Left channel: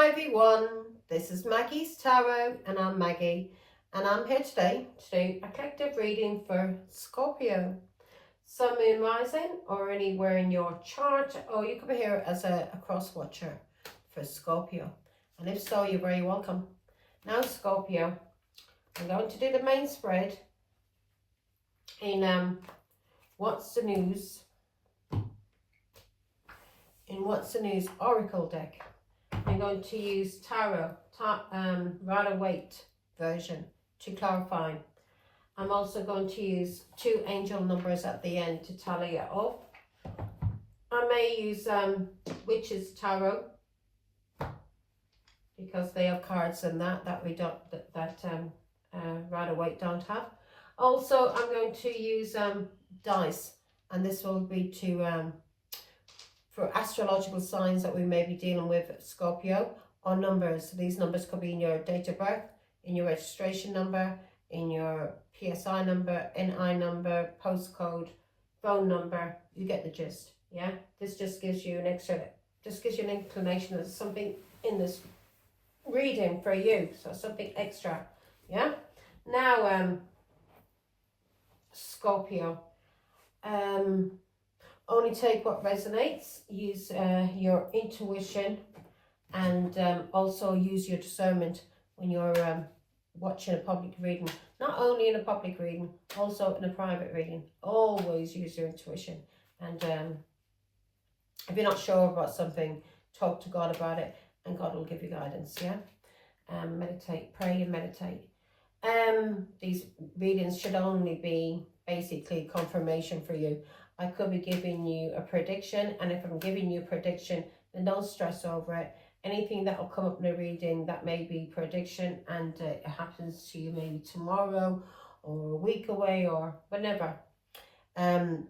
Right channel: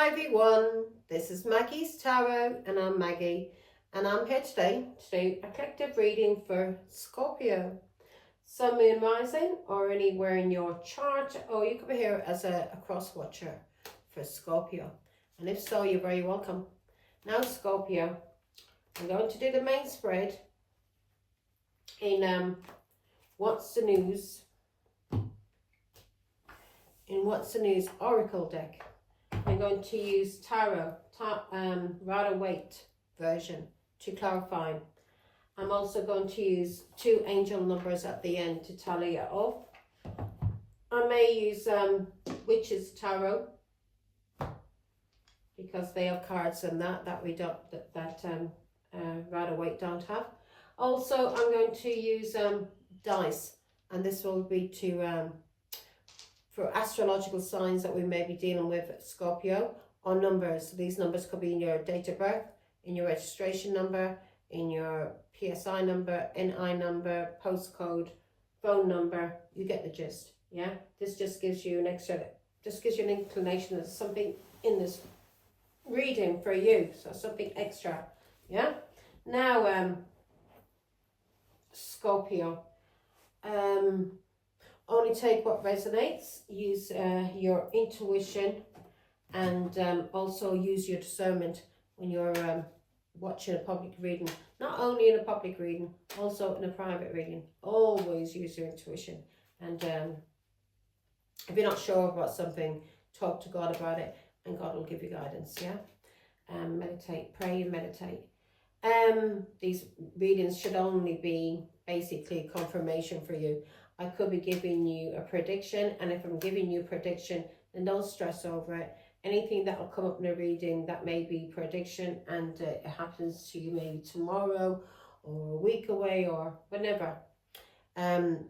Hi everyone, this is Maggie's Tarot and I'm Maggie and I'm here today to do a collective reading for Scorpio, Sun, Moon, Rising or anywhere in your chart, or you could be here as a cross watcher for Scorpio, and if so, you're very welcome. Now Scorpio, I'm going to do the main spread in What's the News, Oracle deck. I'm going to use Tarot, Rider-Waite version to clarify. I'm also going to use 2 angel numbers at the end to tally it up. I may use Witch's Tarot because they have cards in that we don't, Rider-Waite don't have. Also, I'm going to use dice, and this will be to for astrological signs that we may be dealing with, Scorpio, or numbers. These numbers could be in your date of birth, in your registration number, in your PSI number, NI number, postcode, phone number. You get the gist, yeah? This just gives you an inclination that there's something in this reading for you, so something extra, yeah? Now, Scorpio, only take what resonates. Use your intuition, and also use your discernment when you're watching a public reading. Not only in a public reading, also in a private reading. Always use your intuition. And if you're not sure about something, talk to God about it, and God will give you guidance, yeah? Meditate, pray and meditate. These readings should only be basically confirmation for you. I could be giving you a prediction, and if I'm giving you a prediction, then don't stress over it. Anything that will come up in the reading that may be prediction, and it happens to you maybe tomorrow or a week away or whenever,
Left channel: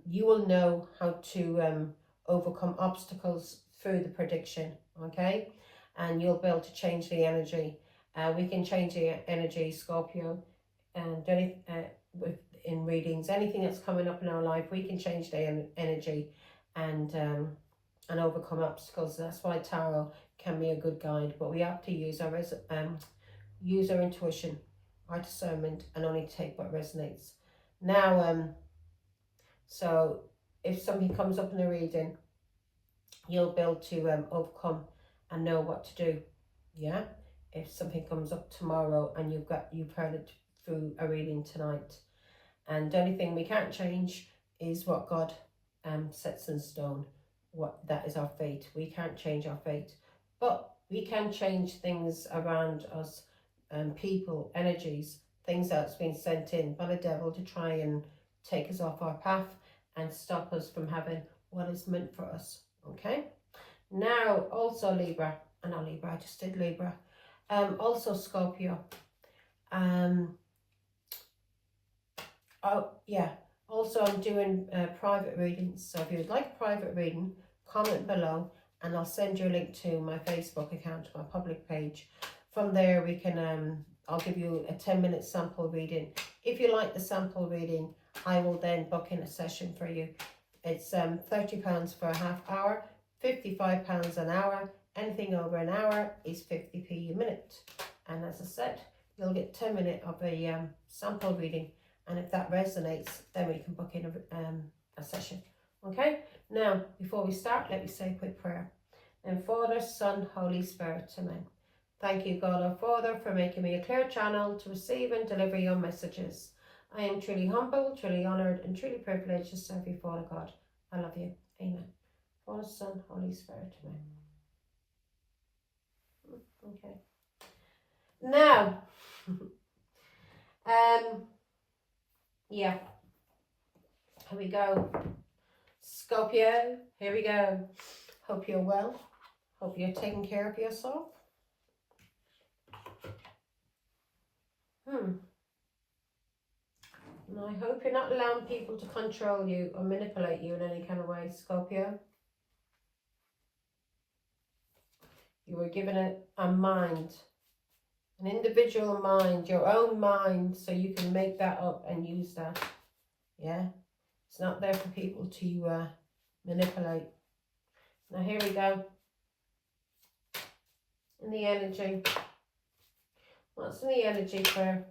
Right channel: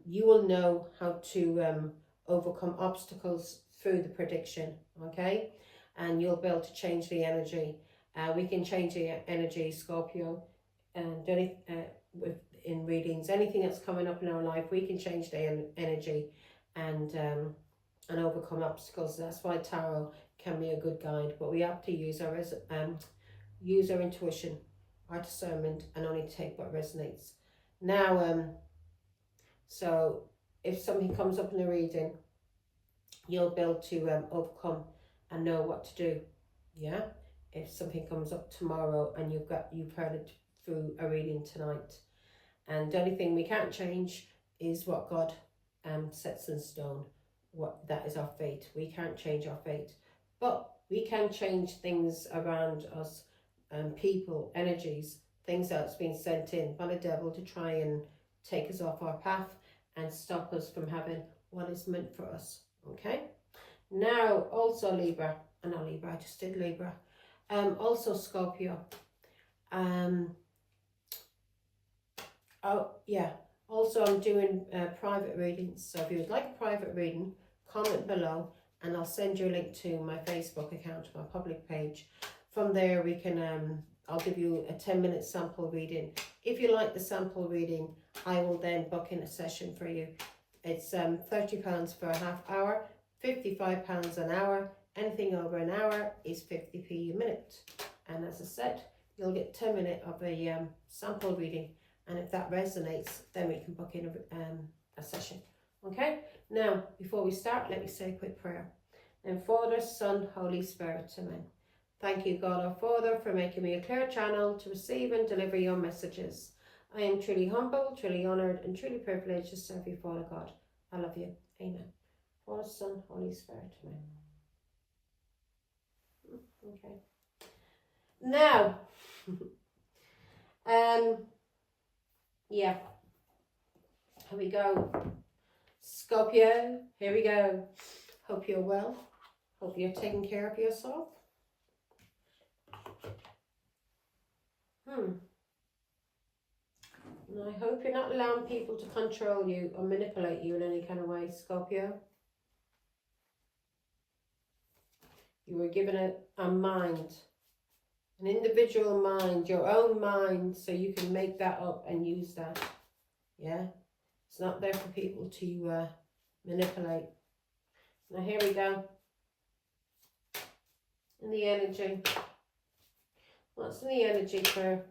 you will know how to overcome obstacles through the prediction, okay? And you'll be able to change the energy. We can change the energy, Scorpio, and in readings, anything that's coming up in our life, we can change the energy and overcome obstacles. That's why tarot can be a good guide, but we have to use our intuition, our discernment, and only take what resonates. Now, so if something comes up in a reading, you'll be able to overcome and know what to do, yeah? If something comes up tomorrow and you've heard it through a reading tonight. And the only thing we can't change is what God sets in stone. That is our fate. We can't change our fate, but we can change things around us, people, energies, things that's been sent in by the devil to try and take us off our path and stop us from having what is meant for us. Okay. Now, also Libra, not Libra, I just did Libra. Also Scorpio. Oh yeah, also I'm doing private readings, so if you would like a private reading, comment below and I'll send you a link to my Facebook account, my public page. From there we can I'll give you a 10-minute sample reading. If you like the sample reading, I will then book in a session for you. It's £30 for a half hour, £55 an hour. Anything over an hour is 50p a minute, and as I said, you'll get 10 minutes of a sample reading. And if that resonates, then we can book in a session. Okay? Now, before we start, let me say a quick prayer. And Father, Son, Holy Spirit, amen. Thank you, God our Father, for making me a clear channel to receive and deliver your messages. I am truly humble, truly honoured, and truly privileged to serve you, Father God. I love you. Amen. Father, Son, Holy Spirit, amen. Okay. Now, yeah, here we go. Scorpio, here we go. Hope you're well. Hope you're taking care of yourself. And I hope you're not allowing people to control you or manipulate you in any kind of way, Scorpio. You were given a mind, an individual mind, your own mind, so you can make that up and use that. Yeah, it's not there for people to manipulate. Now here we go. in the energy? What's in the energy for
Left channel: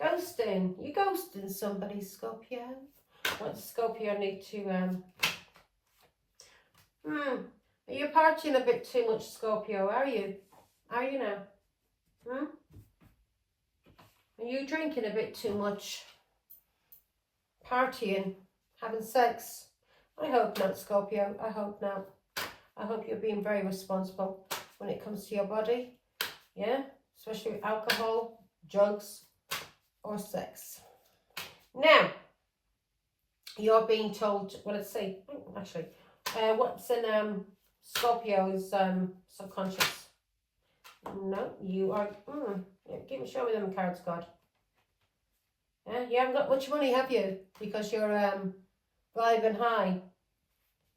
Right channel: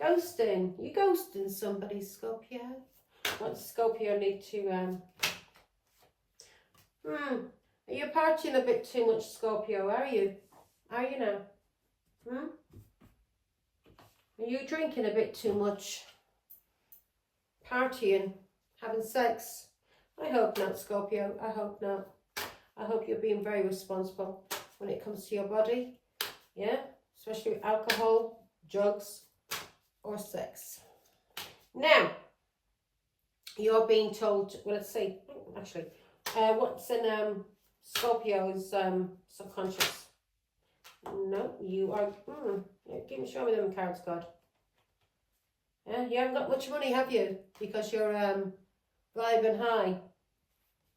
ghosting? You're ghosting somebody, Scorpio. What does Scorpio need to are you partying a bit too much, Scorpio? Are you now? Are you drinking a bit too much? Partying? Having sex? I hope not, Scorpio. I hope not. I hope you're being very responsible when it comes to your body. Yeah? Especially with alcohol, drugs, or sex. Now, you're being told, well, let's see, actually, what's in Scorpio's subconscious? No, you are, show me them cards, God. Yeah, you haven't got much money, have you? Because you're vibing high,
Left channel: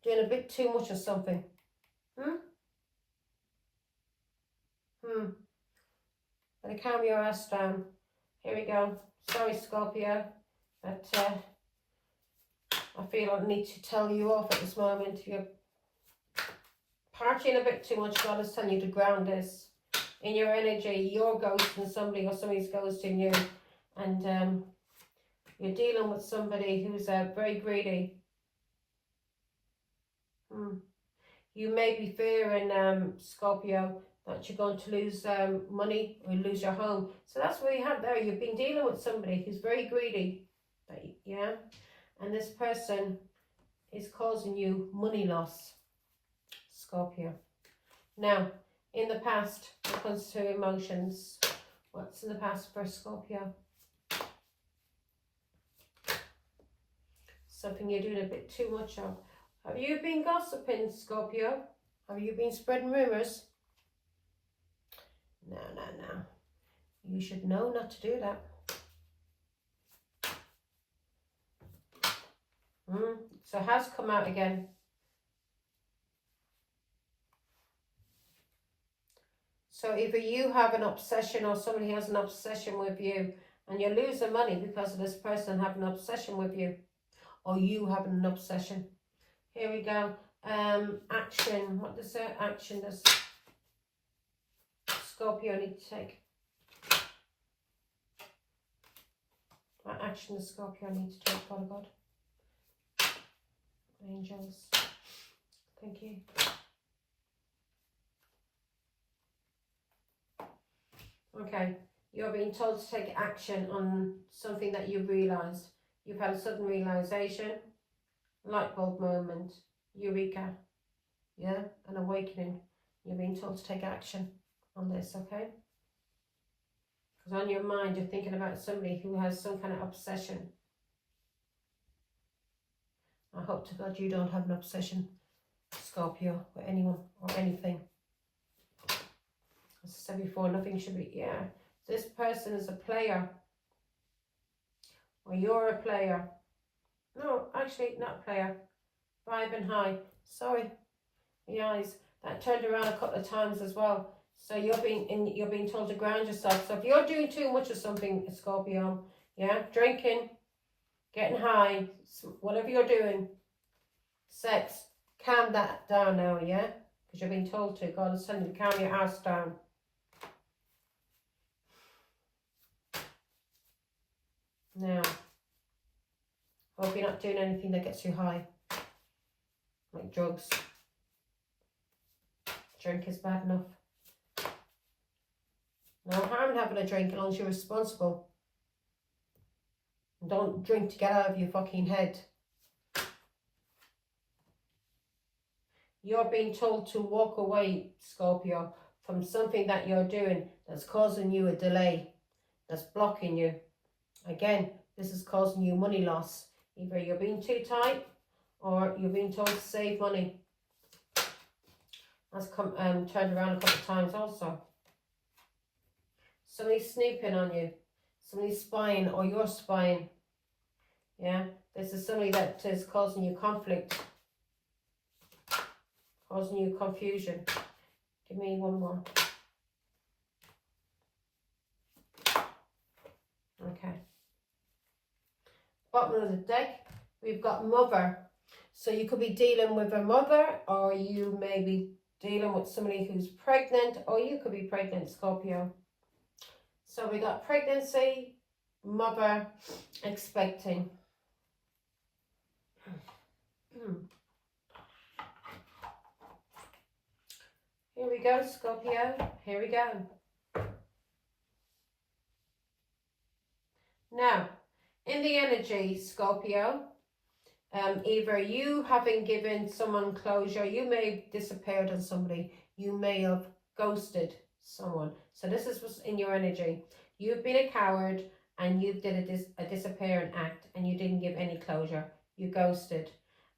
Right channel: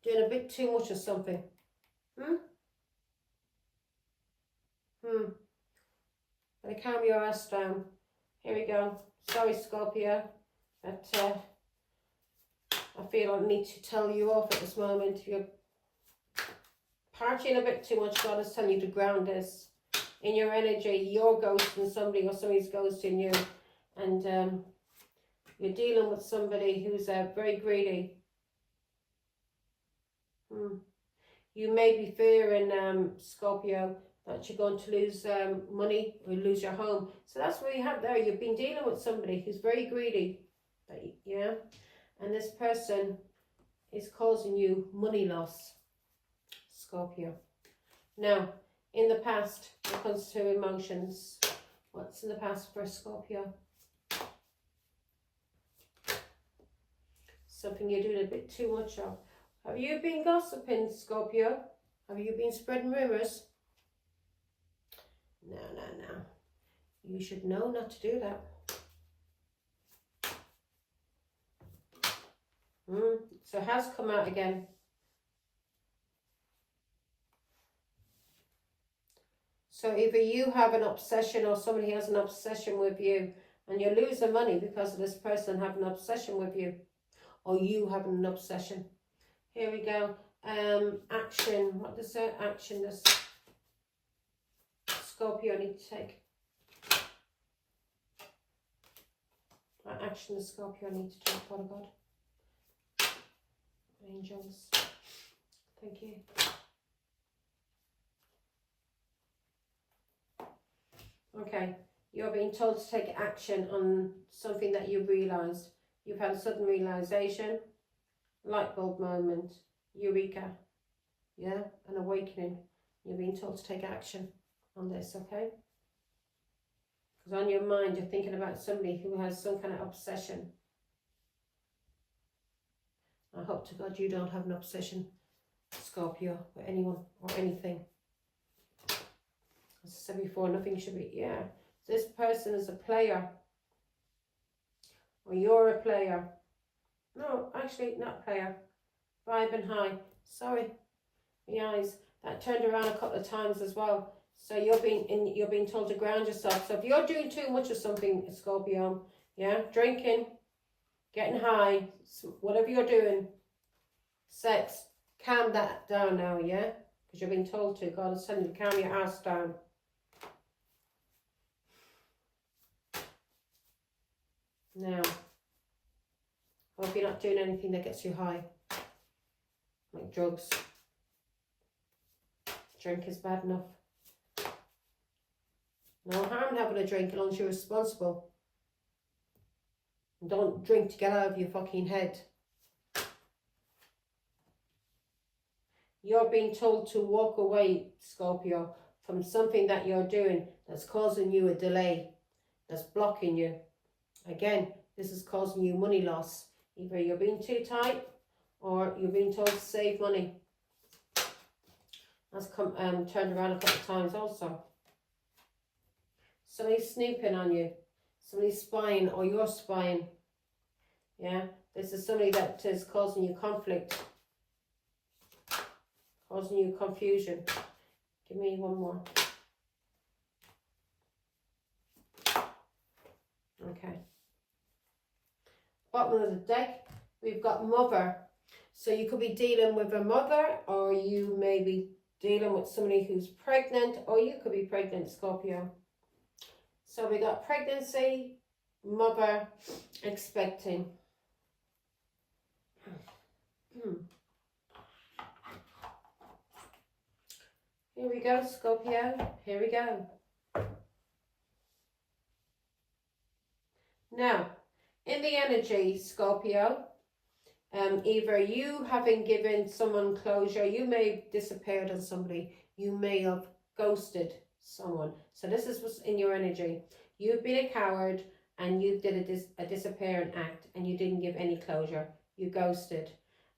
doing a bit too much of something. Better calm your ass down. Here we go. Sorry, Scorpio, but I feel I need to tell you off at this moment. You're partying a bit too much. God is telling you to ground this in your energy. You're ghosting somebody or somebody's ghosting you, and you're dealing with somebody who's very greedy. You may be fearing, Scorpio, that you're going to lose money or lose your home. So that's what you have there. You've been dealing with somebody who's very greedy. Yeah? And this person is causing you money loss, Scorpio. Now, in the past, when it comes to emotions, what's in the past for Scorpio? Something you're doing a bit too much of. Have you been gossiping, Scorpio? Have you been spreading rumours? No. You should know not to do that. So it has come out again. So either you have an obsession or somebody has an obsession with you, and you're losing money because of this person having an obsession with you, or you having an obsession. Here we go. Action. What does that action does Scorpio need to take? What action does Scorpio need to take, Father God? Angels. Thank you. Okay. You're being told to take action on something that you've realised. You've had a sudden realisation. Light bulb moment, eureka, yeah, an awakening. You're being told to take action on this, okay? Because on your mind, you're thinking about somebody who has some kind of obsession. I hope to God you don't have an obsession, Scorpio, with anyone or anything. As I said before, nothing should be, yeah. This person is a player, or you're a player. No, actually, not a player. Vibing high. Sorry, the eyes. That turned around a couple of times as well. So you're being told to ground yourself. So if you're doing too much of something, Scorpio, yeah, drinking, getting high, whatever you're doing, sex, calm that down now, yeah, because you're being told to. God is telling you to calm your ass down. Now. Hope you're not doing anything that gets you high. Like drugs. Drink is bad enough. No harm in having a drink as long as you're responsible. And don't drink to get out of your fucking head. You're being told to walk away, Scorpio, from something that you're doing that's causing you a delay, that's blocking you. Again, this is causing you money loss. Either you're being too tight or you're being told to save money. That's turned around a couple of times also. Somebody's snooping on you. Somebody's spying or you're spying. Yeah, this is somebody that is causing you conflict. Causing you confusion. Give me one more. Okay. Bottom of the deck, we've got mother. So you could be dealing with a mother, or you may be dealing with somebody who's pregnant, or you could be pregnant, Scorpio. So we got pregnancy, mother, expecting. Here we go, Scorpio. Here we go. Now, in the energy, Scorpio, either you having given someone closure, you may have disappeared on somebody, you may have ghosted someone. So this is what's in your energy. You've been a coward and you did a disappearing act and you didn't give any closure. You ghosted.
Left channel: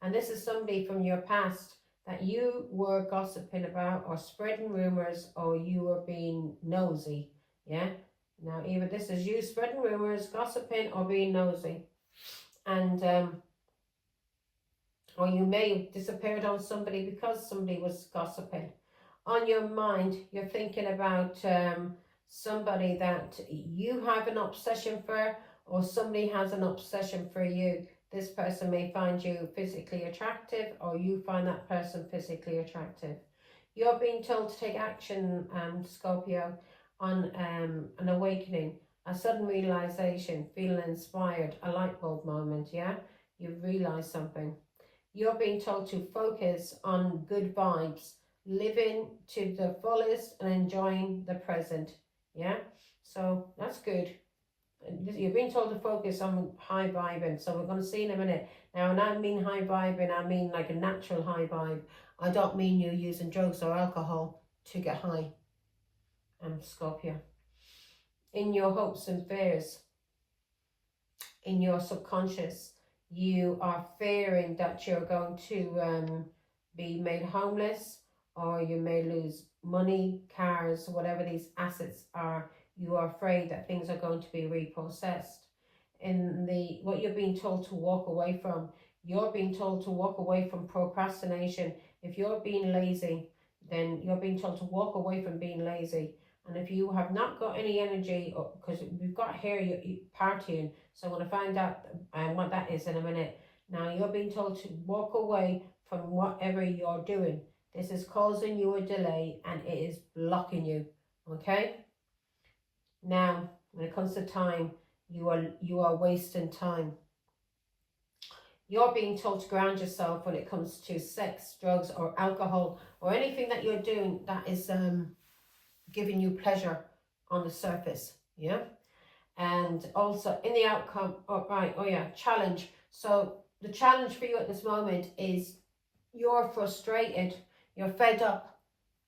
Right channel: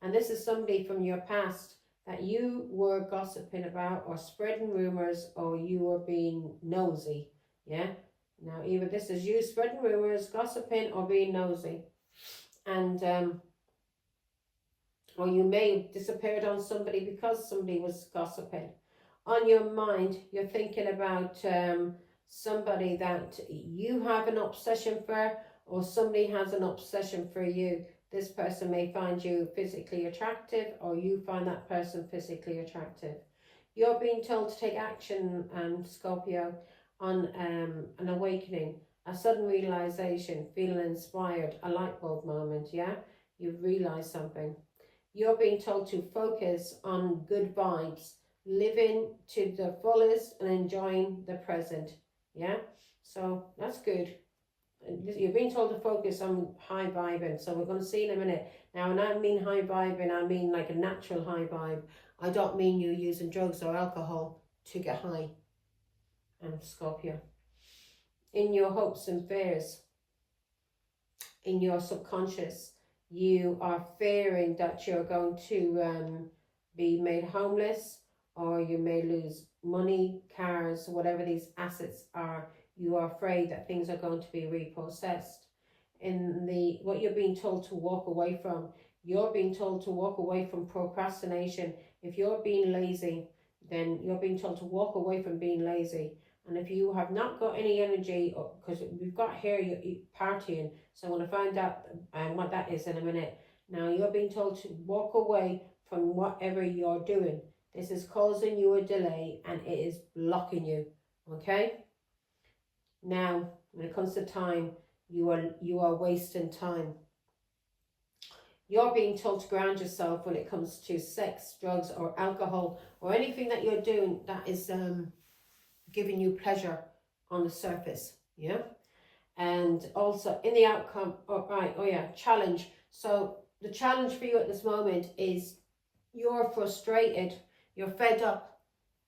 And this is somebody from your past that you were gossiping about or spreading rumors, or you were being nosy. Yeah. Now, either this is you spreading rumors, gossiping, or being nosy. And, or you may have disappeared on somebody because somebody was gossiping. On your mind, you're thinking about somebody that you have an obsession for, or somebody has an obsession for you. This person may find you physically attractive, or you find that person physically attractive. You're being told to take action, Scorpio, on an awakening, a sudden realization, feeling inspired, a light bulb moment, yeah? You've realized something. You're being told to focus on good vibes, living to the fullest and enjoying the present, yeah? So that's good. You're being told to focus on high vibing, so we're going to see in a minute. Now, when I mean high vibing, I mean like a natural high vibe. I don't mean you using drugs or alcohol to get high. Scorpio. In your hopes and fears, in your subconscious, you are fearing that you're going to be made homeless, or you may lose money, cars, whatever these assets are. You are afraid that things are going to be repossessed. In what you're being told to walk away from, you're being told to walk away from procrastination. If you're being lazy, then you're being told to walk away from being lazy. And if you have not got any energy, because we've got here you're partying, so I'm going to find out what that is in a minute. Now, you're being told to walk away from whatever you're doing. This is causing you a delay and it is blocking you, okay? Now, when it comes to time, you are wasting time. You're being told to ground yourself when it comes to sex, drugs, or alcohol, or anything that you're doing that is giving you pleasure on the surface, yeah? And also in the outcome, challenge. So the challenge for you at this moment is you're frustrated, you're fed up,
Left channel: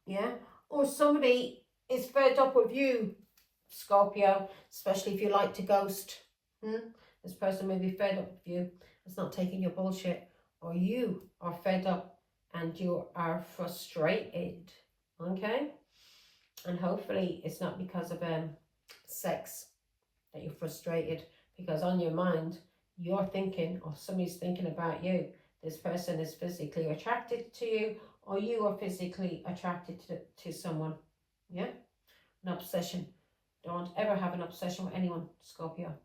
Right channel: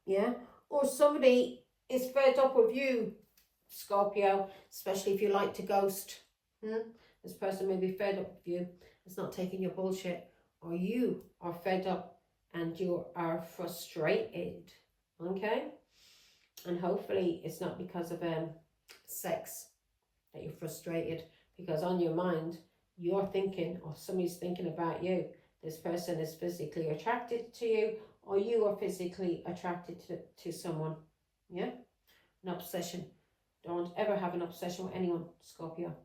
yeah? Or somebody is fed up with you, Scorpio, especially if you like to ghost. This person may be fed up with you. It's not taking your bullshit. Or you are fed up and you are frustrated, okay? And hopefully it's not because of sex that you're frustrated, because on your mind you're thinking, or somebody's thinking about you. This person is physically attracted to you, or you are physically attracted to someone, yeah? An obsession. Don't ever have an obsession with anyone, Scorpio.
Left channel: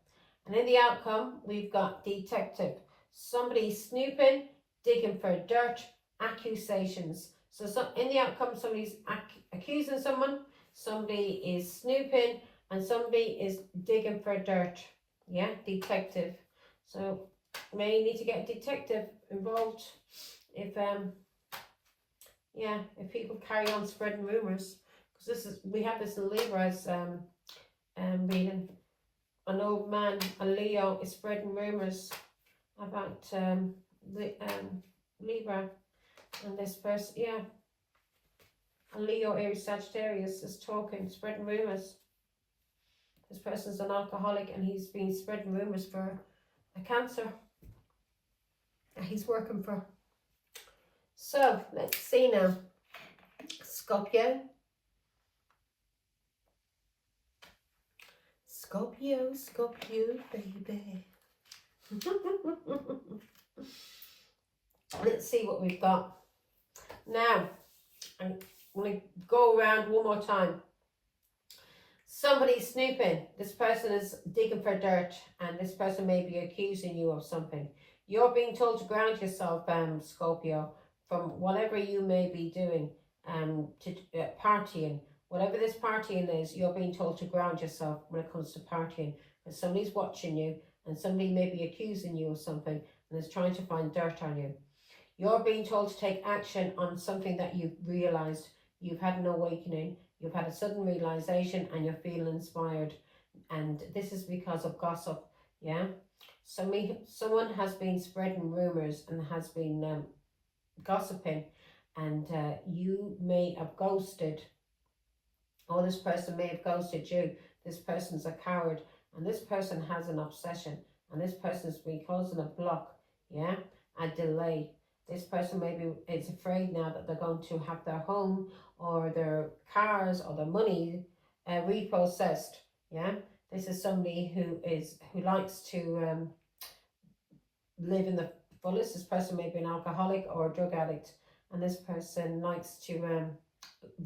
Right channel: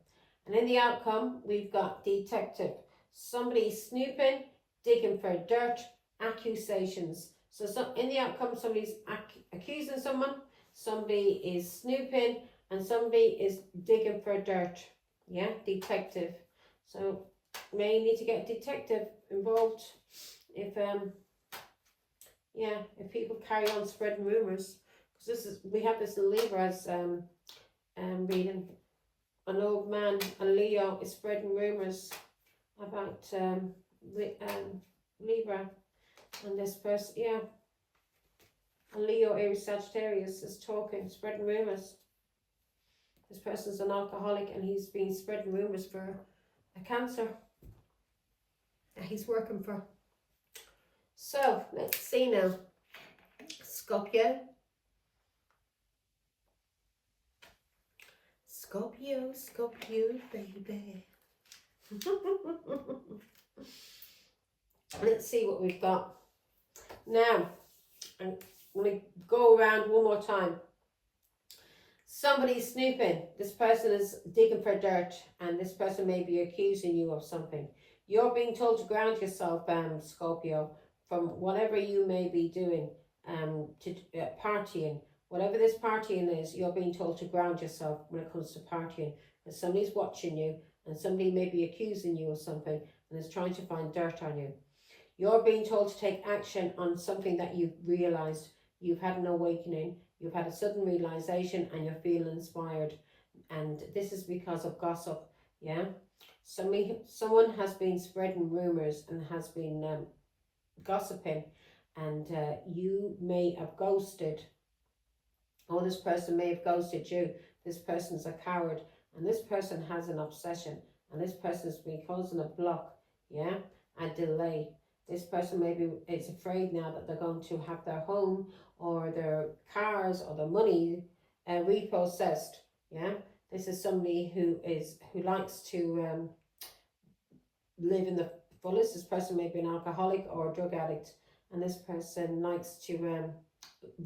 And in the outcome, we've got detective. Somebody snooping, digging for dirt, accusations. So in the outcome, somebody's accusing someone, somebody is snooping, and somebody is digging for dirt. Yeah, detective. So may need to get a detective involved if if people carry on spreading rumors, because we have this in Libra's reading. An old man, a Leo, is spreading rumors about Libra, and this person, a Leo, Aries, Sagittarius is spreading rumors. This person's an alcoholic and he's been spreading rumors for a Cancer that he's working for. So let's see now, Scorpio. Scorpio, baby. Let's see what we've got. Now, I'm going to go around one more time. Somebody's snooping. This person is digging for dirt, and this person may be accusing you of something. You're being told to ground yourself, Scorpio, from whatever you may be doing. to partying. Whatever this partying is, you're being told to ground yourself when it comes to partying. And somebody's watching you, and somebody may be accusing you of something and is trying to find dirt on you. You're being told to take action on something that you've realized. You've had an awakening, you've had a sudden realization, and you're feeling inspired. And this is because of gossip, yeah? Someone has been spreading rumors and has been gossiping, and you may have ghosted, or this person may have ghosted you. This person's a coward, and this person has an obsession, and this person has been causing a block, yeah, a delay. This person maybe is afraid now that they're going to have their home or their cars or their money repossessed, yeah. This is somebody who likes to live in the fullest. This person may be an alcoholic or a drug addict, and this person likes to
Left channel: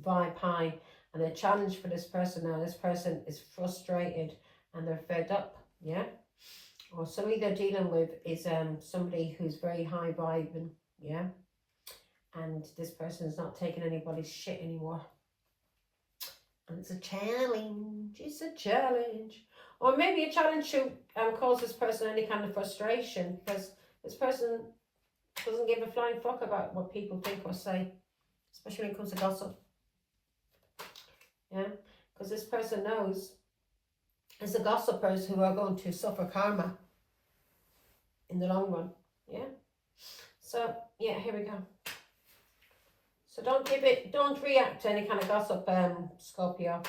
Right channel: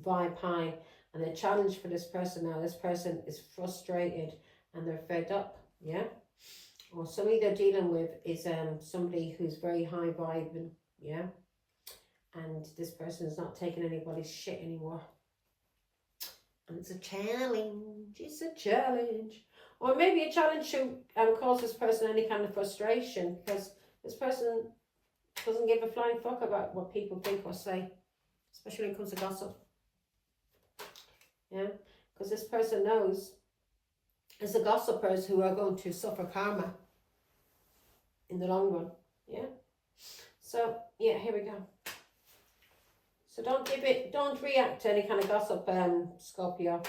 vibe high. And the challenge for this person now, this person is frustrated and they're fed up, yeah? Or somebody they're dealing with is somebody who's very high vibing, yeah? And this person is not taking anybody's shit anymore. And it's a challenge. Or maybe a challenge to cause this person any kind of frustration, because this person doesn't give a flying fuck about what people think or say, especially when it comes to gossip. Yeah, because this person knows it's the gossipers who are going to suffer karma in the long run. Yeah. So yeah, here we go. So don't react to any kind of gossip, Scorpio.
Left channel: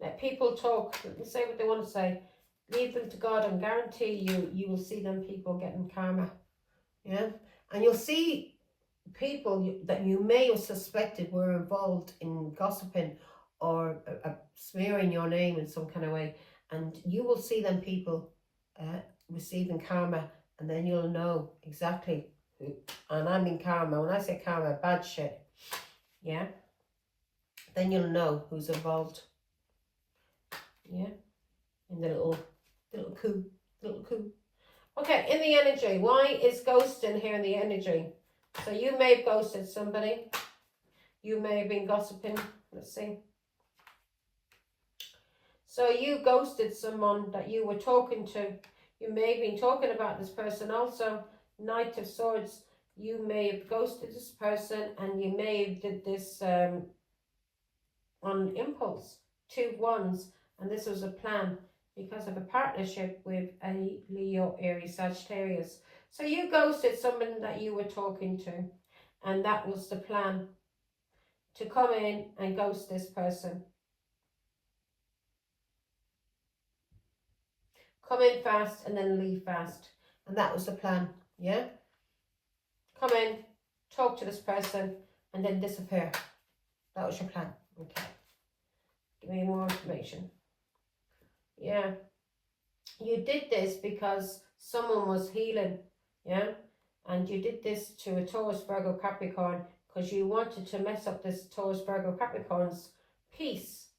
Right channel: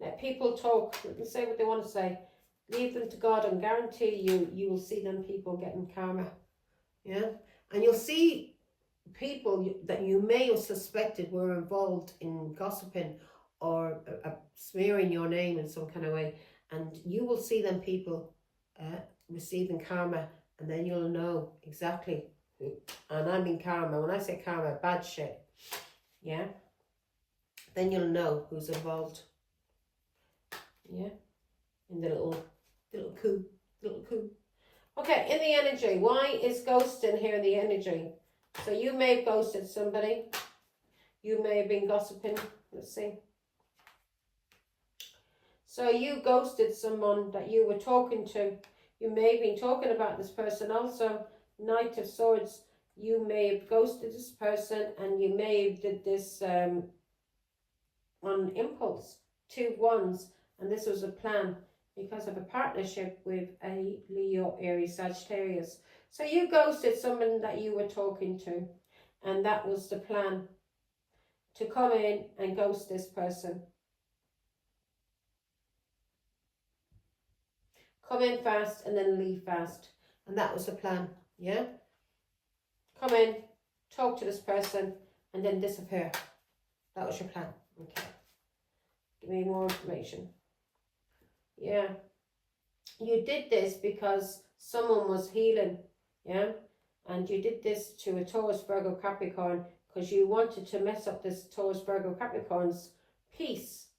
Let people talk, let them say what they want to say. Leave them to God, and guarantee you will see them people getting karma. Yeah. And you'll see people that you may have suspected were involved in gossiping or smearing your name in some kind of way, and you will see them people receiving karma, and then you'll know exactly who. And I mean karma, when I say karma, bad shit, yeah, then you'll know who's involved, yeah, in the little coup. Okay, in the energy, why is ghosting here in the energy? So you may have ghosted somebody, you may have been gossiping, let's see. So you ghosted someone that you were talking to. You may have been talking about this person also. Knight of Swords. You may have ghosted this person, and you may have did this on impulse. 2 wands. And this was a plan because of a partnership with a Leo, Aries, Sagittarius. So you ghosted someone that you were talking to. And that was the plan. To come in and ghost this person. Come in fast and then leave fast. And that was the plan, yeah? Come in, talk to this person, and then disappear. That was your plan. Okay. Give me more information. Yeah. You did this because someone was healing, yeah? And you did this to a Taurus, Virgo, Capricorn because you wanted to mess up this Taurus, Virgo, Capricorn's peace,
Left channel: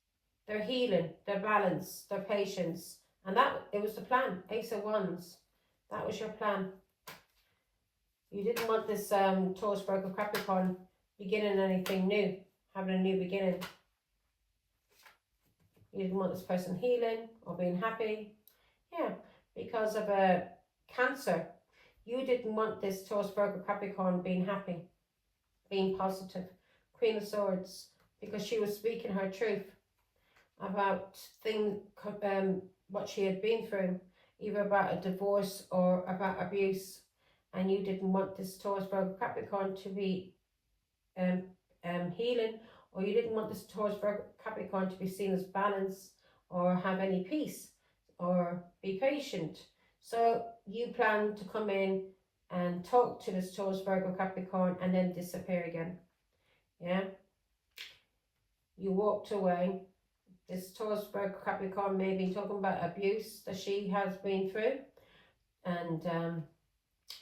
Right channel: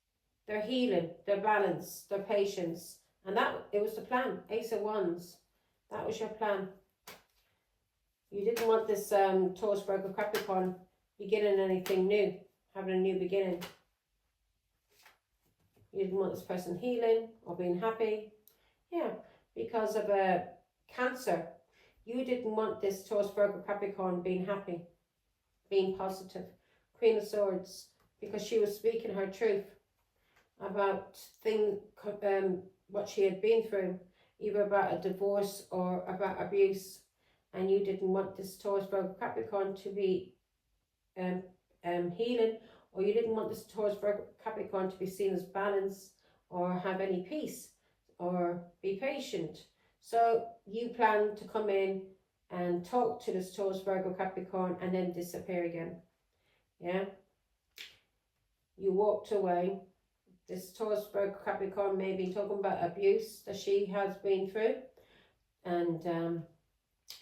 their healing, their balance, their patience. And it was the plan. Ace of Wands. That was your plan. You didn't want this Taurus, Virgo, Capricorn beginning anything new, having a new beginning. You didn't want this person healing or being happy. Yeah, because of a Cancer. You didn't want this Taurus, Virgo, Capricorn being happy, being positive. Queen of Swords, because she was speaking her truth about what she had been through, either about a divorce or about abuse, and you didn't want this Taurus, Virgo, Capricorn to be healing, or you didn't want this Taurus, Virgo, Capricorn to be seen as balanced or have any peace or be patient. So you planned to come in and talk to this Taurus, Virgo, Capricorn and then disappear again. Yeah. You walked away. This Taurus, Virgo, Capricorn may be talking about abuse that she has been through, and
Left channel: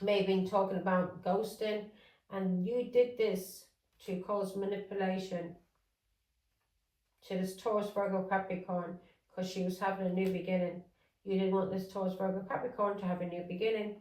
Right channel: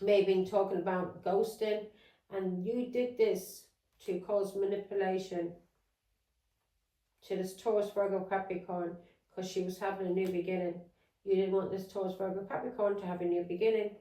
may have been talking about ghosting, and you did this to cause manipulation to this Taurus, Virgo, Capricorn because she was having a new beginning. You didn't want this Taurus, Virgo, Capricorn to have a new beginning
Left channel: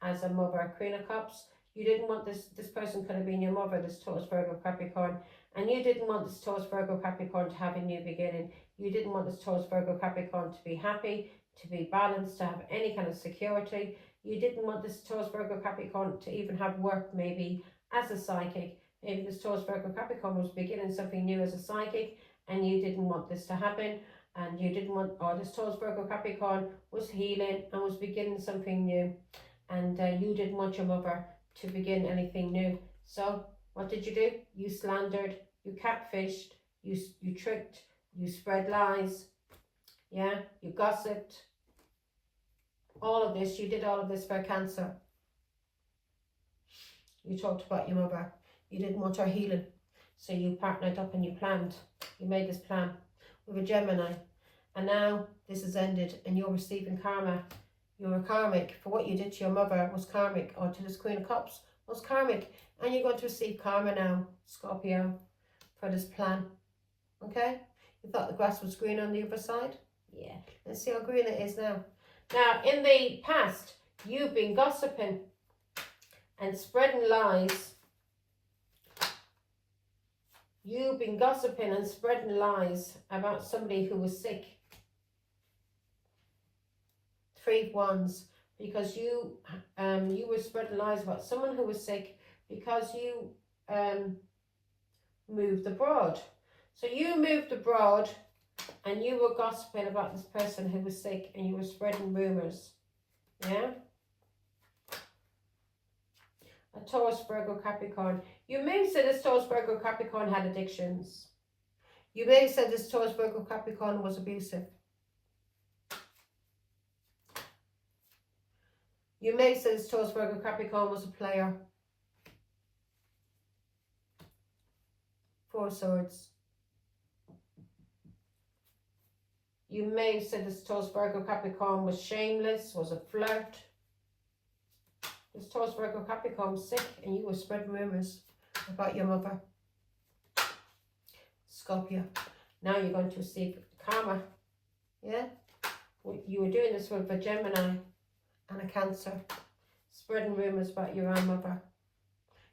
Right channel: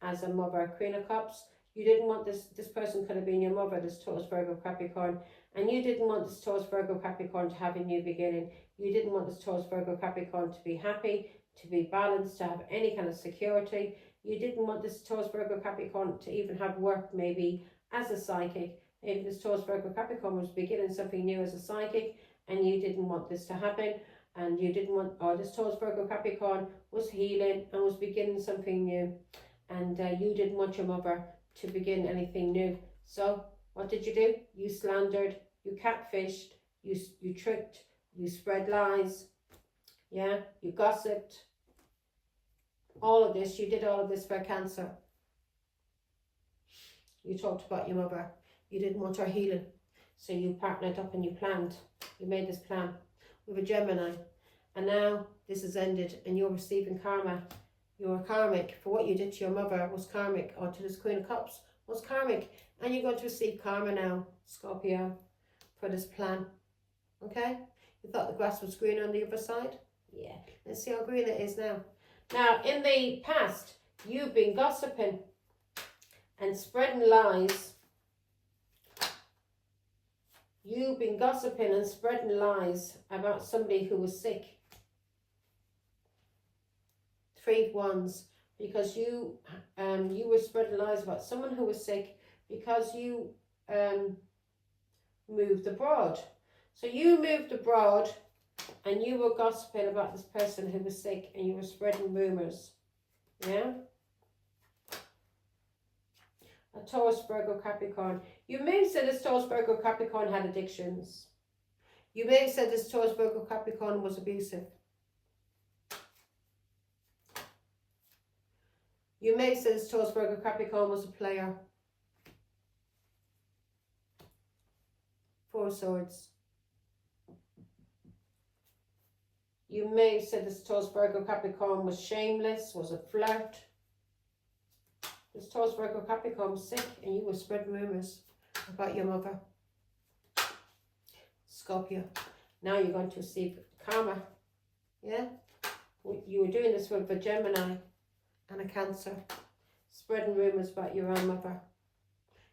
as a mother, Queen of Cups. You didn't want this person could have been your mother, this Taurus, Virgo, Capricorn, And you didn't want this Taurus, Virgo, Capricorn to have a new beginning. You didn't want this Taurus, Virgo, Capricorn to be happy, to be balanced, to have any kind of security. You didn't want this Taurus, Virgo, Capricorn to even have work maybe as a psychic. Maybe this Taurus, Virgo, Capricorn was beginning something new as a psychic and you didn't want this to happen. And you didn't want, or this Taurus, Virgo, Capricorn was healing and was beginning something new. And you didn't want your mother to begin anything new. So what did you do? You slandered, you catfished, you tricked, you spread lies, yeah, you gossiped. All of this, you did all of this for Cancer. You talked about your mother. You didn't want her healing. So you partnered up and you planned. You made this plan with a Gemini. And now this has ended and you're receiving karma. You're karmic for what you did to your mother was karmic, or to this Queen of Cups was karmic. And you're going to receive karma now, Scorpio, for this plan. Okay? You thought the grass was green on the other side? Yeah. Let's see how green it is now. Now, in the past, you've been gossiping and spreading lies. You've been gossiping and spreading lies about somebody who was sick. 3 of Wands, because you were spreading lies about someone who was sick because you moved abroad. So you moved abroad and you were gossiping about this person who was sick and you were spreading rumours. Yeah? A Taurus, Virgo, Capricorn. You may have said this Taurus, Virgo, Capricorn had addictions. You may have said this Taurus, Virgo, Capricorn was abusive. You may have said this Taurus, Virgo, Capricorn was a player. 4 of Swords. You may have said this Taurus, Virgo, Capricorn was shameless, was a flirt. This Taurus, Virgo, Capricorn was sick and you were spreading rumours about your mother. Scorpio. Now you're going to receive karma. Yeah? You were doing this with a Gemini and a Cancer. Spreading rumours about your own mother.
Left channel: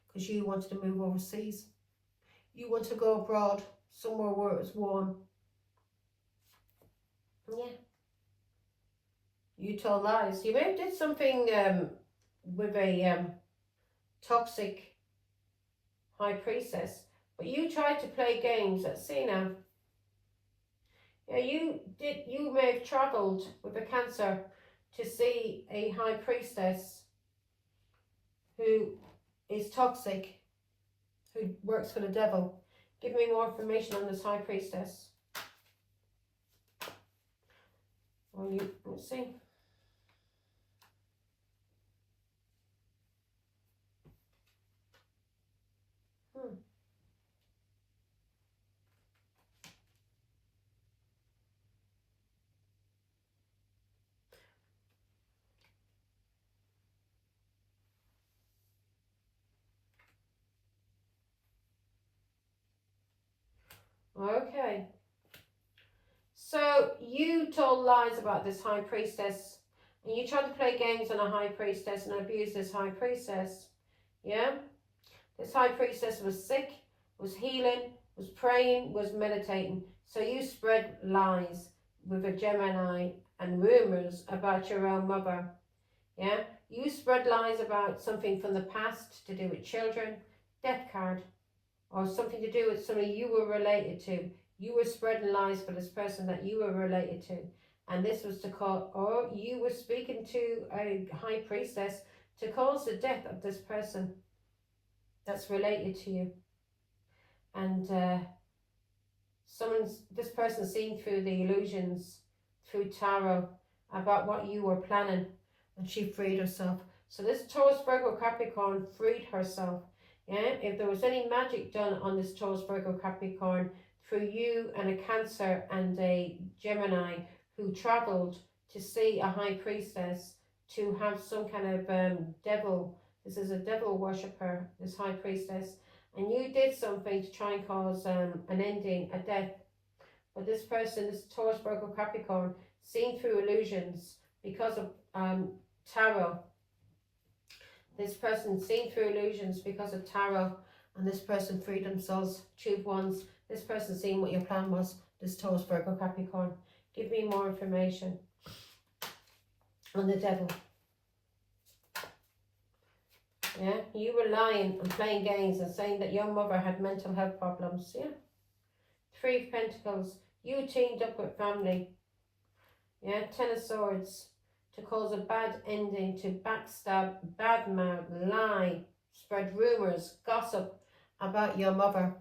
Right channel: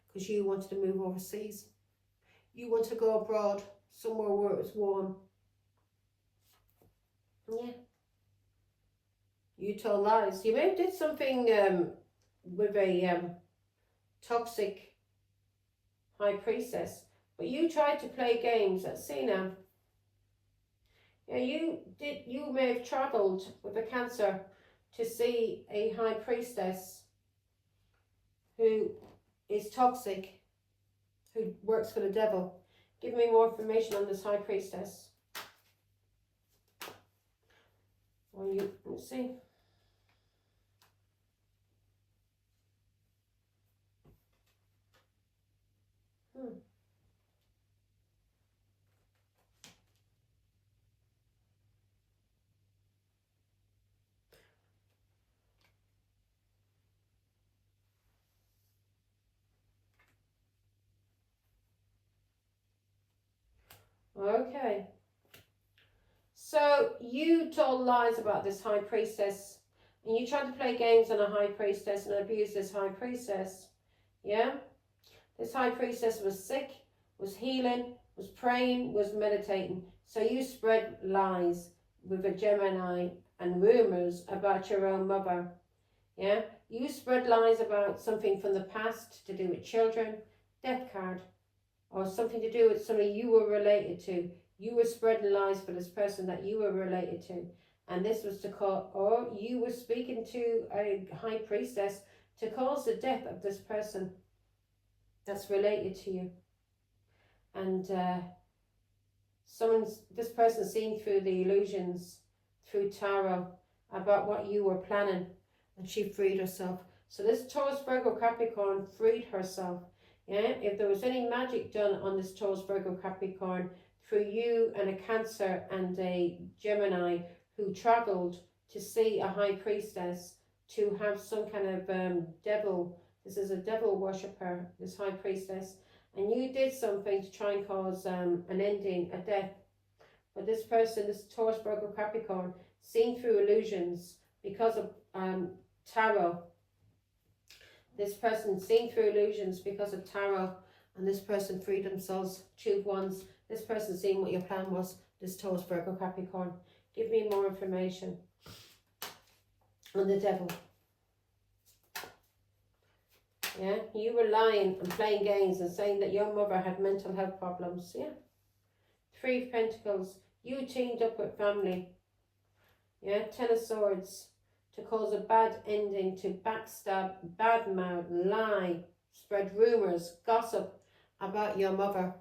Because you wanted to move overseas. You want to go abroad, somewhere where it's warm. Yeah. You told lies. You may have did something with a toxic high priestess, but you tried to play games. Let's see now. Yeah, you may have travelled with a Cancer to see a high priestess who is toxic, who works for the devil. Give me more information on this high priestess. Well, let's see. Okay. So you told lies about this high priestess and you tried to play games on a high priestess and abuse this high priestess. Yeah? This high priestess was sick, was healing, was praying, was meditating. So you spread lies with a Gemini and rumours about your own mother. Yeah? You spread lies about something from the past to do with children, death card, or something to do with somebody you were related to. You were spreading lies for this person that you were related to. And this was to cause, or you were speaking to a high priestess to cause the death of this person that's related to you. And this person seen through the illusions, through tarot, about what you were planning, and she freed herself. So this Taurus, Virgo, Capricorn freed herself. Yeah, if there was any magic done on this Taurus, Virgo, Capricorn through you and a Cancer and a Gemini who travelled to see a high priestess, to have some kind of devil. This is a devil worshipper, this high priestess. And you did something to try and cause an ending, a death. But this person, this Taurus, Virgo, Capricorn, seen through illusions because of tarot. This person seen through illusions because of tarot, and this person freed themselves. Two of Wands. This person seeing what your plan was. This Taurus, Virgo, Capricorn. Give me more information on the Devil. Yeah, you were lying and playing games and saying that your mother had mental health problems. Yeah. Three of Pentacles. You teamed up with family. Yeah, Ten of Swords. To cause a bad ending, to backstab, badmouth, lie, spread rumours, gossip about your mother.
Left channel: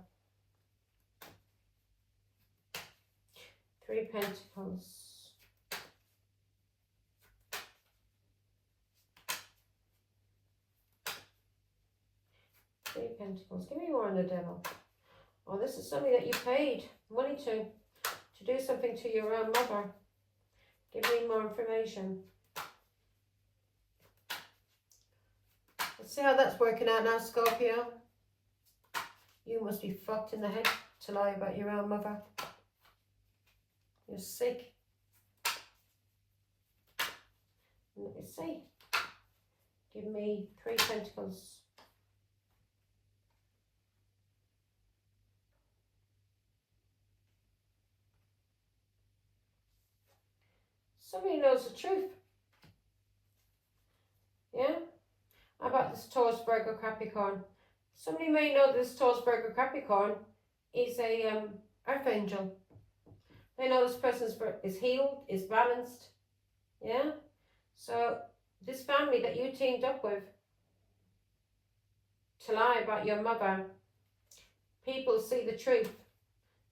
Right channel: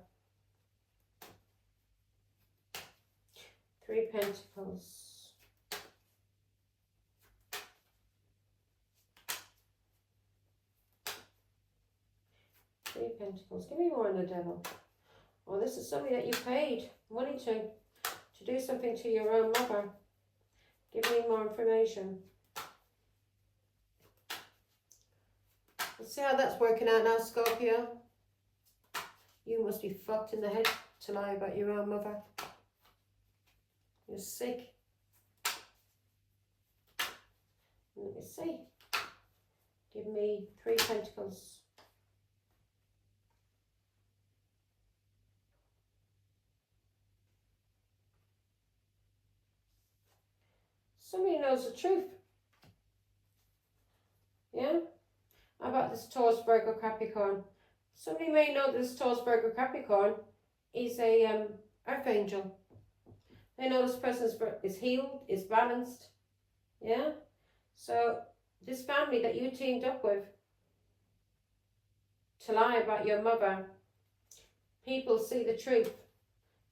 Three Pentacles. Three Pentacles. Give me more on the Devil. Oh, this is somebody that you paid money to do something to your own mother. Give me more information. Let's see how that's working out now, Scorpio. You must be fucked in the head to lie about your own mother. You're sick. Let me see. Give me Three Pentacles. Somebody knows the truth. Yeah? How about this Taurus, Virgo, Capricorn? Somebody may know this Taurus, Virgo, Capricorn is a earth angel. They know this person is healed, is balanced. Yeah? So this family that you teamed up with to lie about your mother, people see the truth,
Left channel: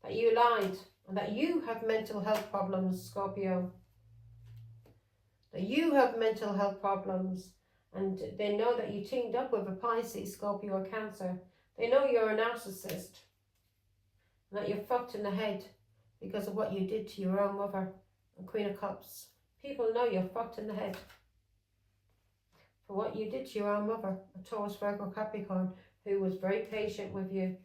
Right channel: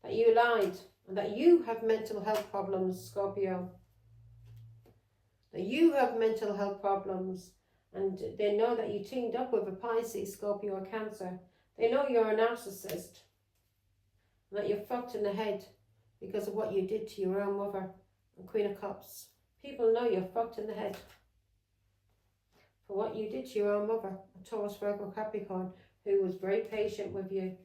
that you lied, and that you have mental health problems, Scorpio. That you have mental health problems, and they know that you teamed up with a Pisces, Scorpio, or Cancer. They know you're a narcissist, and that you're fucked in the head because of what you did to your own mother, and Queen of Cups. People know you're fucked in the head for what you did to your own mother, a Taurus, Virgo, Capricorn, who was very patient with you.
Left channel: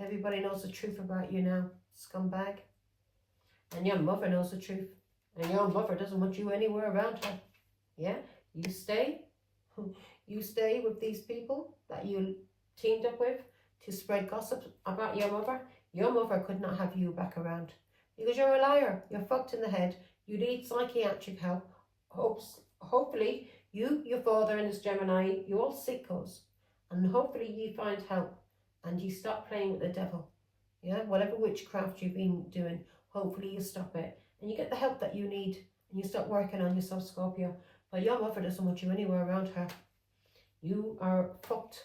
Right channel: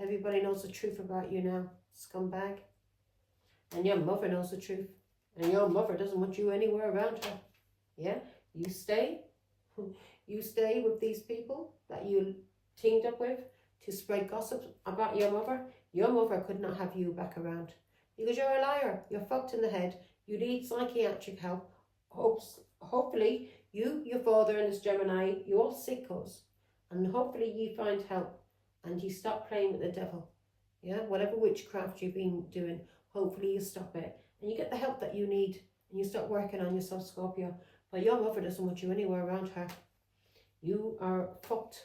Everybody knows the truth about you now, scumbag. And your mother knows the truth. And your mother doesn't want you anywhere around her. Yeah? You stay. You stay with these people that you teamed up with to spread gossip about your mother. Your mother could not have you back around. Because you're a liar. You're fucked in the head. You need psychiatric help. Hopefully, you, your father, and this Gemini, you all sickos. And hopefully you find help. And you stop playing with the devil. Yeah? Whatever witchcraft you've been doing, hopefully you stop it. And you get the help that you need, and you start working on yourself, Scorpio. But your mother doesn't want you anywhere around her. You are fucked,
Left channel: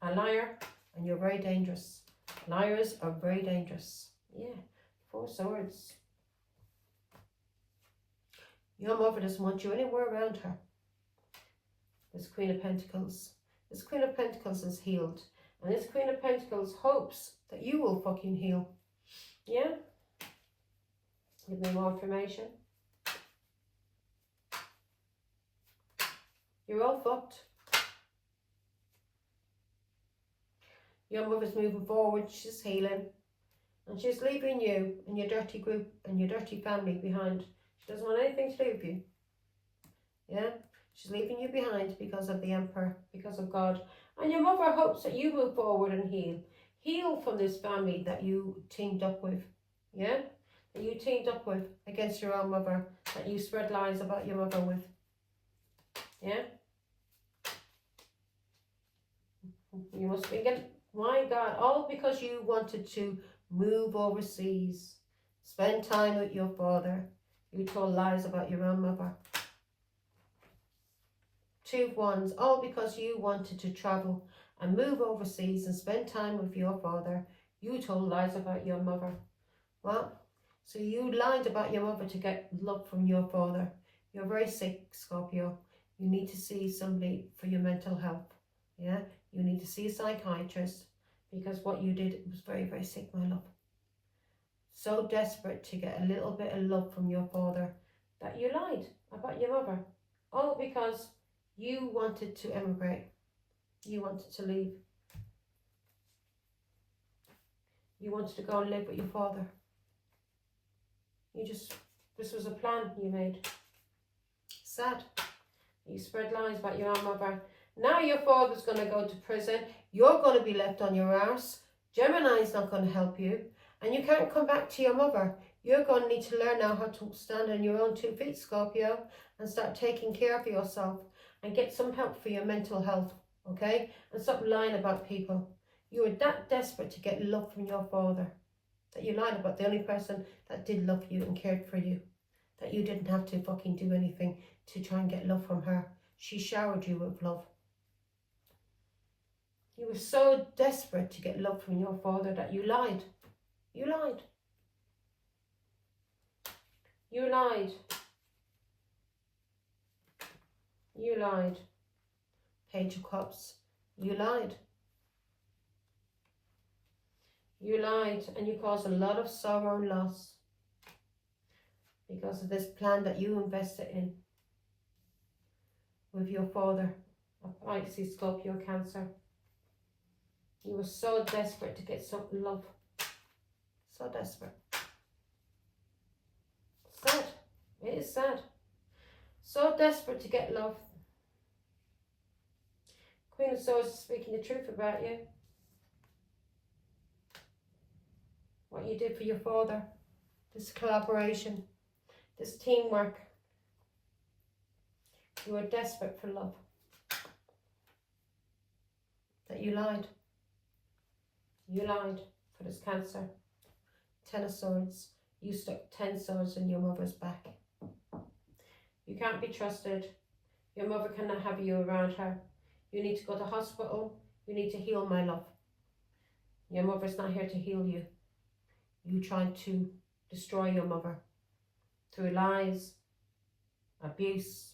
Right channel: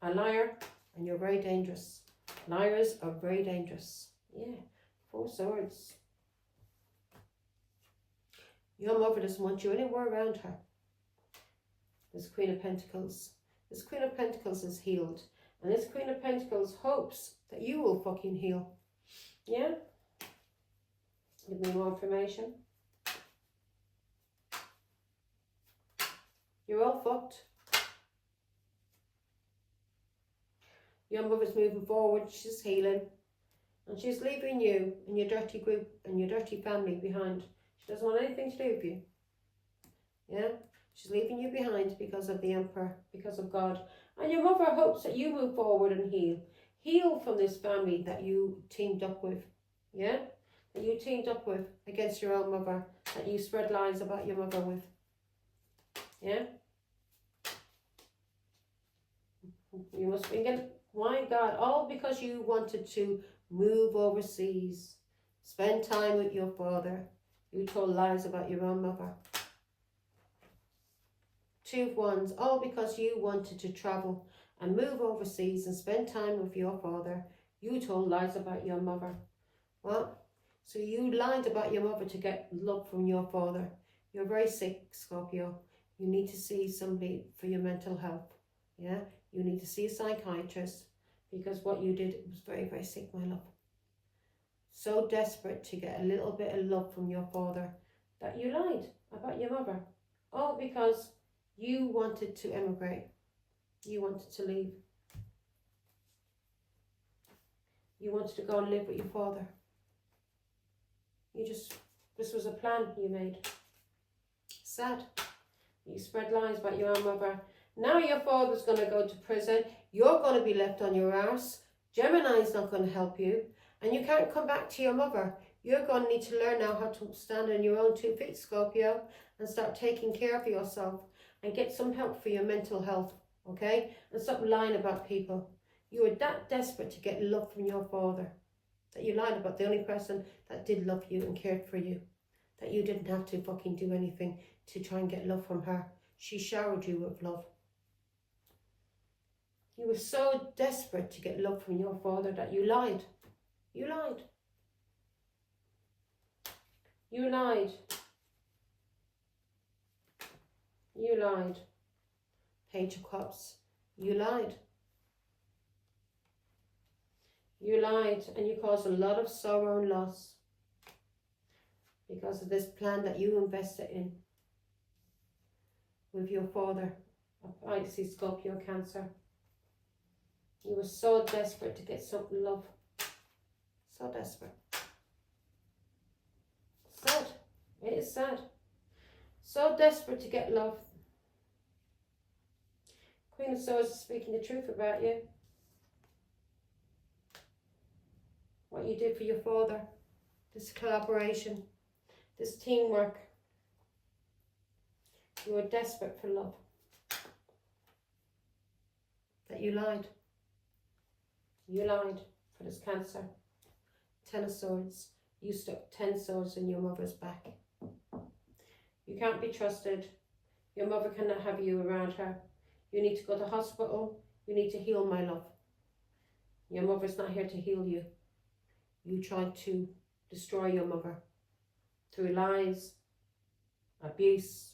a liar, and you're very dangerous. Liars are very dangerous. Yeah, Four Swords. Your mother doesn't want you anywhere around her. This Queen of Pentacles. This Queen of Pentacles is healed. And this Queen of Pentacles hopes that you will fucking heal. Yeah? Give me more information. You're all fucked. Your mother's moving forward. She's healing. And she's leaving you and your dirty group and your dirty family behind. She doesn't want anything to do with you. Yeah? She's leaving you behind because of the Emperor, because of God. And your mother hopes that you move forward and heal. Heal from this family that you teamed up with. Yeah? That you teamed up with against your own mother, that you spread lies about your mother with. Yeah? You must be getting, my God, all because you wanted to move overseas, spend time with your father. You told lies about your own mother. Two of Wands, all because you wanted to travel and move overseas and spend time with your father. You told lies about your mother. What? So you lied about your mother to get love from your father. You're very sick, Scorpio. You need to see somebody for your mental health. Yeah? You need to see a psychiatrist because what you did was very, very sick, my love. So desperate to get a little bit of love from your father that you lied about your mother. All because you wanted to emigrate. You wanted to leave. You wanted to go and live with your father. This was a plan you made. Sad. You spread lies about your own mother. Now your father's going to go to prison. You're going to be left on your arse. Gemini's not going to help you. And you can't come back to your mother. You're going to need to learn now how to stand on your own 2 feet, Scorpio, and start taking care of yourself and get some help for your mental health, okay? And stop lying about people. You were that desperate to get love from your father that you lied about the only person that did love you and cared for you, that you didn't have to fucking do anything to try and get love from her. She showered you with love. You were so desperate to get love from your father that you lied. You lied. You lied. You lied. Page of Cups. You lied. You lied, and you caused a lot of sorrow and loss because of this plan that you invested in with your father, a Pisces, Scorpio, Cancer. You were so desperate to get some love. So desperate. Sad. It is sad. So desperate to get love. Queen of Swords is speaking the truth about you. What you did for your father. This collaboration. This teamwork. You were desperate for love. That you lied. You lied for this Cancer. 10 of Swords. You stuck 10 swords in your mother's back. You can't be trusted. Your mother cannot have you around her. You need to go to hospital. You need to heal, my love. Your mother's not here to heal you. You tried to destroy your mother through lies, abuse.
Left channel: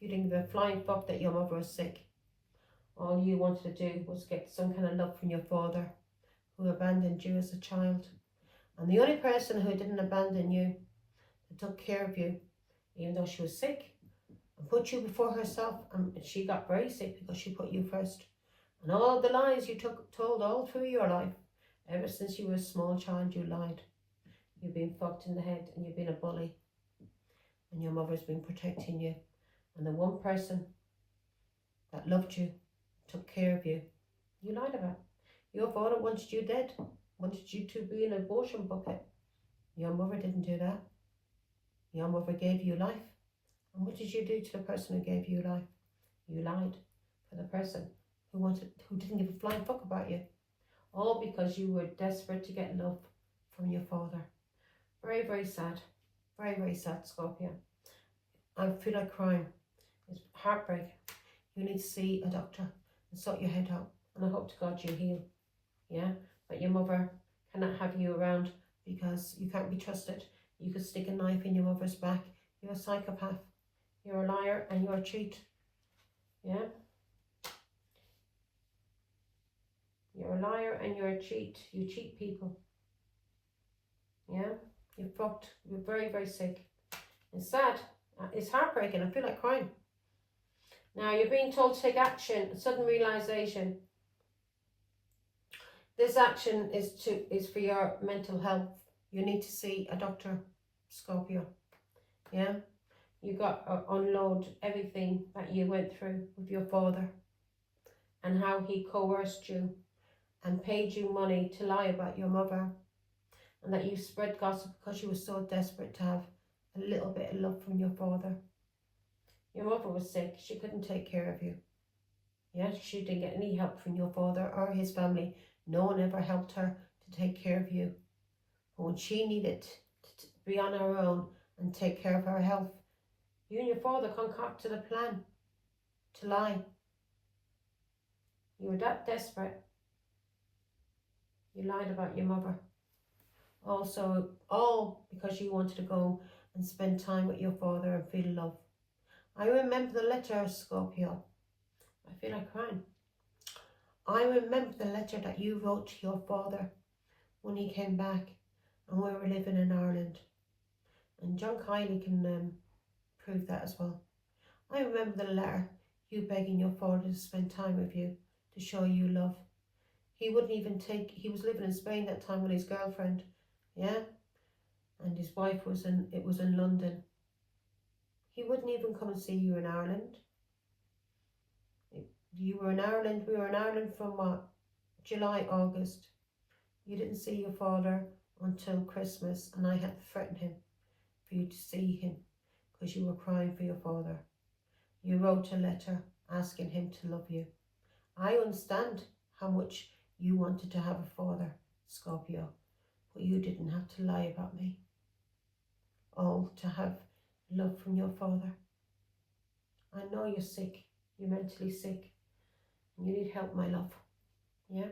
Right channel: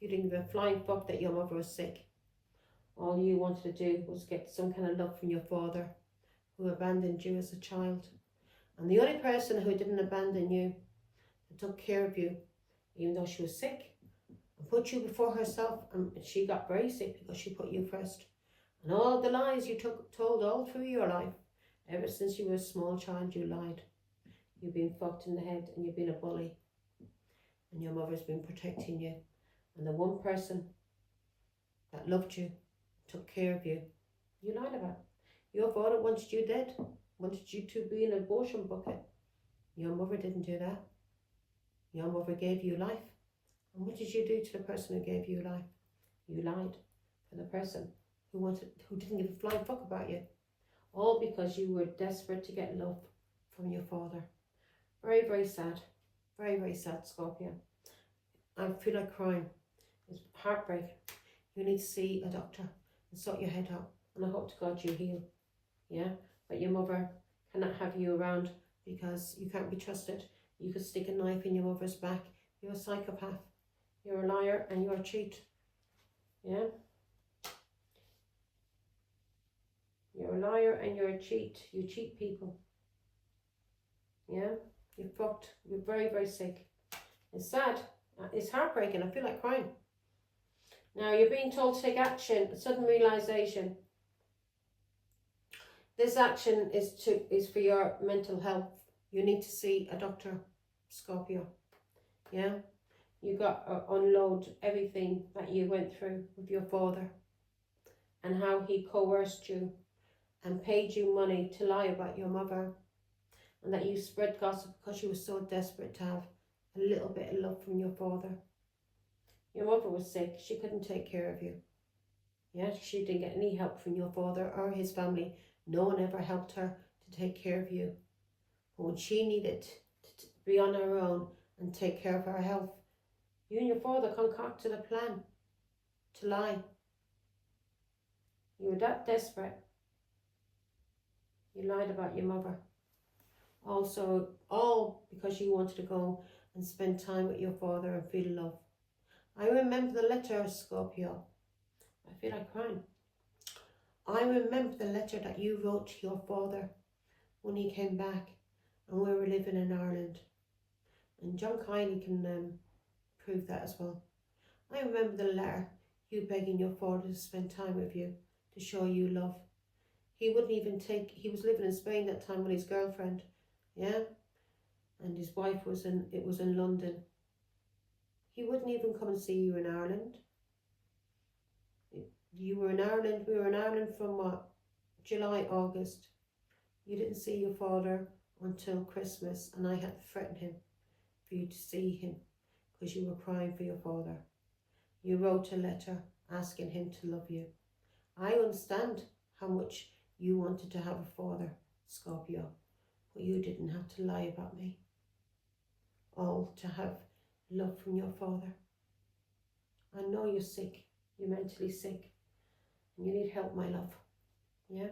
You didn't give a flying fuck that your mother was sick. All you wanted to do was get some kind of love from your father, who abandoned you as a child. And the only person who didn't abandon you, that took care of you, even though she was sick, and put you before herself, and she got very sick because she put you first. And all the lies you told all through your life, ever since you were a small child, you lied. You've been fucked in the head, and you've been a bully. And your mother's been protecting you. And the one person that loved you, took care of you, you lied about. Your father wanted you dead, wanted you to be an abortion bucket. Your mother didn't do that. Your mother gave you life. And what did you do to the person who gave you life? You lied for the person who didn't give a flying fuck about you. All because you were desperate to get love from your father. Very, very sad. Very, very sad, Scorpio. I feel like crying. It's heartbreak. You need to see a doctor and sort your head out. And I hope to God you heal. Yeah? But your mother cannot have you around because you can't be trusted. You could stick a knife in your mother's back. You're a psychopath. You're a liar and you're a cheat. Yeah? You're a liar and you're a cheat. You cheat people. Yeah? You're fucked. You're very, very sick. It's sad. It's heartbreaking. I feel like crying. Now, you're being told to take action. Sudden realization. This action is for your mental health. You need to see a doctor, Scorpio. Yeah? You got to unload everything that you went through with your father. And how he coerced you and paid you money to lie about your mother. And that you spread gossip because you were so desperate to have a little bit of love from your father. Your mother was sick. She couldn't take care of you. Yeah, she didn't get any help from your father or his family. No one ever helped her to take care of you. But when she needed to be on her own and take care of her health, you and your father concocted a plan to lie. You were that desperate. You lied about your mother. Also, all because you wanted to go and spend time with your father and feel love. I remember the letter, Scorpio. I feel like crying. I remember the letter that you wrote to your father when he came back and we were living in Ireland. And John Kiley can prove that as well. I remember the letter, you begging your father to spend time with you, to show you love. He wouldn't even he was living in Spain that time with his girlfriend, yeah? And his wife was in London. He wouldn't even come and see you in Ireland. You were in Ireland. We were in Ireland from what? July, August. You didn't see your father until Christmas, and I had to threaten him for you to see him because you were crying for your father. You wrote a letter asking him to love you. I understand how much you wanted to have a father, Scorpio, but you didn't have to lie about me. All to have love from your father. I know you're sick, you're mentally sick, and you need help, my love. Yeah?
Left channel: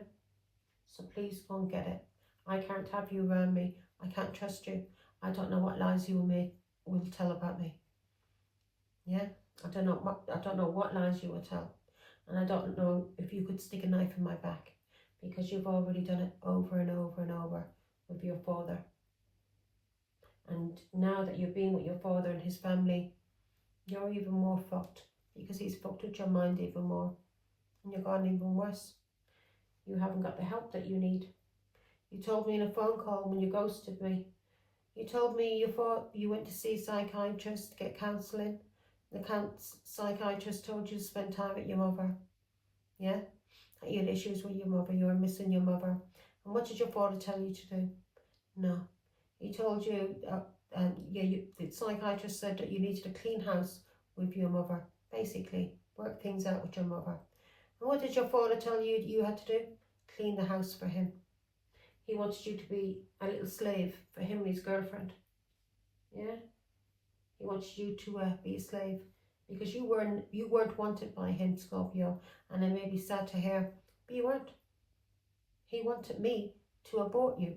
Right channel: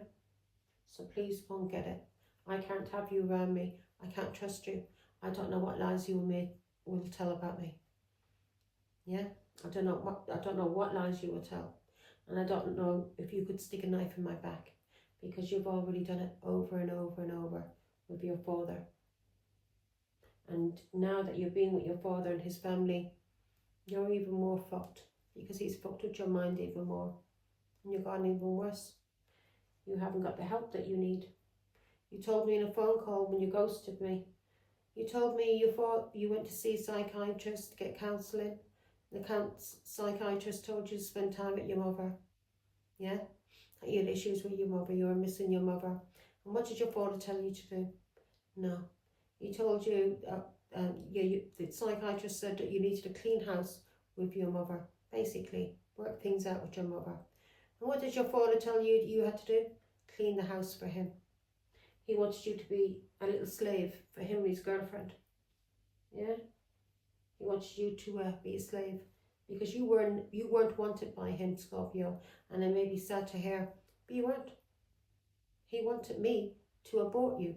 So please go and get it. I can't have you around me. I can't trust you. I don't know what lies you will tell about me. Yeah? I don't know what lies you will tell. And I don't know if you could stick a knife in my back, because you've already done it over and over and over with your father. And now that you're being with your father and his family, you're even more fucked, because he's fucked with your mind even more. And you're gone even worse. You haven't got the help that you need. You told me in a phone call when you ghosted me, you told me you thought you went to see a psychiatrist to get counselling. The psychiatrist told you to spend time with your mother. Yeah? That you had issues with your mother, you were missing your mother. And what did your father tell you to do? No. He told you, the psychiatrist said that you needed a clean house with your mother. Basically, work things out with your mother. And what did your father tell you you had to do? Clean the house for him. He wanted you to be a little slave for him and his girlfriend. Yeah? He wanted you to be a slave because you weren't wanted by him, Scorpio. And it may be sad to hear, but you weren't. He wanted me to abort you.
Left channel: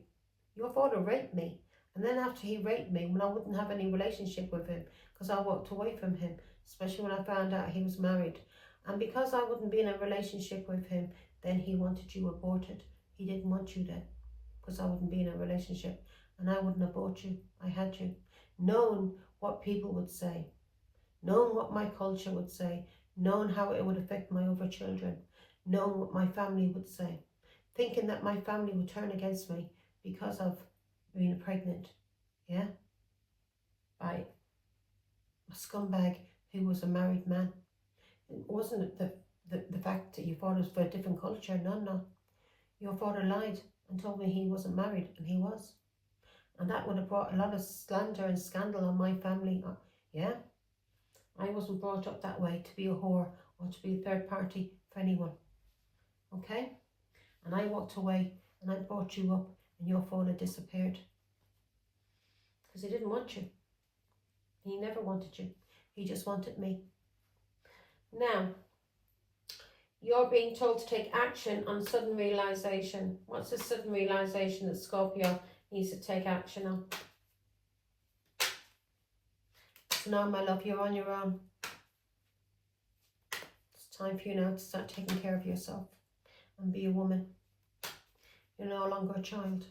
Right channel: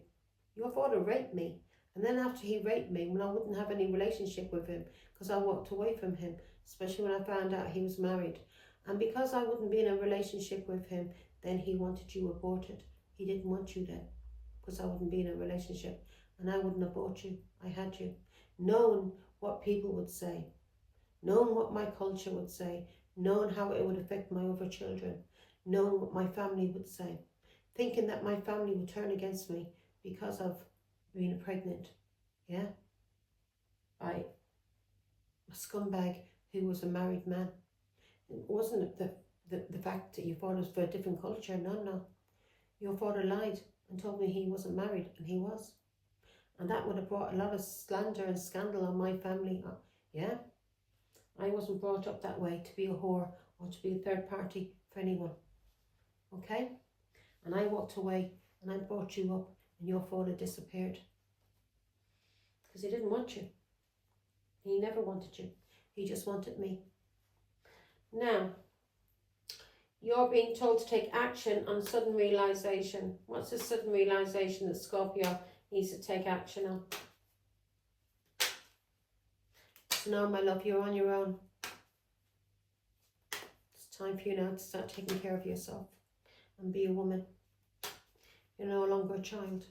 Your father raped me. And then after he raped me, when I wouldn't have any relationship with him, because I walked away from him, especially when I found out he was married. And because I wouldn't be in a relationship with him, then he wanted you aborted. He didn't want you then, because I wouldn't be in a relationship. And I wouldn't abort you. I had you. Knowing what people would say, knowing what my culture would say, knowing how it would affect my other children, knowing what my family would say, thinking that my family would turn against me because of being pregnant, yeah, by a scumbag who was a married man. It wasn't the fact that your father was for a different culture, no. Your father lied and told me he wasn't married, and he was. And that would have brought a lot of slander and scandal on my family, yeah. I wasn't brought up that way to be a whore or to be a third party for anyone, okay? And I walked away and I brought you up, and your father disappeared. Because he didn't want you. He never wanted you. He just wanted me. Now, you're being told to take action on sudden realisation. What's the sudden realisation that Scorpio needs to take action on? So now, my love, you're on your own. It's time for you now to start taking care of yourself and be a woman. You're no longer a child.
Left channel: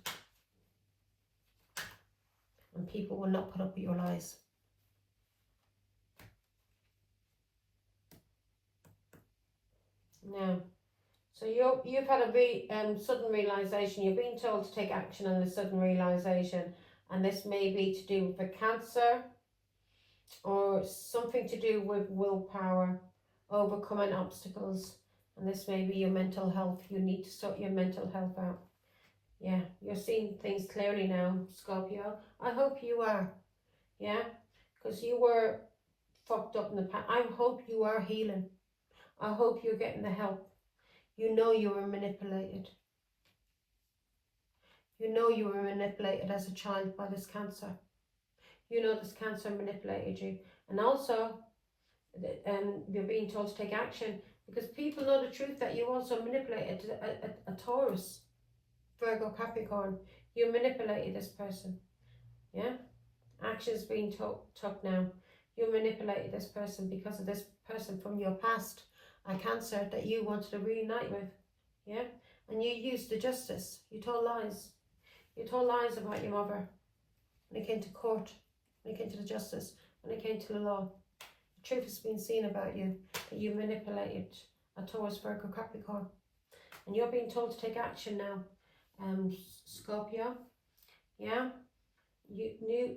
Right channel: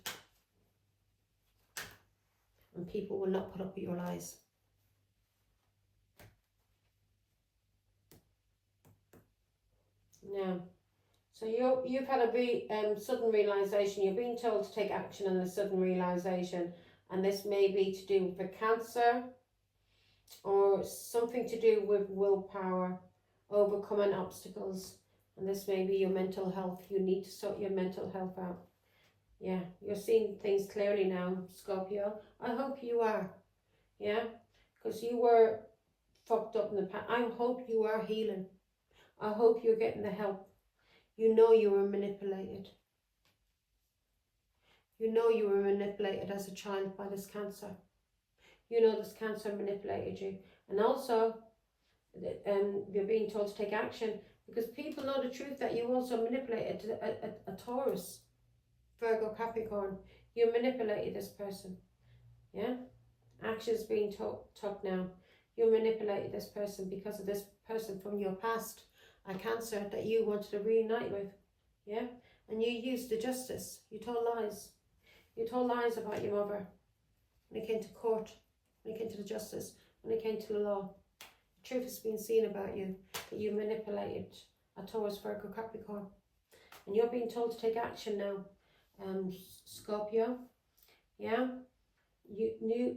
And people will not put up with your lies. Now, so you've had a sudden realisation. You're being told to take action on the sudden realisation. And this may be to do with a cancer or something to do with willpower, overcoming obstacles. And this may be your mental health. You need to sort your mental health out. Yeah, you're seeing things clearly now, Scorpio. I hope you are. Yeah, because you were fucked up in the past. I hope you are healing. I hope you're getting the help. You know you were manipulated. You know you were manipulated as a child by this cancer. You know this cancer manipulated you. And also, you're being told to take action because people know the truth that you also manipulated a Taurus, Virgo, Capricorn. You manipulated this person. Yeah? Action's being took now. You manipulated this person because of this person from your past, a cancer that you wanted to reunite with. Yeah? And you used the justice. You told lies. You told lies about your mother. When it came to court, when it came to the justice, when it came to the law. The truth has been seen about you, that you manipulated a Taurus, Virgo, Capricorn. And you're being told to take action now, Scorpio. Yeah? New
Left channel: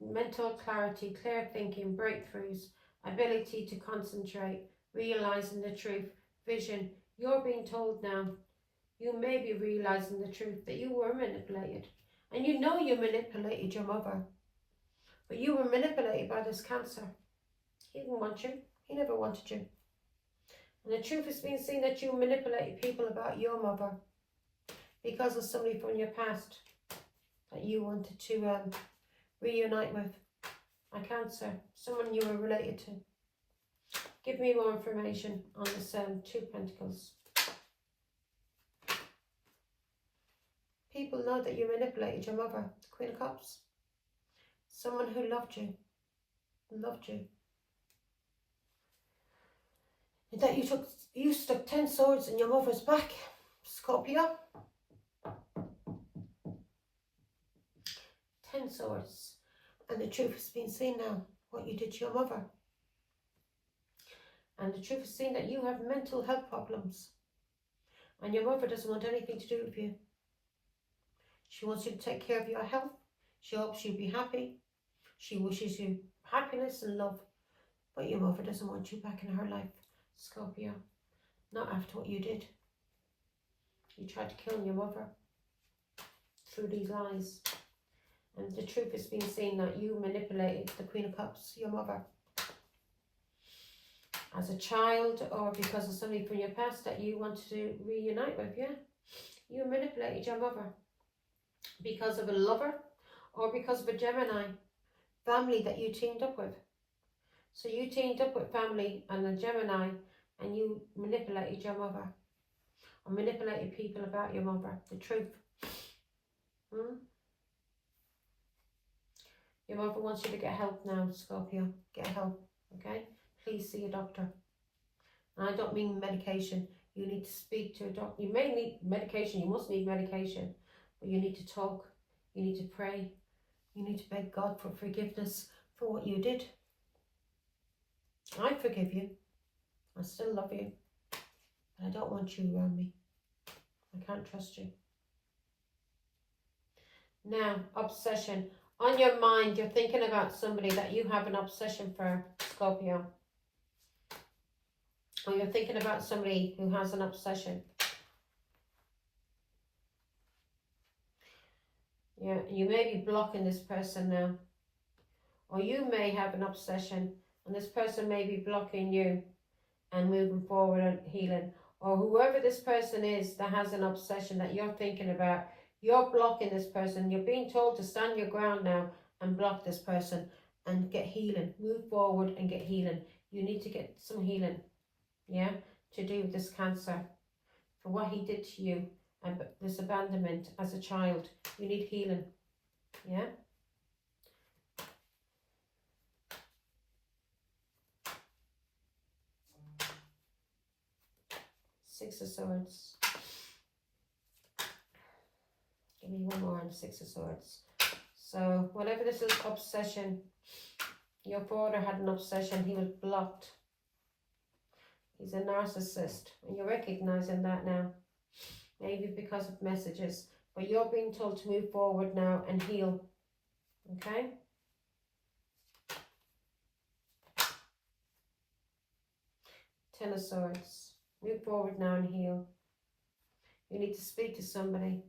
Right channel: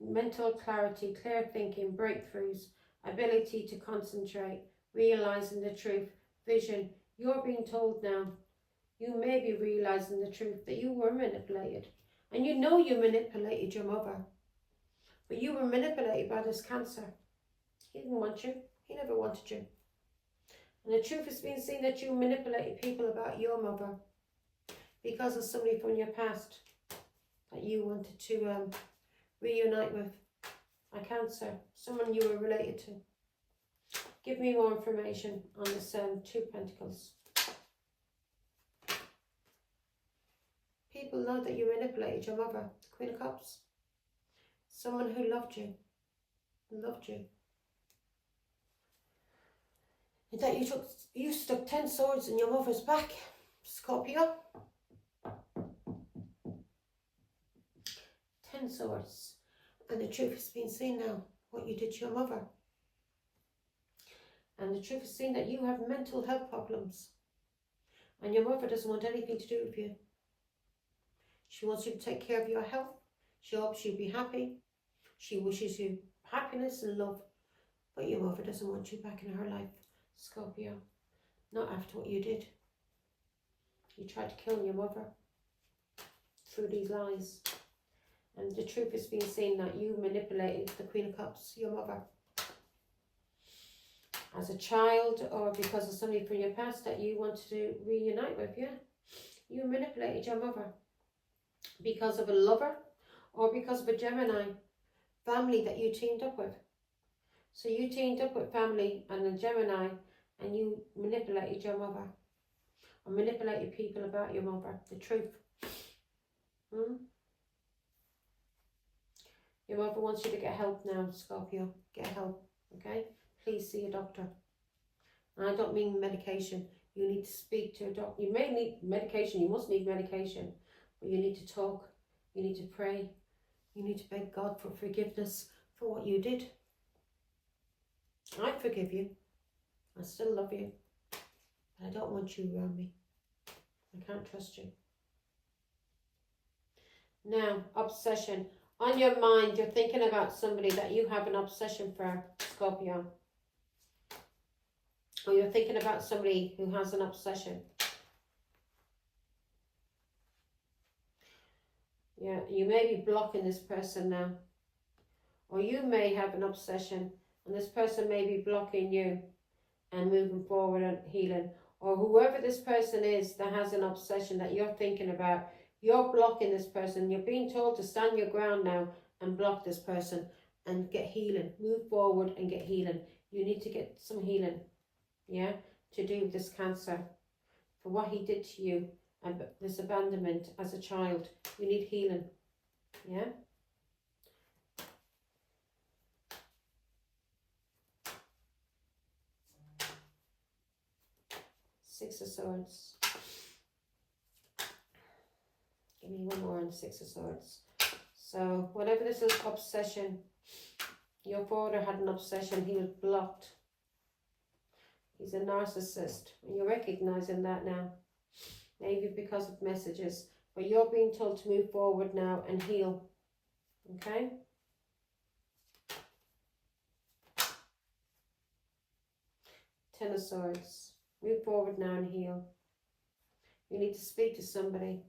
mental clarity, clear thinking, breakthroughs, ability to concentrate, realizing the truth. Vision, you're being told now, you may be realizing the truth that you were manipulated. And you know you manipulated your mother. But you were manipulated by this Cancer. He didn't want you. He never wanted you. And the truth is being seen that you manipulated people about your mother because of somebody from your past that you wanted to reunite with. A Cancer, someone you were related to. Give me more information on this Two Pentacles. People know that you manipulated your mother, the Queen of Cups. Someone who loved you. And that you stuck 10 swords in your mother's back, Scorpio. 10 swords. And the truth has been seen now, what you did to your mother. And the truth is seen that you have mental health problems. And your mother doesn't want anything to do with you. She wants you to take care of your health. She hopes you'll be happy. She wishes you happiness and love. But your mother doesn't want you back in her life, Scorpio. Not after what you did. You tried to kill your mother through these lies. And the truth is being seen that you manipulated the Queen of Cups, your mother. As a child, or because of somebody from your past that you wanted to reunite with, yeah? You manipulated your mother. Because of a lover, or because of a Gemini family that you teamed up with. So you teamed up with family and a Gemini, and you manipulated your mother. Or manipulated people about your mother. The truth. Your mother wants you to get help now, Scorpio. Get help, okay? Please see a doctor. And I don't mean medication. You need to speak to a doctor. You may need medication. You must need medication. But you need to talk. You need to pray. You need to beg God for forgiveness for what you did. I forgive you. I still love you. But I don't want you around me. I can't trust you. Now, obsession. On your mind, you're thinking about somebody that you have an obsession for, Scorpio. Or you're thinking about somebody who has an obsession. Yeah, you may be blocking this person now. Or you may have an obsession and this person may be blocking you and moving forward and healing. Or whoever this person is that has an obsession that you're thinking about, you're blocking this person. You're being told to stand your ground now and block this person and get healing. Move forward and get healing. You need to get some healing, yeah, to do with this Cancer. For what he did to you and this abandonment as a child. You need healing, yeah? Six of Swords. Give me one more on the Six of Swords. So, whatever this is, obsession. Your father had an obsession. He was blocked. He's a narcissist. And you're recognizing that now. Maybe because of messages. But you're being told to move forward now and heal. Okay? Ten of Swords. Move forward now and heal. You need to speak to somebody.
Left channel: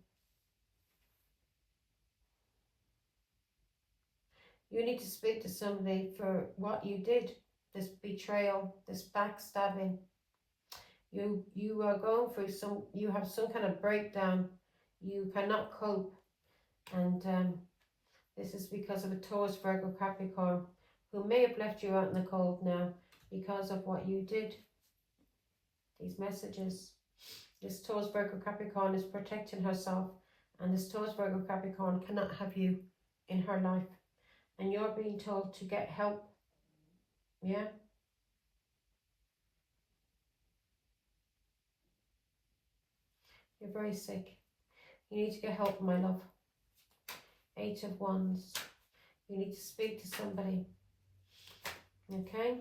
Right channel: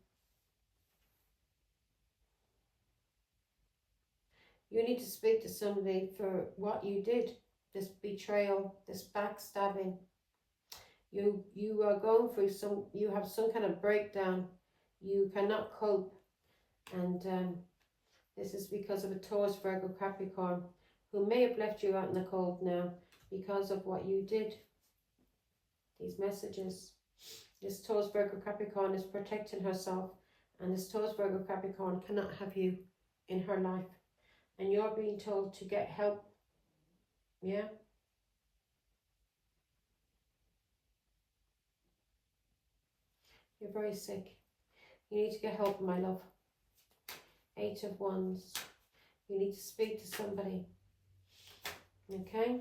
You need to speak to somebody for what you did. This betrayal, this backstabbing. You are going through you have some kind of breakdown. You cannot cope. And this is because of a Taurus, Virgo, Capricorn, who may have left you out in the cold now because of what you did. These messages. This Taurus, Virgo, Capricorn is protecting herself. And this Taurus, Virgo, Capricorn cannot have you in her life. And you're being told to get help. Yeah? You're very sick. You need to get help, my love. Eight of Wands. You need to speak to somebody. Okay?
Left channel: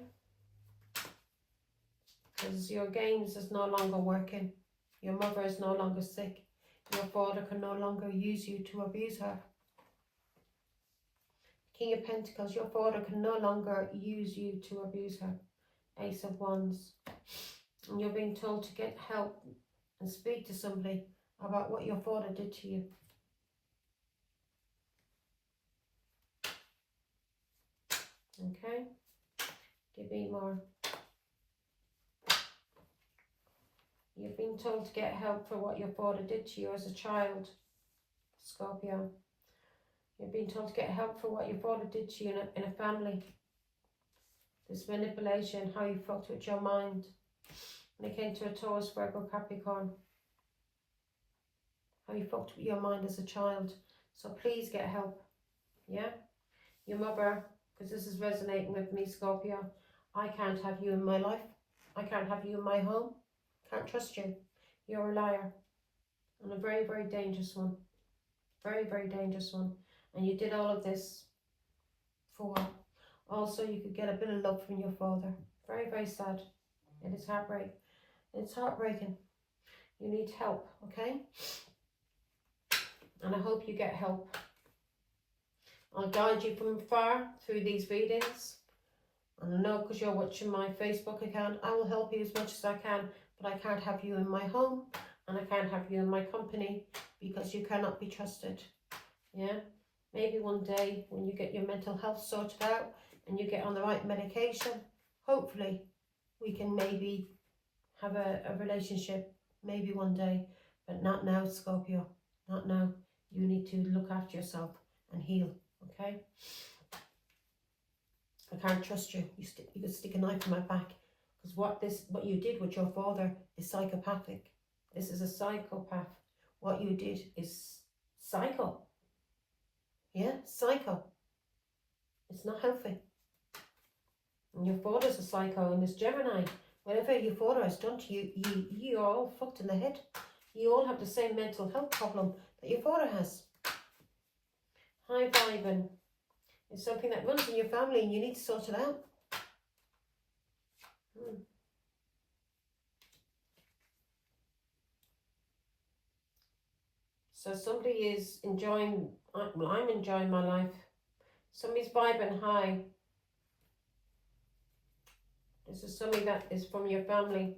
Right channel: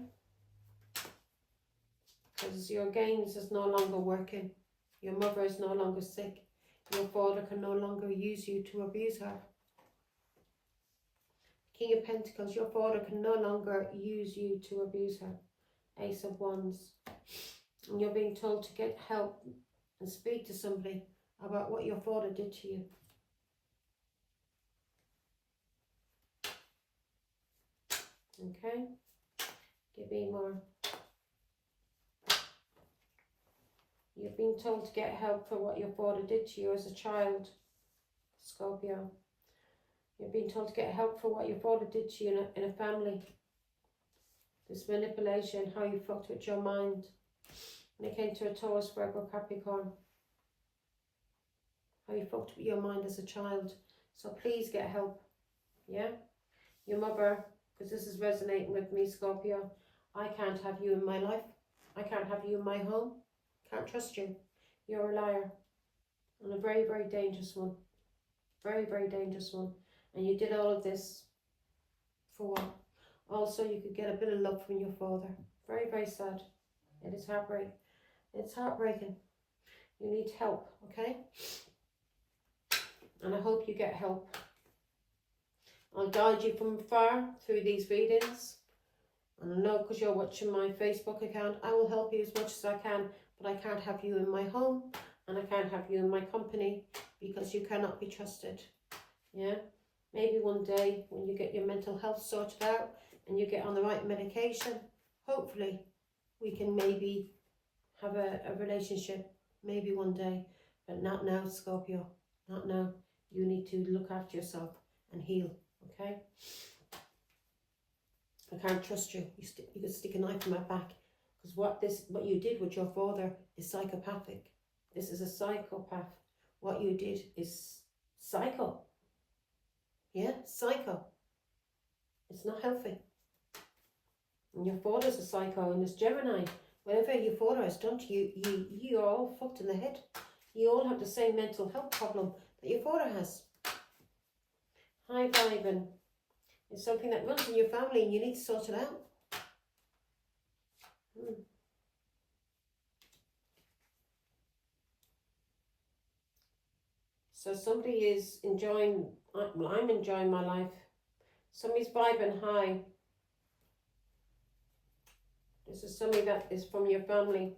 Because your games is no longer working. Your mother is no longer sick. Your father can no longer use you to abuse her. King of Pentacles, your father can no longer use you to abuse her Ace of Wands. And you're being told to get help and speak to somebody about what your father did to you. Okay, give me more. You've been told to get help for what your father did to you as a child, Scorpio. You've been told to get help for what your father did to you in a family. This manipulation, how you fucked with your mind. When it came to a Taurus, Virgo, Capricorn. How you fucked with your mind as a child. So please get help. Yeah? Your mother, because this is resonating with me, Scorpio. I can't have you in my life. I can't have you in my home. Can't trust you. You're a liar. And a very, very dangerous one. Very, very dangerous one. And you did all of this for what? Also, you could get a bit of love from your father. Very, very sad. It is heartbreaking. It's heartbreaking. You need help, okay? And I hope you get help. I'll guide you from afar through these readings. And I know because you're watching my Facebook account, I will help you as much as I can, but I can't have you in my home and I can't have you in my company because you cannot be trusted. Yeah? Maybe one day when you get your mental health sorted out and you get on the right medication, hopefully we can maybe have a relationship, maybe one day, but not now, Scorpio, not now. You need to look after yourself and heal, okay? I can't trust you. You could stick a knife in my back because what you did with your father is psychopathic. This is a psychopath. What you did is psycho. Yeah, psycho. It's not healthy. And your father's a psycho and it's Gemini. Whatever your father has done to you, you're all fucked in the head. You all have the same mental health problem that your father has. High vibing. It's something that runs in your family and you need to sort it out. So somebody is enjoying, well, I'm enjoying my life. Somebody's vibing high. This is somebody that is from your family.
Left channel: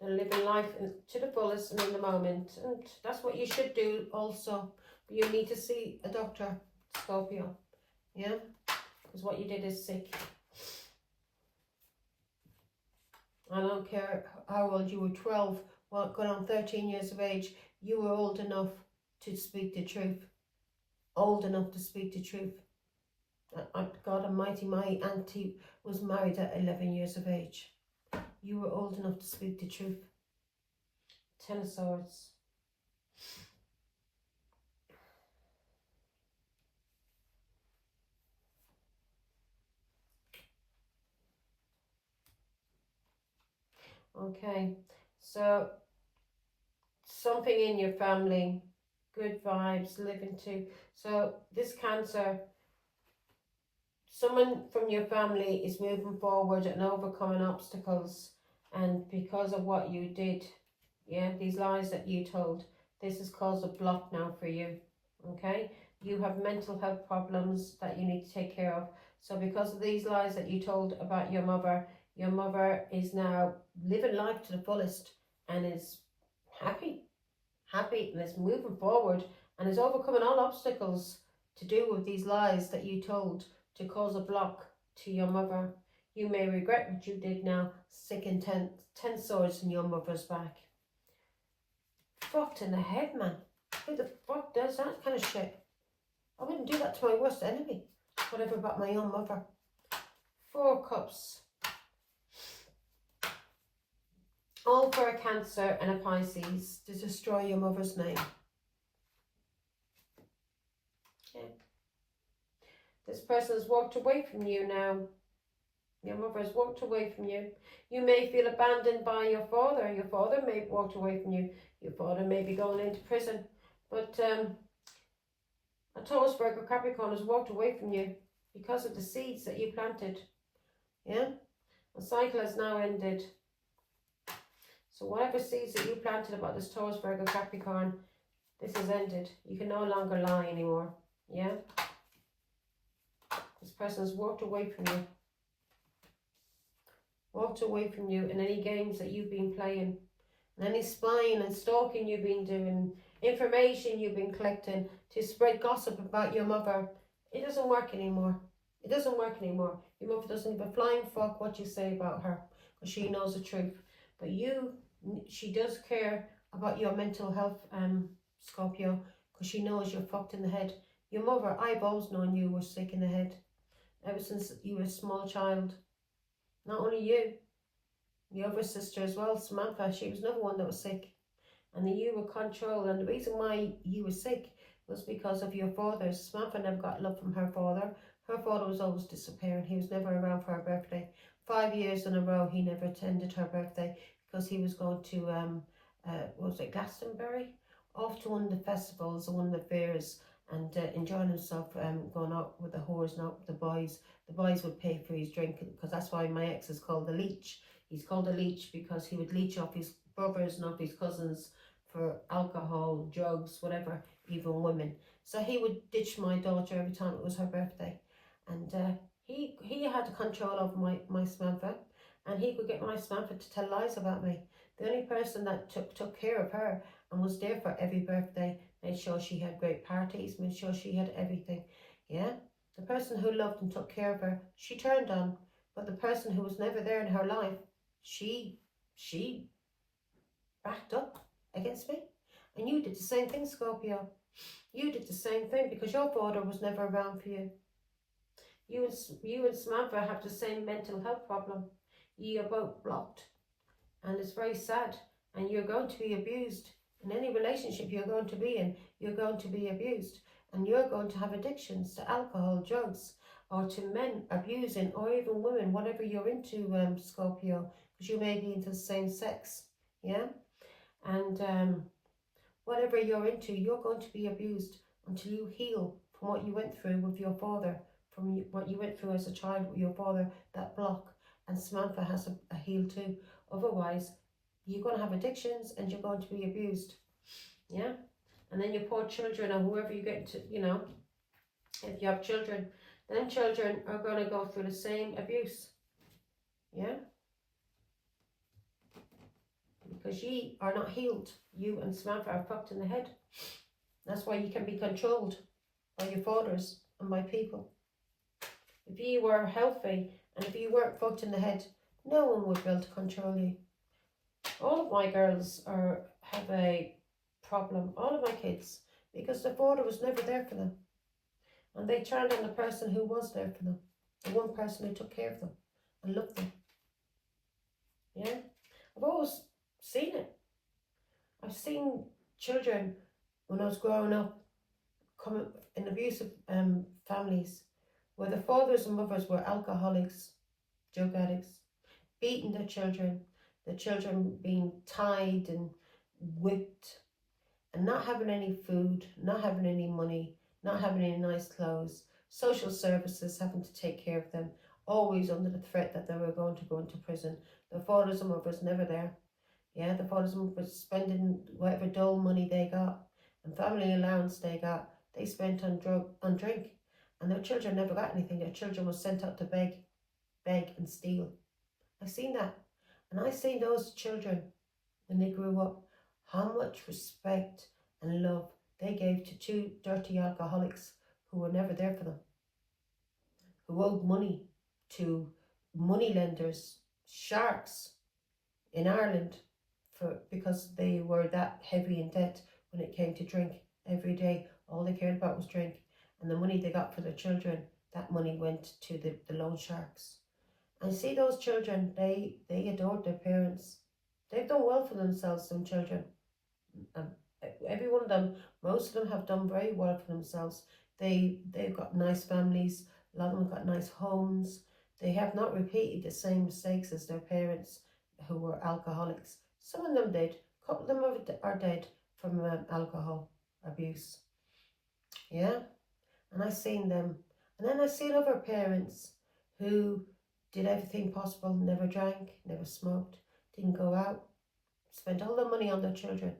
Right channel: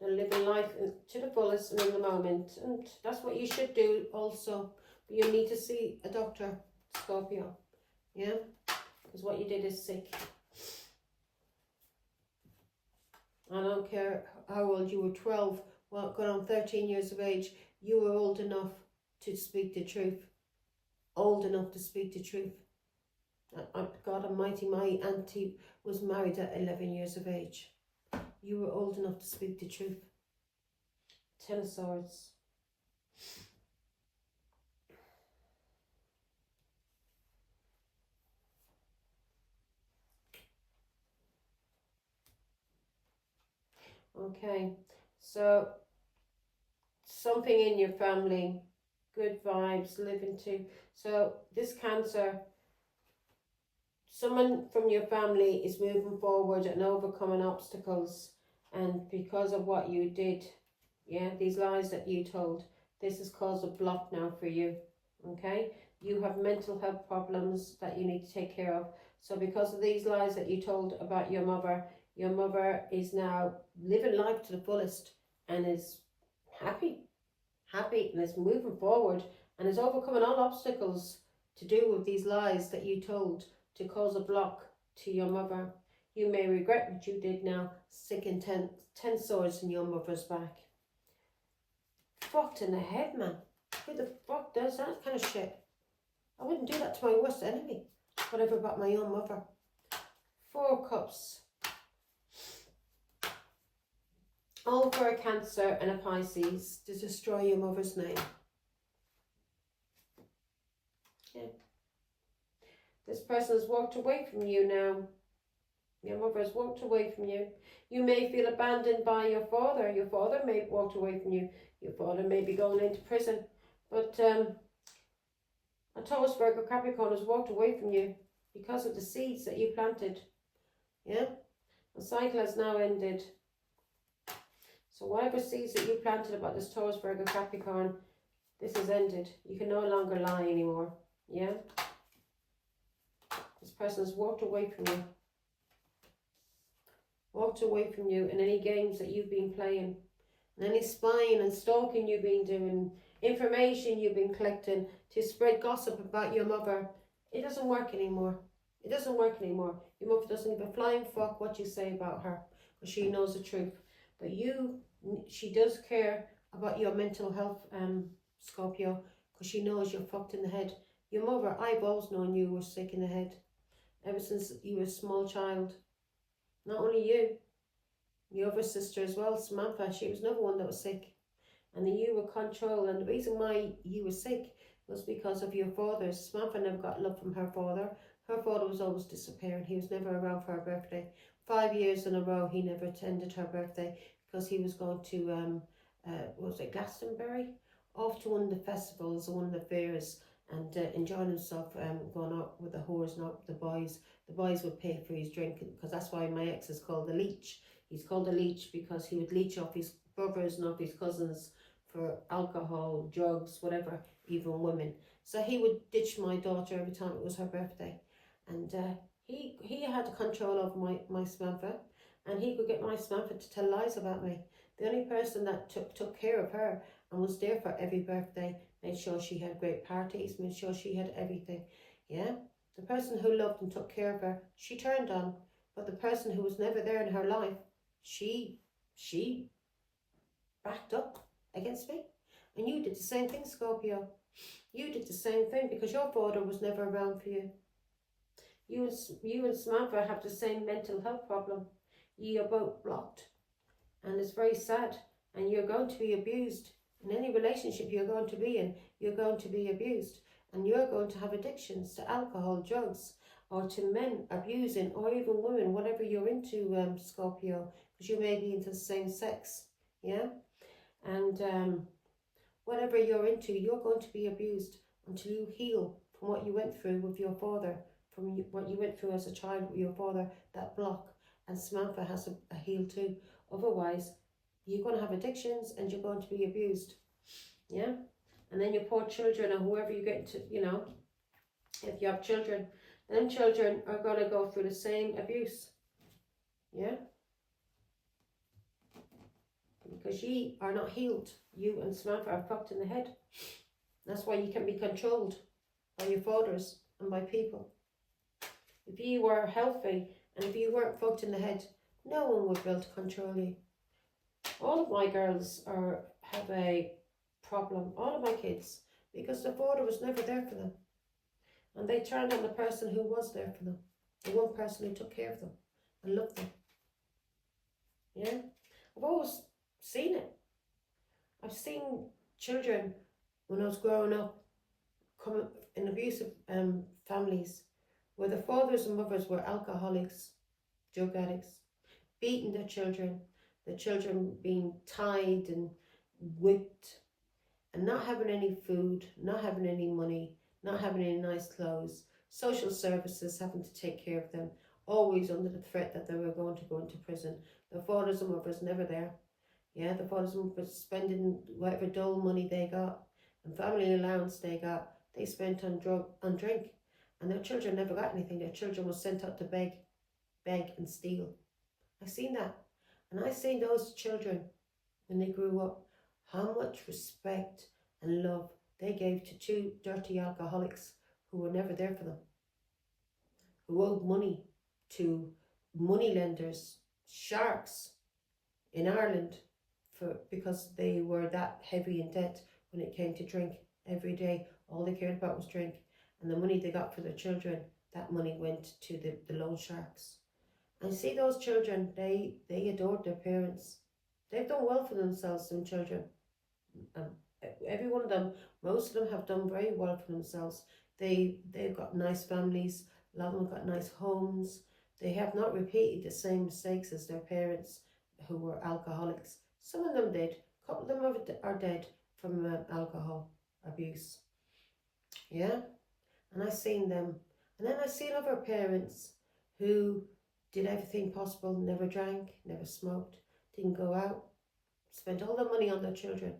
They're living life to the fullest and in the moment. And that's what you should do also. But you need to see a doctor, Scorpio. Yeah? Because what you did is sick. I don't care how old you were, 12, well, going on 13 years of age. You were old enough to speak the truth. Old enough to speak the truth. God Almighty, my auntie was married at 11 years of age. You were old enough to speak the truth. Ten of Swords. Okay, so something in your family, good vibes, living to. So this Cancer, someone from your family is moving forward and overcoming obstacles, and because of what you did, yeah, these lies that you told, this has caused a block now for you, okay? You have mental health problems that you need to take care of. So because of these lies that you told about your mother is now living life to the fullest and is happy and is moving forward and is overcoming all obstacles to do with these lies that you told to cause a block to your mother. You may regret what you did now, sticking 10 swords in your mother's back. Fucked in the head, man. Who the fuck does that kind of shit? I wouldn't do that to my worst enemy. Whatever about my own mother. 4 cups. All for a Cancer and a Pisces to destroy your mother's name. Okay. This person has walked away from you now. Your mother has walked away from you. You may feel abandoned by your father. Your father may have walked away from you. Your father may be going into prison. But a Taurus, Virgo, Capricorn has walked away from you because of the seeds that you planted. Yeah? The cycle has now ended. So whatever seeds that you planted about this Taurus, Virgo, Capricorn, this has ended. You can no longer lie anymore. Yeah? This person has walked away from you. walked away from you, and any games that you've been playing, and any spying and stalking you've been doing, information you've been collecting to spread gossip about your mother, it doesn't work anymore. It doesn't work anymore. Your mother doesn't give a flying fuck what you say about her, because she knows the truth. But she does care about your mental health, Scorpio, because she knows you're fucked in the head. Your mother, I've always known you were sick in the head, ever since you were a small child. Not only you, your other sister as well, Samantha, she was another one that was sick. And you were controlled, and the reason why you were sick was because of your father. Samantha never got love from her father. Her father was always disappearing. He was never around for her birthday. 5 years in a row, he never attended her birthday because he was going to, was it Glastonbury? Off to one of the festivals, one of the fairs, and enjoying himself, going out with the whores, not with the boys. The boys would pay for his drink, because that's why my ex is called the leech. He's called a leech because he would leech off his brothers and off his cousins for alcohol, drugs, whatever, even women. So he would ditch my daughter every time it was her birthday. And he had control of my Samantha, and he could get my Samantha to tell lies about me. The only person that took care of her and was there for every birthday, made sure she had great parties, made sure she had everything. Yeah, the person who loved and took care of her, she turned on. But the person who was never there in her life, she backed up against me. And you did the same thing, Scorpio. You did the same thing, because your father was never around for you. You and Samantha have the same mental health problem. You are both blocked. And it's very sad. And you're going to be abused. In any relationship you're going to be in, you're going to be abused. And you're going to have addictions to alcohol, drugs, or to men abusing, or even women, whatever you're into, Scorpio, because you may be into the same sex. Yeah? And whatever you're into, you're going to be abused until you heal from what you went through with your father, from what you went through as a child with your father, that block. And Samantha has a heal too. Otherwise, you're going to have addictions and you're going to be abused. Yeah? And then your poor children, or whoever you get to, if you have children, then children are going to go through the same abuse. Yeah? Because ye are not healed. You and Samantha are fucked in the head. That's why you can be controlled by your fathers and by people. If you were healthy and if you weren't fucked in the head, no one would be able to control you. All of my girls have a problem, all of my kids, because the father was never there for them. And they turned on the person who was there for them, the one person who took care of them and loved them. Yeah? I've always seen it. I've seen children, when I was growing up, come in abusive families, where the fathers and mothers were alcoholics, drug addicts, beating their children, the children being tied and whipped, and not having any food, not having any money, not having any nice clothes, social services having to take care of them, always under the threat that they were going to go into prison. The fathers and mothers never there. Yeah, the fathers and mothers spending whatever dole money they got and family allowance they got, they spent on drink. And their children never got anything. Their children were sent out to beg and steal. I seen that. And I seen those children, when they grew up, how much respect and love they gave to two dirty alcoholics who were never there for them, who owed money to money lenders, sharks in Ireland, because they were that heavy in debt when it came to drink. Every day, all they cared about was drink. And the money they got for their children, that money went to the loan sharks. And see those children, they adored their parents. They've done well for themselves, some children. Every one of them, most of them have done very well for themselves. They've got nice families. A lot of them got nice homes. They have not repeated the same mistakes as their parents who were alcoholics. Some of them did. A couple of them are dead from alcohol abuse. Yeah? And I seen them. And then I seen other parents who did everything possible, never drank, never smoked, didn't go out, spent all their money on their children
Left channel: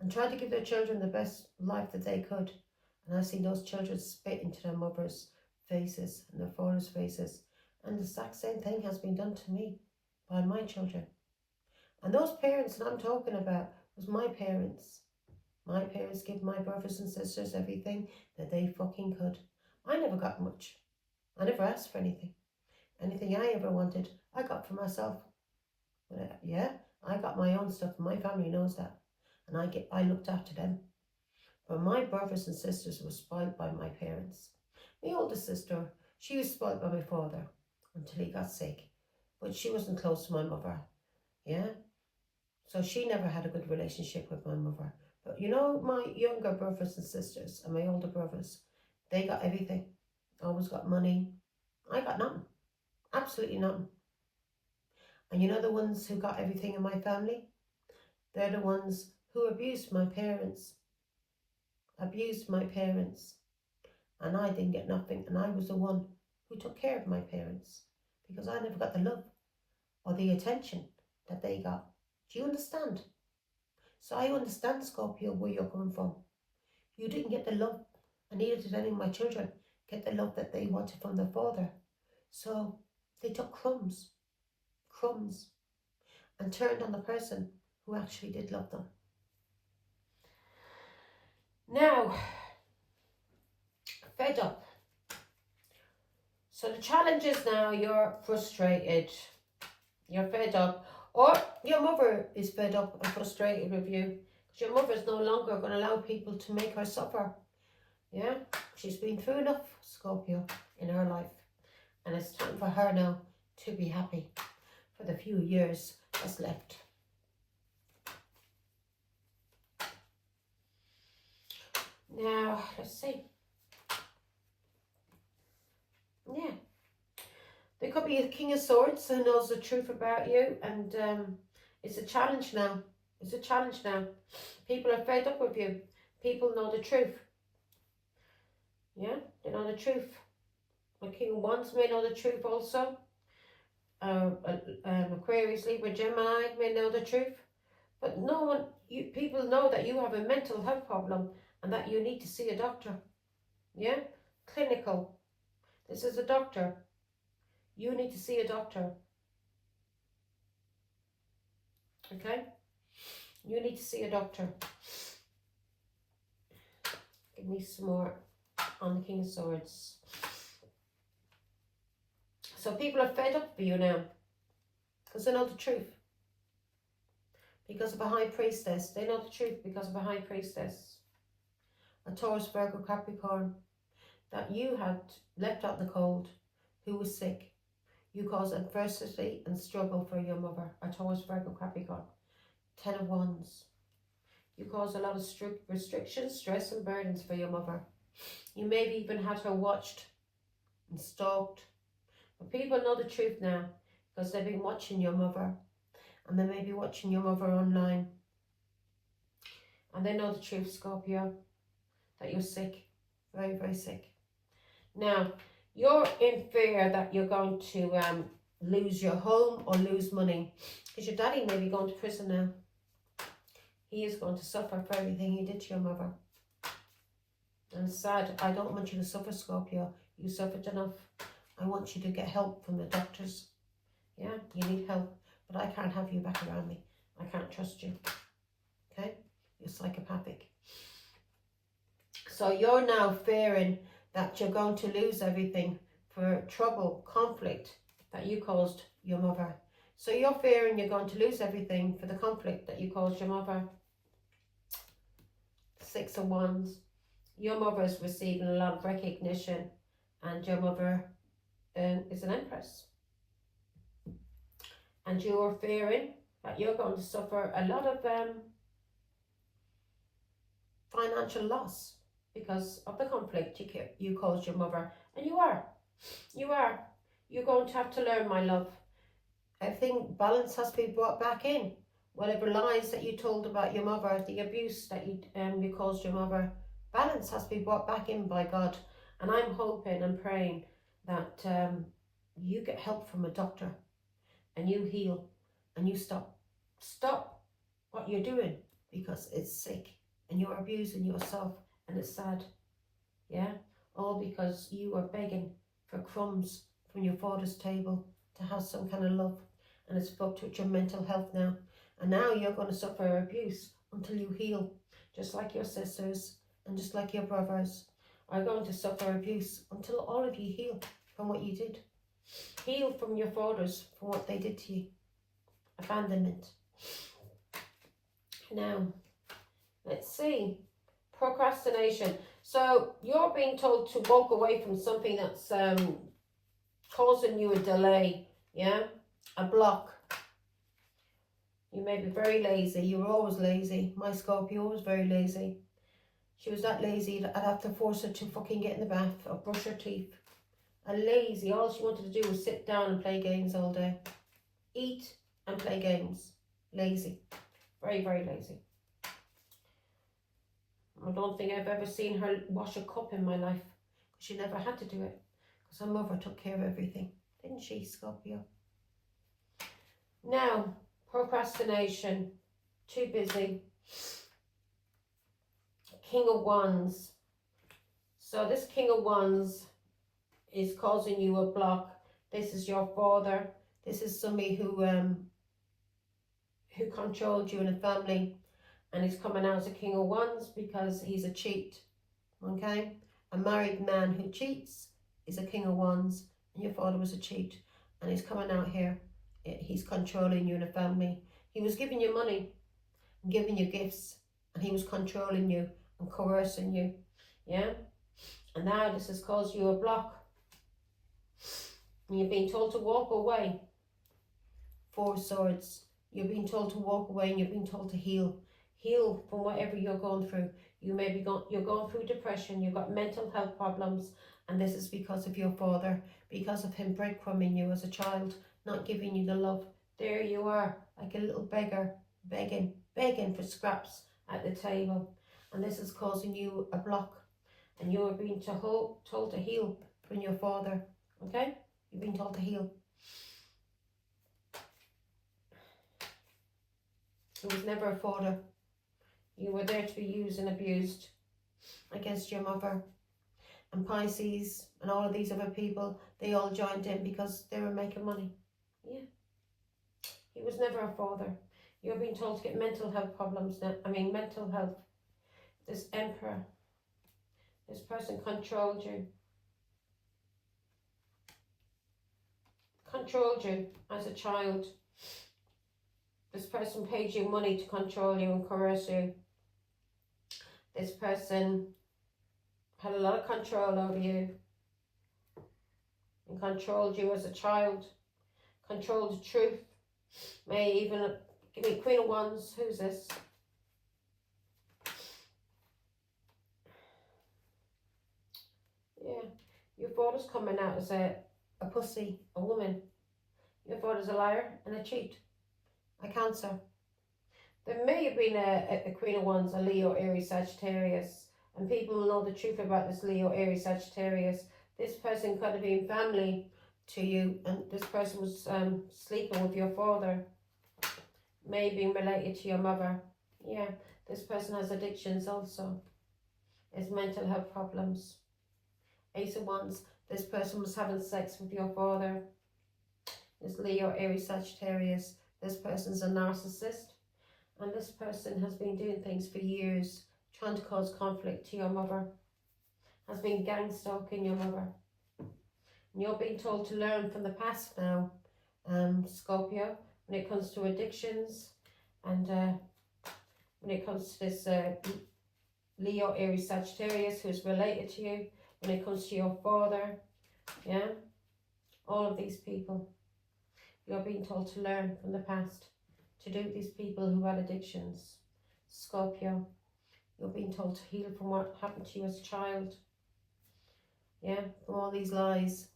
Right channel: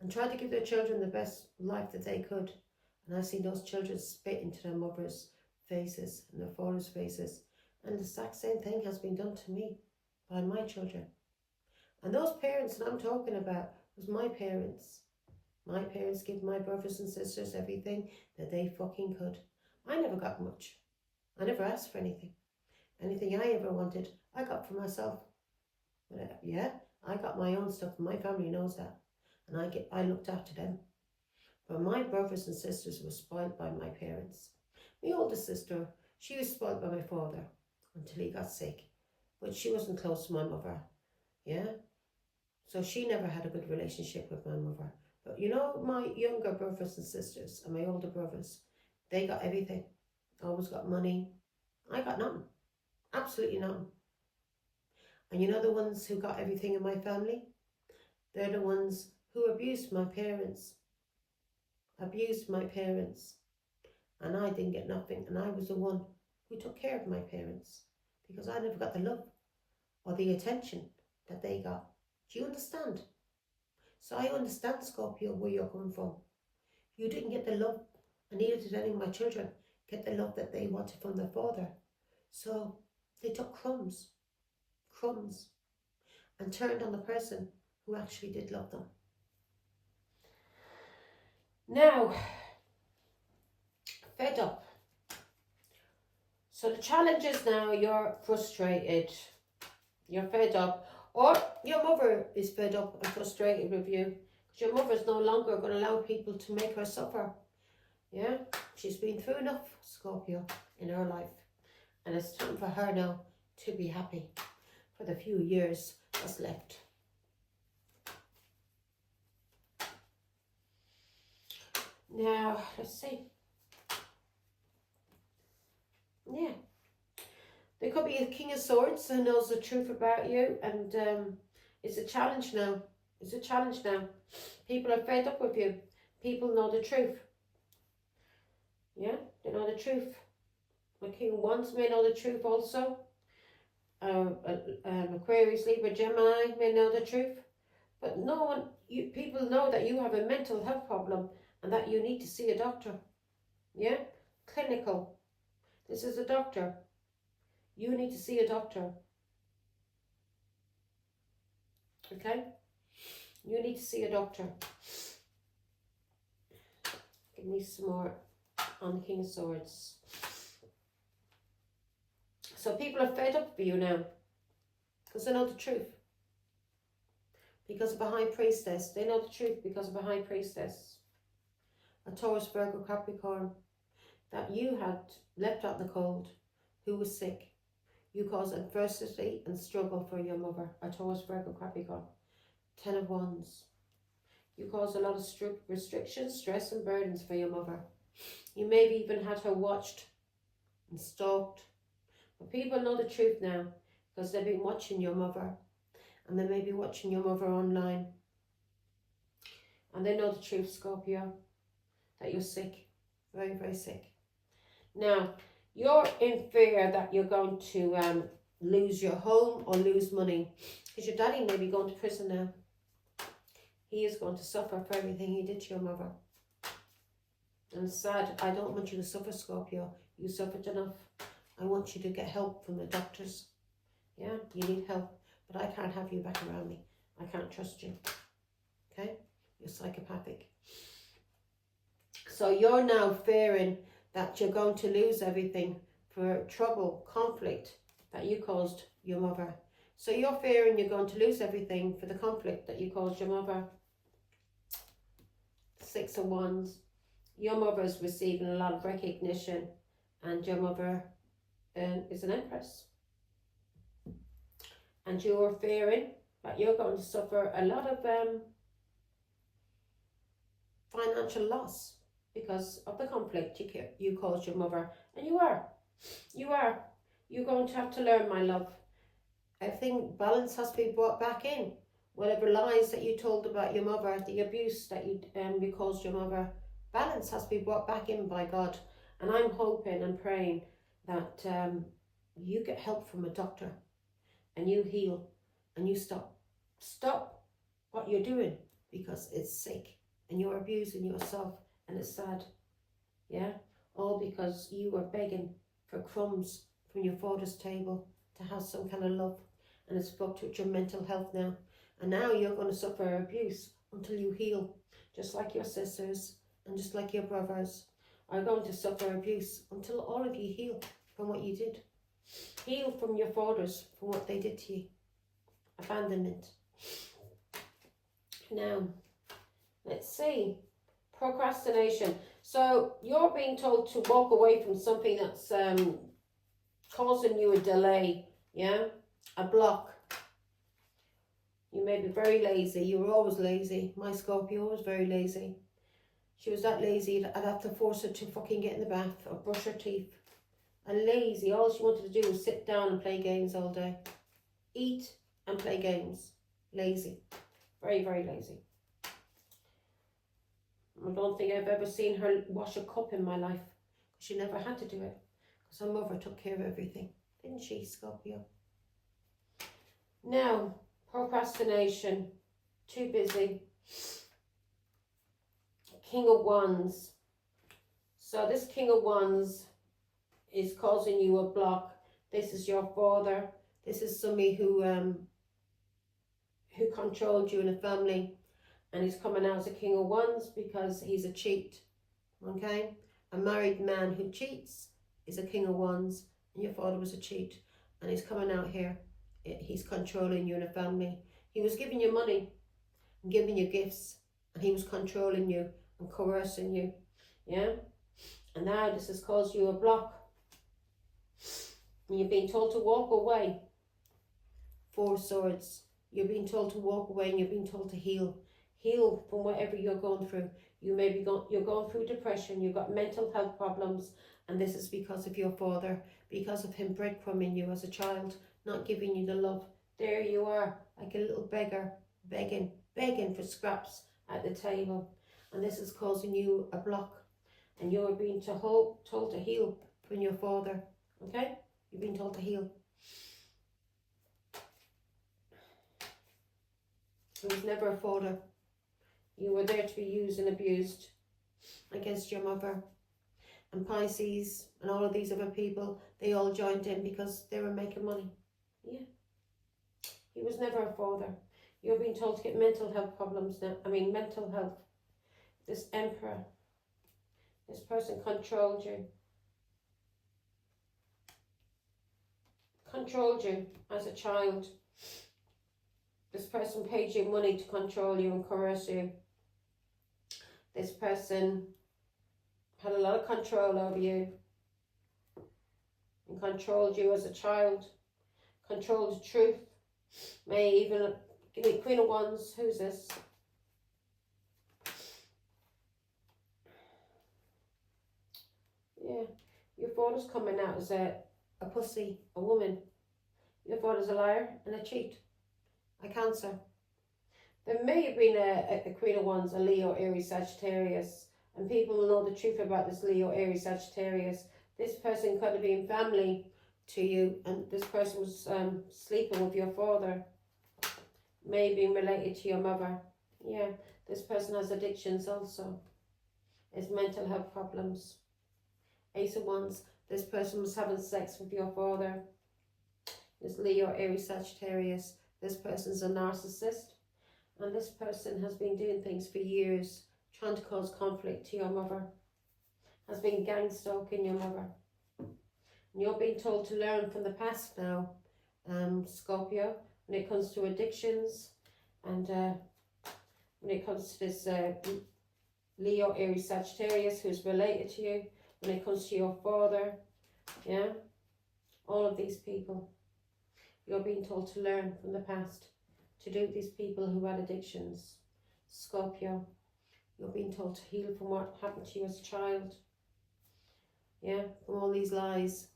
and tried to give their children the best life that they could. And I seen those children spit into their mothers' faces and their fathers' faces. And the exact same thing has been done to me. by my children. And those parents that I'm talking about was my parents. My parents gave my brothers and sisters everything that they fucking could. I never got much. I never asked for anything. Anything I ever wanted, I got for myself. Yeah, I got my own stuff. My family knows that. And I looked after them. But my brothers and sisters were spoiled by my parents. My oldest sister, she was spoiled by my father until he got sick. But she wasn't close to my mother. Yeah? So she never had a good relationship with my mother. But you know, my younger brothers and sisters and my older brothers, they got everything. Always got money. I got nothing. Absolutely nothing. And you know the ones who got everything in my family? They're the ones who abused my parents. Abused my parents. And I didn't get nothing. And I was the one who took care of my parents. Because I never got the love or the attention that they got. Do you understand? So I understand, Scorpio, where you're coming from. You didn't get the love, and neither did any of my children get the love that they wanted from their father. So they took crumbs, and turned on the person who actually did love them. Now, fed up. So the challenge is now you're frustrated, you're fed up, or your mother is fed up and frustrated with you. Because your mother is no longer going to allow people to make her suffer. Yeah, she's been through enough, Scorpio, in her life. And it's time for her now to be happy for the few years that's left. Now, let's see. Yeah. There could be a King of Swords who knows the truth about you, and it's a challenge now. It's a challenge now. People are fed up with you. People know the truth. Yeah, they know the truth. The King of Wands may know the truth also. Aquarius, Libra, Gemini may know the truth. But no one, people know that you have a mental health problem and that you need to see a doctor. Yeah, clinical. This is a doctor. You need to see a doctor. Okay? You need to see a doctor. Give me some more on the King of Swords. So people are fed up with you now. Because they know the truth. Because of a High Priestess. They know the truth because of a High Priestess. A Taurus, Virgo, Capricorn. That you had left out in the cold. Who was sick. You caused adversity and struggle for your mother. A Taurus, Virgo, Capricorn. 10 of Wands. You caused a lot of restrictions, stress and burdens for your mother. You maybe even had her watched and stalked. But people know the truth now because they've been watching your mother. And they may be watching your mother online. And they know the truth, Scorpio, that you're sick. Very, very sick. Now, you're in fear that you're going to lose your home or lose money. Because your daddy may be going to prison now. He is going to suffer for everything he did to your mother. And it's sad. I don't want you to suffer, Scorpio. You suffered enough. I want you to get help from the doctors. Yeah, you need help. But I can't have you back around me. I can't trust you. Okay? You're psychopathic. So you're now fearing that you're going to lose everything for trouble, conflict that you caused your mother. So you're fearing you're going to lose everything for the conflict that you caused your mother. 6 of Wands. Your mother is receiving a lot of recognition and your mother is an Empress. And you're fearing that you're going to suffer a lot of financial loss because of the conflict you caused your mother. And you are. You're going to have to learn, my love. I think balance has to be brought back in. Whatever lies that you told about your mother, the abuse that you caused your mother, balance has to be brought back in by God. And I'm hoping and praying that you get help from a doctor and you heal and you stop what you're doing because it's sick and you're abusing yourself and it's sad. Yeah, all because you were begging for crumbs from your father's table to have some kind of love and it's fucked with your mental health now. And now you're going to suffer abuse until you heal, just like your sisters and just like your brothers are going to suffer abuse until all of you heal from what you did. Heal from your fathers, from what they did to you. Abandonment. Now, let's see. Procrastination. So you're being told to walk away from something that's causing you a delay, yeah? A block. You may be very lazy. You were always lazy. My Scorpio was very lazy. She was that lazy that I'd have to force her to fucking get in the bath or brush her teeth. A lazy. All she wanted to do was sit down and play games all day. Eat and play games. Lazy. Very, very lazy. I don't think I've ever seen her wash a cup in my life. She never had to do it. Because her mother took care of everything. Didn't she, Scorpio? Now, procrastination. Too busy. King of Wands. So this King of Wands is causing you a block. This is your father. This is somebody who controlled you in a family, and he's coming out as a King of Wands because he's a cheat. Okay? A married man who cheats is a King of Wands, and your father was a cheat, and he's coming out here. He's controlling you in a family. He was giving you money and giving you gifts, and he was controlling you and coercing you. Yeah? And now this has caused you a block. And you're being told to walk away. Four of Swords. You're being told to walk away, and you're being told to heal. Heal from whatever you're going through. You may be you're going through depression. You've got mental health problems, and this is because of your father, because of him breadcrumbing you as a child, not giving you the love. There you are, like a little beggar, begging for scraps at the table, and this is causing you a block, and you're being told to heal from your father. Okay, you're being told to heal. He was never a father. You were there to be used and abused against your mother. And Pisces and all of these other people, they all joined in because they were making money. Yeah. He was never a father. You're being told to get mental health problems now. Mental health. This Emperor. This person controlled you. Controlled you as a child. This person paid you money to control you and coerce you. This person had a lot of control over you and controlled you as a child. Controlled the truth. May even give me Queen of Wands. Who's this? Yeah. Your father's coming out as a pussy, a woman. Your father's a liar and a cheat. A Cancer. There may have been a Queen of Wands, a Leo, Aries, Sagittarius, and people will know the truth about this Leo, Aries, Sagittarius. This person could have been family to you, and this person was sleeping with your father, maybe related to your mother. Yeah, this person has addictions also. It's mental health problems. Ace of Wands. This person was having sex with your father. It's Leo, Aries, Sagittarius. This person's a narcissist, and this person has been doing things for years, trying to cause conflict to your mother, has been gang stalking your mother. And you're being told to learn from the past now, Scorpio, when it comes to addictions, and when it comes to this Leo, Aries, Sagittarius, who's related to you, when it comes to your father, yeah, all of these people. You're being told to learn from the past, to do these people who had addictions. Scorpio, you're being told to heal from what happened to you as a child. Yeah, from all these lies.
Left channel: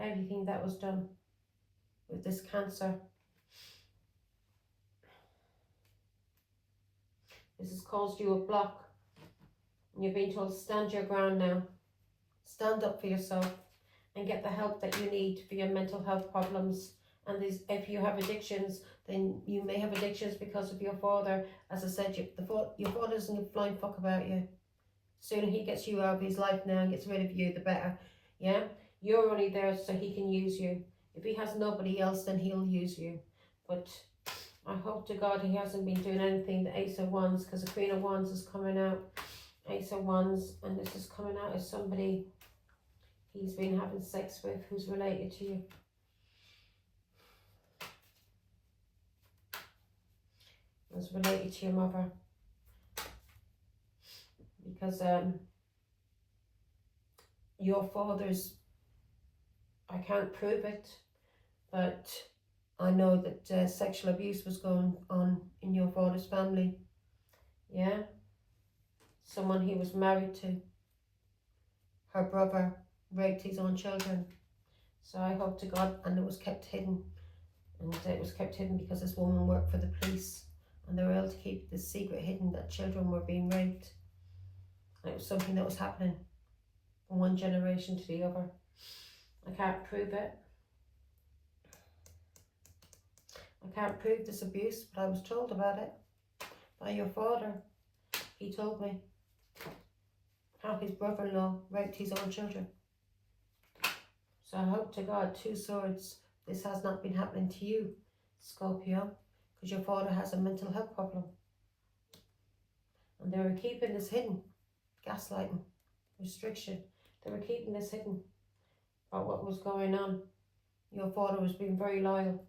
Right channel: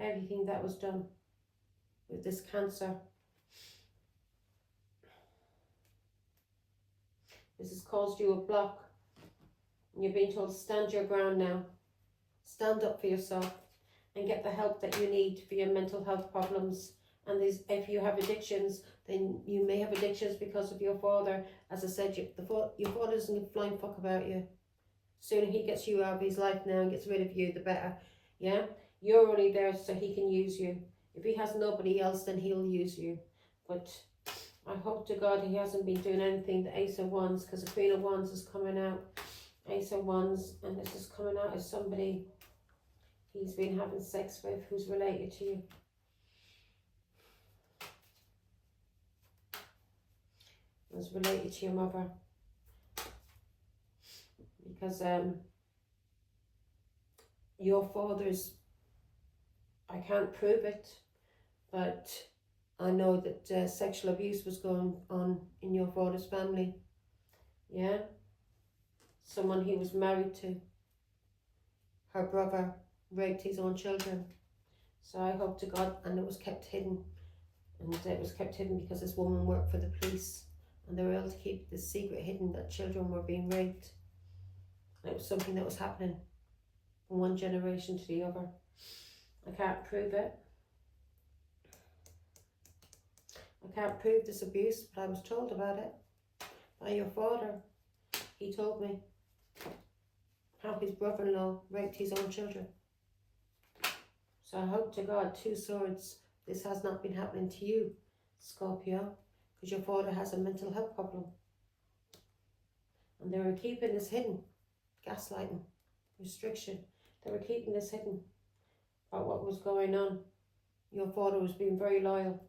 Everything that was done with this Cancer. This has caused you a block. And you're being told to stand your ground now. Stand up for yourself and get the help that you need for your mental health problems. And if you have addictions, then you may have addictions because of your father. As I said, your father doesn't give a flying fuck about you. Sooner he gets you out of his life now and gets rid of you, the better. Yeah? You're only there so he can use you. If he has nobody else, then he'll use you. But I hope to God he hasn't been doing anything. The Ace of Wands, because the Queen of Wands is coming out. Ace of Wands, and this is coming out as somebody he's been having sex with who's related to you. Who's related to your mother. Because your father's, I can't prove it, but I know that sexual abuse was going on in your father's family. Yeah? Someone he was married to, her brother, raped his own children. So I hope to God, and it was kept hidden. And it was kept hidden because this woman worked for the police, and they were able to keep this secret hidden that children were being raped. And it was something that was happening from one generation to the other. I can't prove it. I can't prove this abuse, but I was told about it by your father. He told me how his brother-in-law raped his own children. So I hope to God, Two Swords, this has not been happening to you, Scorpio, because your father has a mental health problem. And they were keeping this hidden. Gaslighting, restriction. They were keeping this hidden about what was going on. Your father was being very loyal.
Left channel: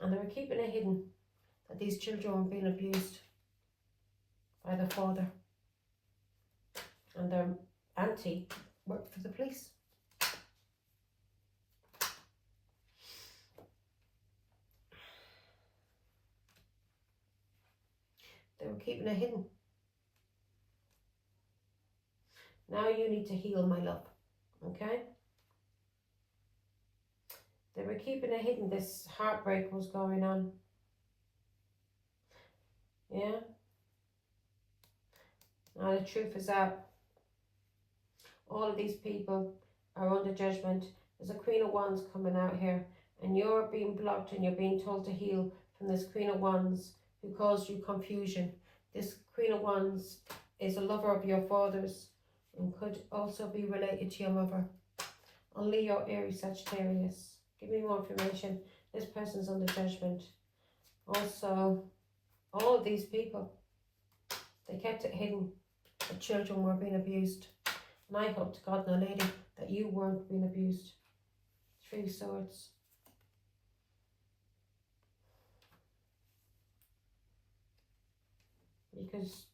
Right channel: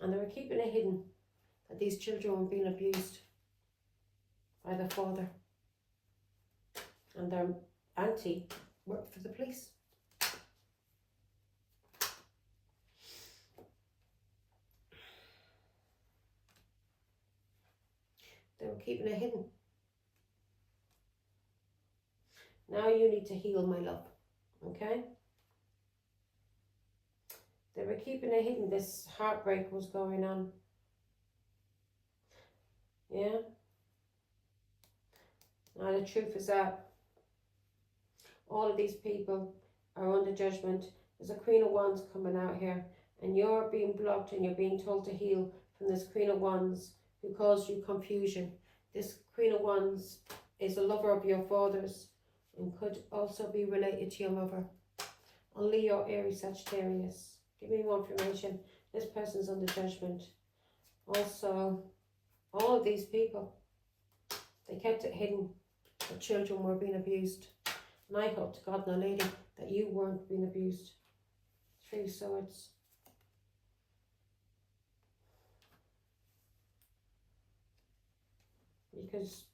And they were keeping it hidden that these children were being abused by their father. And their auntie worked for the police. They were keeping it hidden. Now you need to heal, my love. Okay? They were keeping it hidden. This heartbreak was going on. Yeah? Now the truth is out. All of these people are under judgment. There's a Queen of Wands coming out here. And you're being blocked and you're being told to heal from this Queen of Wands who caused you confusion. This Queen of Wands is a lover of your father's and could also be related to your mother. Only your Aries Sagittarius. Give me more information. This person's under judgment. Also, all of these people, they kept it hidden that children were being abused. And I hope to God, now lady, that you weren't being abused. Three Swords. Because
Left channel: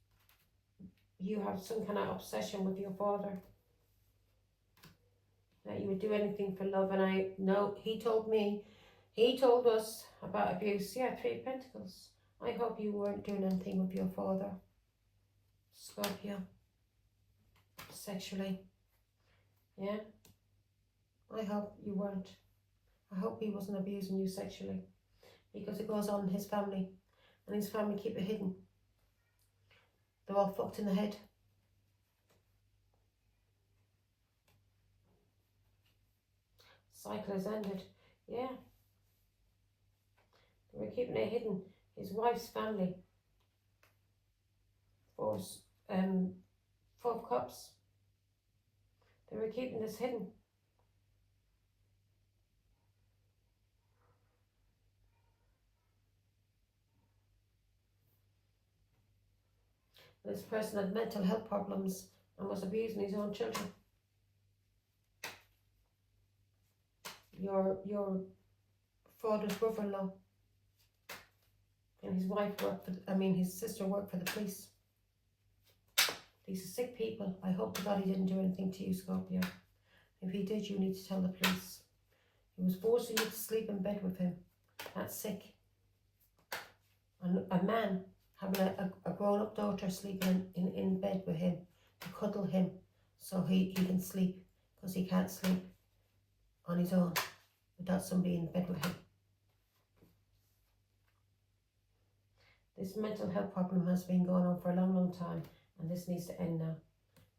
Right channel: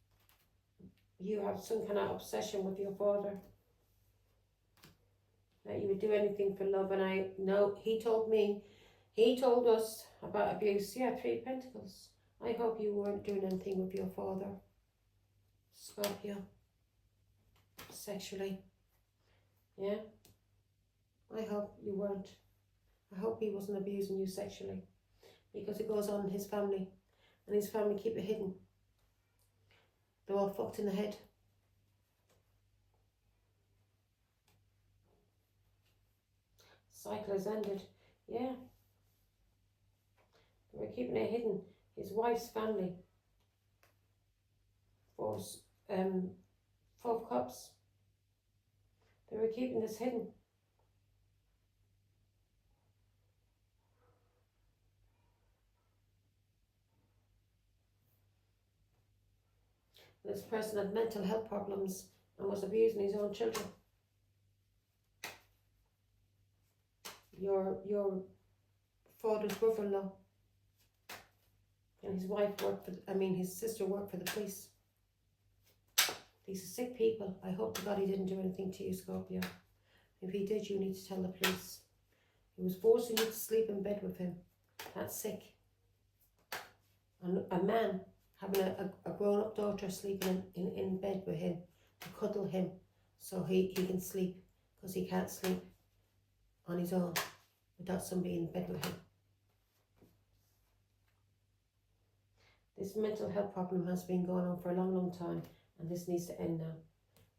you have some kind of obsession with your father. That you would do anything for love. And I know he told us about abuse. Yeah, Three of Pentacles. I hope you weren't doing anything with your father, Scorpio, sexually. Yeah, I hope you weren't. I hope he wasn't abusing you sexually, because it goes on in his family, and his family keep it hidden. They're all fucked in the head. Cycle has ended. Yeah. They were keeping it hidden. His wife's family. Four of Cups. They were keeping this hidden. This person had mental health problems and was abusing his own children. Your father's brother-in-law and his wife worked for, his sister worked for the police. These are sick people. I hope to God he didn't do anything to you, Scorpio. If he did, you need to tell the police. He was forcing you to sleep in bed with him. That's sick. And a man having a grown-up daughter sleeping in bed with him, to cuddle him so he can sleep, because he can't sleep on his own without somebody in bed with him. This mental health problem has been going on for a long, long time, and this needs to end now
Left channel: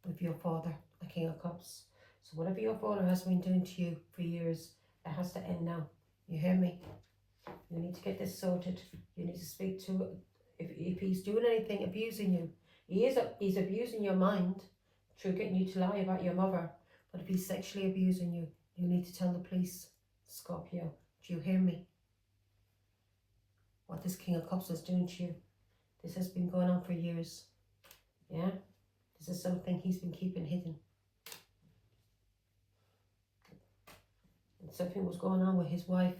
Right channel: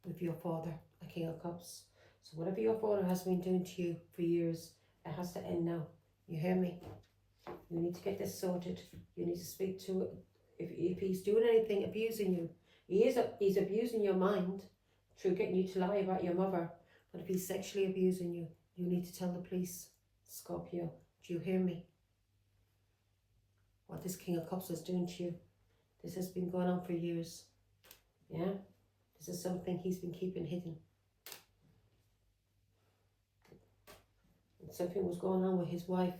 with your father, a King of Cups. So whatever your father has been doing to you for years, it has to end now. You hear me? You need to get this sorted. You need to speak to, if he's doing anything, abusing you, he's abusing your mind through getting you to lie about your mother. But if he's sexually abusing you, you need to tell the police, Scorpio. Do you hear me? What this King of Cups is doing to you. This has been going on for years. Yeah? This is something he's been keeping hidden. And something was going on with his wife.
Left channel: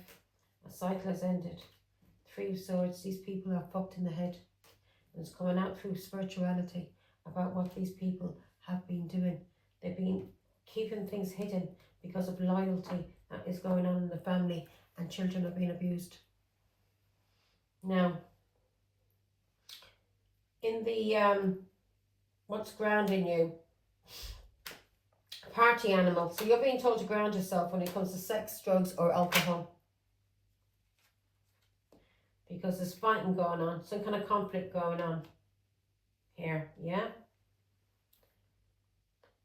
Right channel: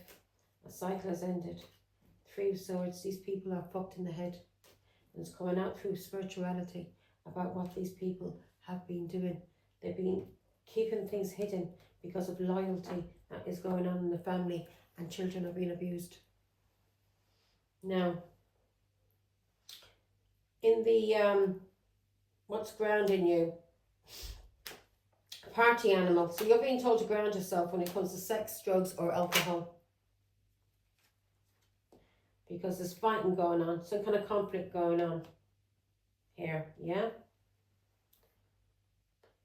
A cycle has ended. Three of Swords. These people are fucked in the head. And it's coming out through spirituality about what these people have been doing. They've been keeping things hidden because of loyalty that is going on in the family, and children are being abused. Now, in the what's grounding you? Party animal. So you're being told to ground yourself when it comes to sex, drugs or alcohol. Because there's fighting going on, some kind of conflict going on here, yeah?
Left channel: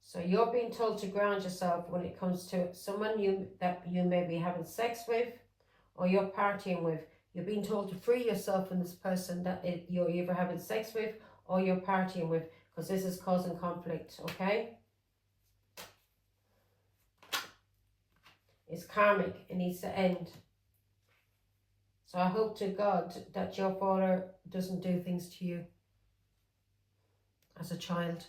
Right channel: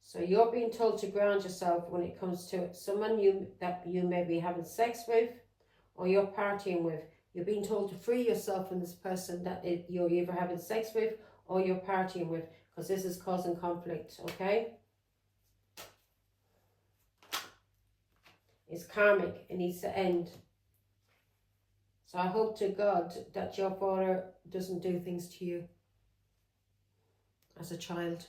So you're being told to ground yourself when it comes to someone that you may be having sex with or you're partying with. You're being told to free yourself from this person that you're either having sex with or you're partying with, because this is causing conflict, okay? It's karmic. It needs to end. So I hope to God that your father doesn't do things to you as a child.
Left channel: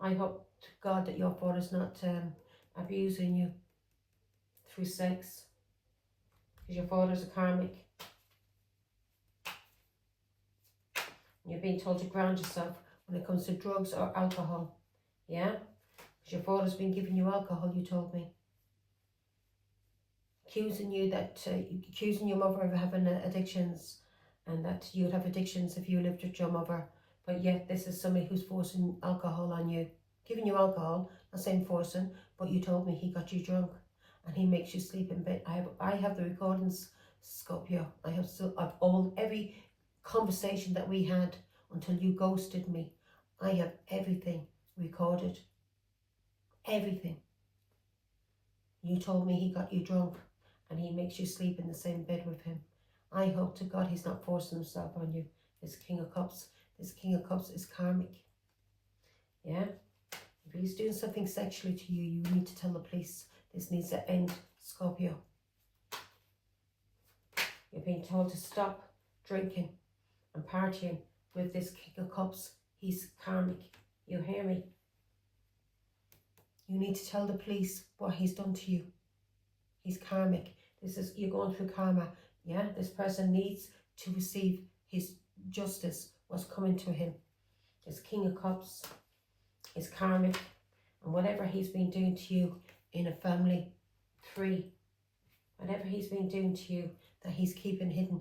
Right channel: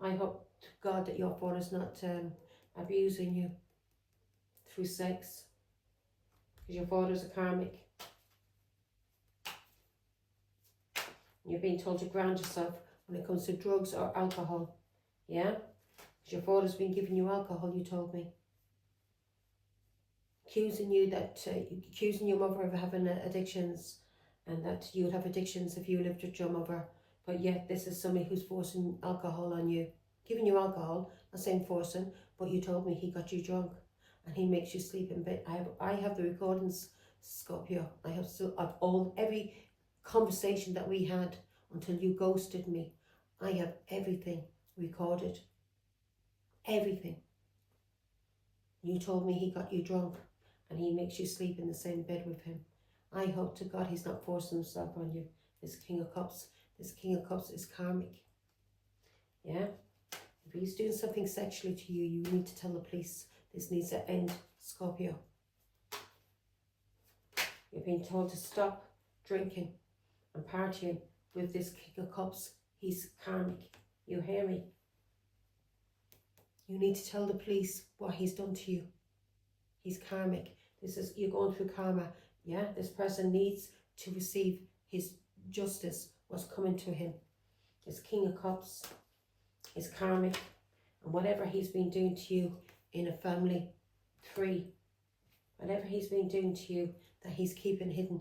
I hope to God that your father's not abusing you through sex, because your father's a karmic. You're being told to ground yourself when it comes to drugs or alcohol, yeah? Because your father's been giving you alcohol, you told me. Accusing your mother of having addictions, and that you would have addictions if you lived with your mother. But yet this is somebody who's forcing alcohol on you. Giving you alcohol, not saying forcing, but you told me he got you drunk and he makes you sleep in bed. I have the recordings, Scorpio. I have every conversation that we had until you ghosted me. I have everything recorded. Everything. You told me he got you drunk and he makes you sleep in the same bed with him. I hope to God he's not forcing himself on you. This King of Cups. This King of Cups is karmic. Yeah? If he's doing something sexually to you, you need to tell the police. This needs to end, Scorpio. You're being told to stop drinking and partying with this King of Cups. He's karmic. You hear me? You need to tell the police what he's done to you. He's karmic. You're going through karma. Yeah, this person needs to receive his justice, what's coming to him. This King of Cups is karmic, and whatever he's been doing to you in a family tree, whatever he's been doing to you that he's keeping hidden.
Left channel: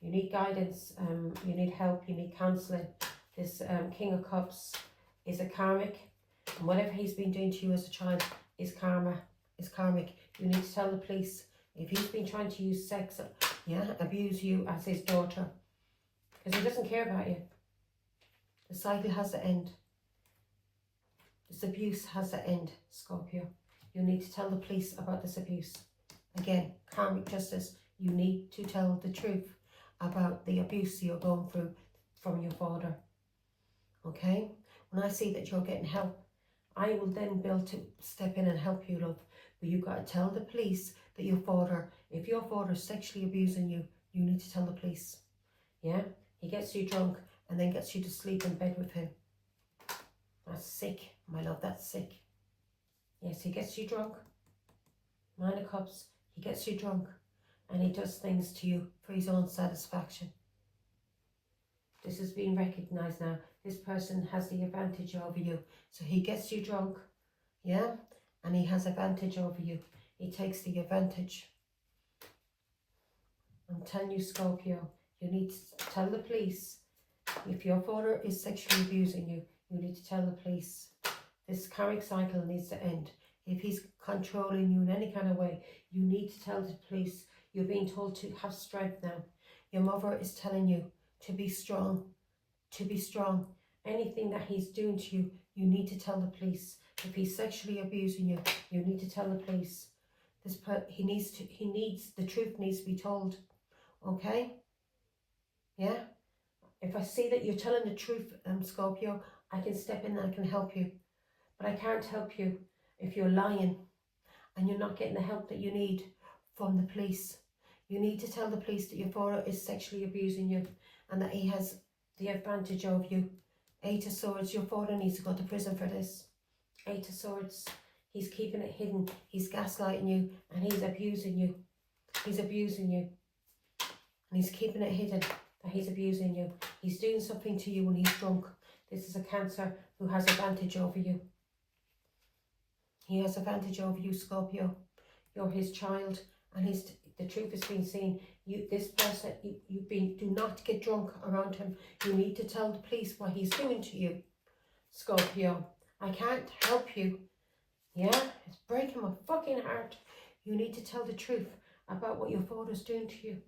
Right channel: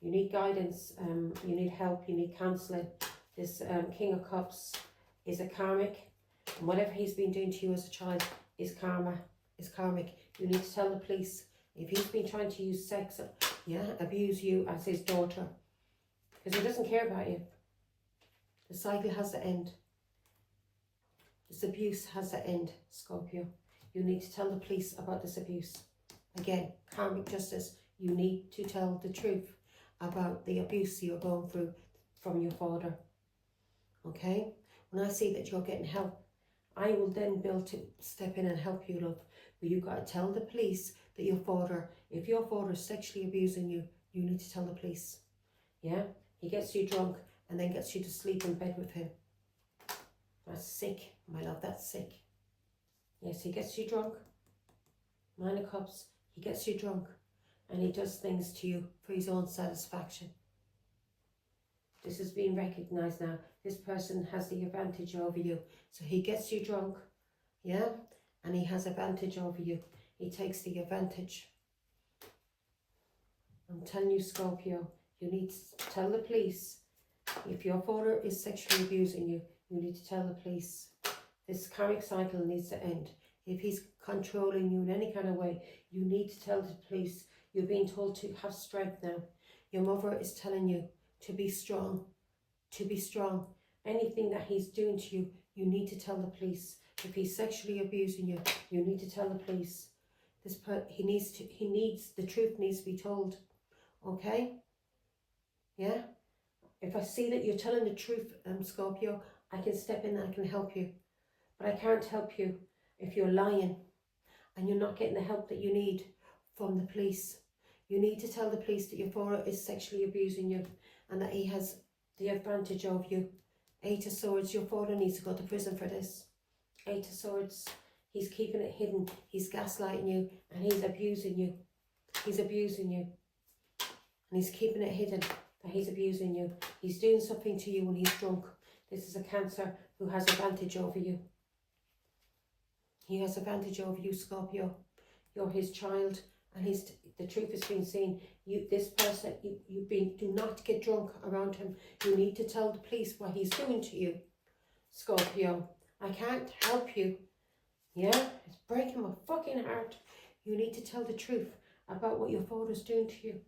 You need guidance, you need help, you need counselling. This King of Cups is a karmic, and whatever he's been doing to you as a child is karmic. You need to tell the police if he's been trying to use sex, abuse you as his daughter, because he doesn't care about you. The cycle has to end. This abuse has to end, Scorpio. You need to tell the police about this abuse. Again, karmic justice. You need to tell the truth about the abuse you're going through from your father. Okay? When I see that you're getting help, I will then be able to step in and help you, love. But you've got to tell the police that your father, if your father is sexually abusing you, you need to tell the police. Yeah? He gets you drunk and then gets you to sleep in bed with him. That's sick, my love, that's sick. Yes, he gets you drunk. Nine of Cups, he gets you drunk and he does things to you for his own satisfaction. This is being recognised now. This person has the advantage over you. So he gets you drunk, yeah? And he has advantage over you. He takes the advantage. I'm telling you, Scorpio, you need to tell the police. If your father is sexually abusing you, you need to tell the police. This karmic cycle needs to end. If he's controlling you in any kind of way, you need to tell the police. You're being told to have strength now. Your mother is telling you to be strong. To be strong. Anything that he's doing to you, you need to tell the police. If he's sexually abusing you, you need to tell the police. The truth needs to be told. Okay? Yeah? If I see that you're telling the truth, Scorpio, I can step in and I can help you. But I can't help you if you're lying. and you're not getting the help that you need from the police. You need to tell the police that your father is sexually abusing you and that he has the advantage of you. Eight of Swords, your father needs to go to prison for this. Eight of Swords, he's keeping it hidden. He's gaslighting you and he's abusing you. He's abusing you. And he's keeping it hidden that he's abusing you. He's doing something to you when he's drunk. This is a Cancer who has advantage over you. He has advantage over you, Scorpio. You're his child, and the truth is being seen. This person, do not get drunk around him. You need to tell the police what he's doing to you, Scorpio. I can't help you. Yeah, it's breaking my fucking heart. You need to tell the truth about what your father's doing to you.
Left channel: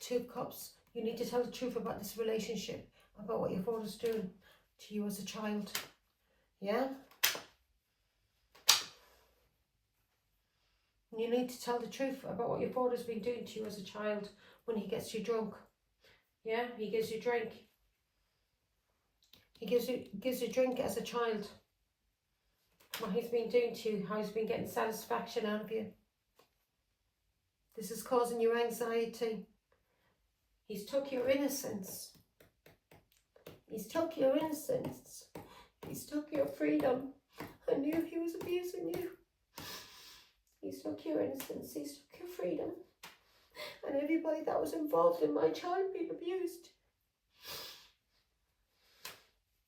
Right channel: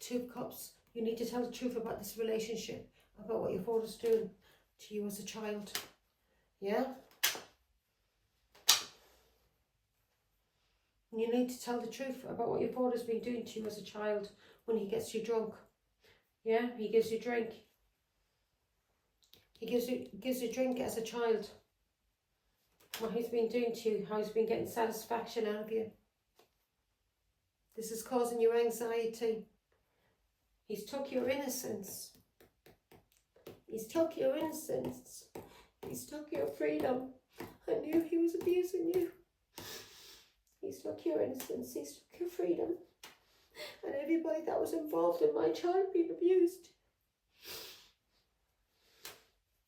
Two of Cups. You need to tell the truth about this relationship, about what your father's doing to you as a child. Yeah? You need to tell the truth about what your father's been doing to you as a child when he gets you drunk. Yeah? He gives you drink. He gives you drink as a child. What he's been doing to you, how he's been getting satisfaction out of you. This is causing you anxiety. He's took your innocence. He's took your innocence. He's took your freedom. I knew he was abusing you. He's took your innocence. He's took your freedom. And everybody that was involved in my child being abused.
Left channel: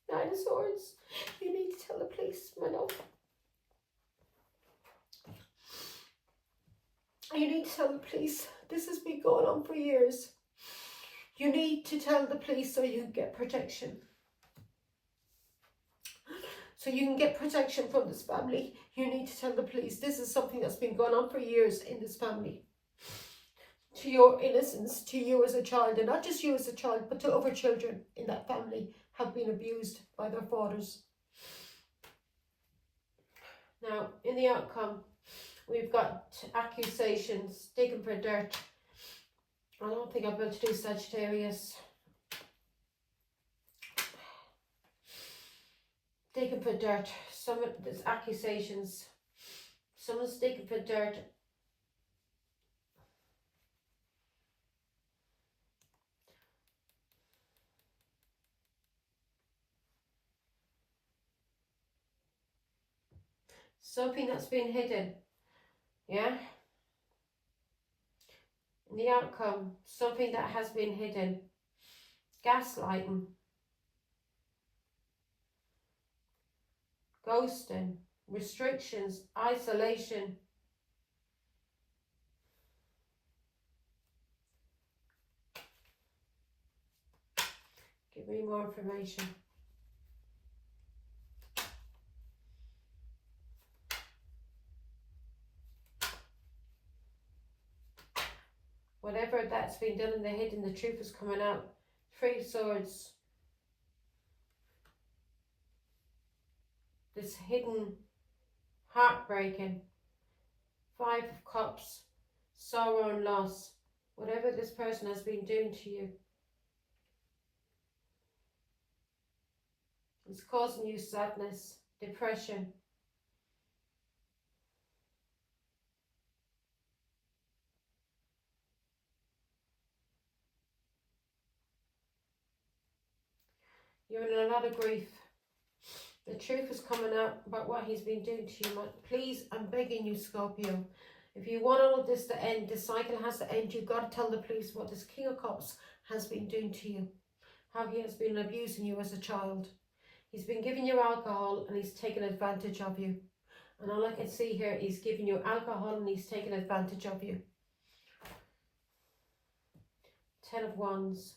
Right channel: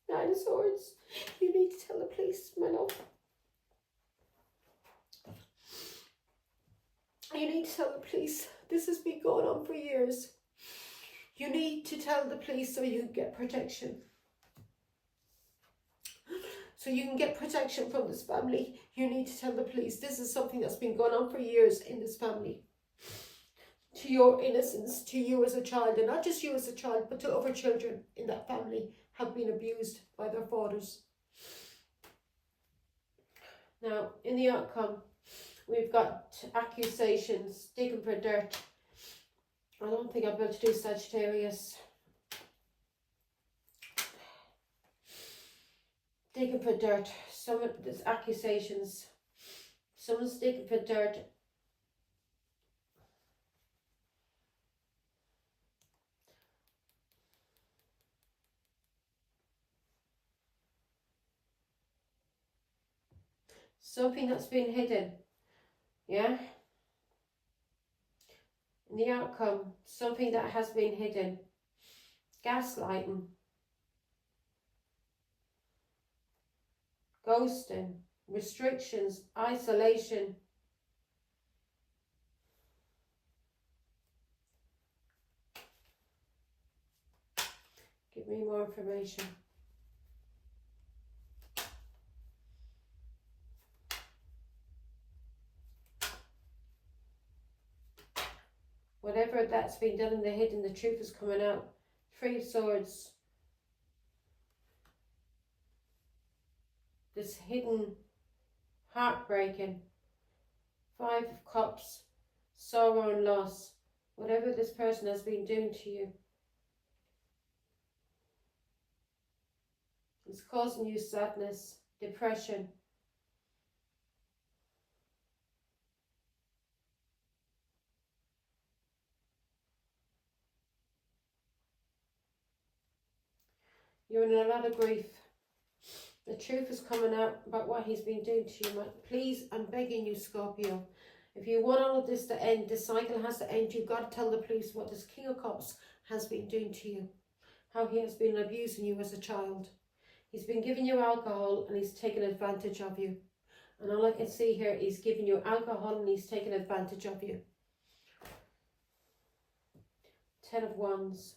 Nine of Swords. You need to tell the police, my love. You need to tell the police. This has been going on for years. You need to tell the police so you can get protection. So you can get protection from this family. You need to tell the police. This is something that's been going on for years in this family. To your innocence, to you as a child, and not just you as a child, but to other children in that family have been abused by their fathers. Now, in the outcome, we've got accusations, digging for dirt. I don't think I'll be able to do Sagittarius. Digging for dirt. There's accusations. Someone's digging for dirt. Something that's been hidden. Yeah? In the outcome, something that has been hidden. Gaslighting. Ghosting. Restrictions. Isolation. Give me more information. Whatever that's been done in the hidden, the truth is coming out. Three of Swords. This hidden, heartbreaking. Five of Cups. Sorrow and loss. Whatever this person has been doing to you. It's causing you sadness, depression. You're in a lot of grief. The truth is coming out about what he's been doing to you. Please, I'm begging you, Scorpio. If you want all of this to end, this cycle has to end. You've got to tell the police what this King of Cups has been doing to you. How he has been abusing you as a child. He's been giving you alcohol and he's taken advantage of you. And all I can see here, he's giving you alcohol and he's taking advantage of you. Ten of Wands.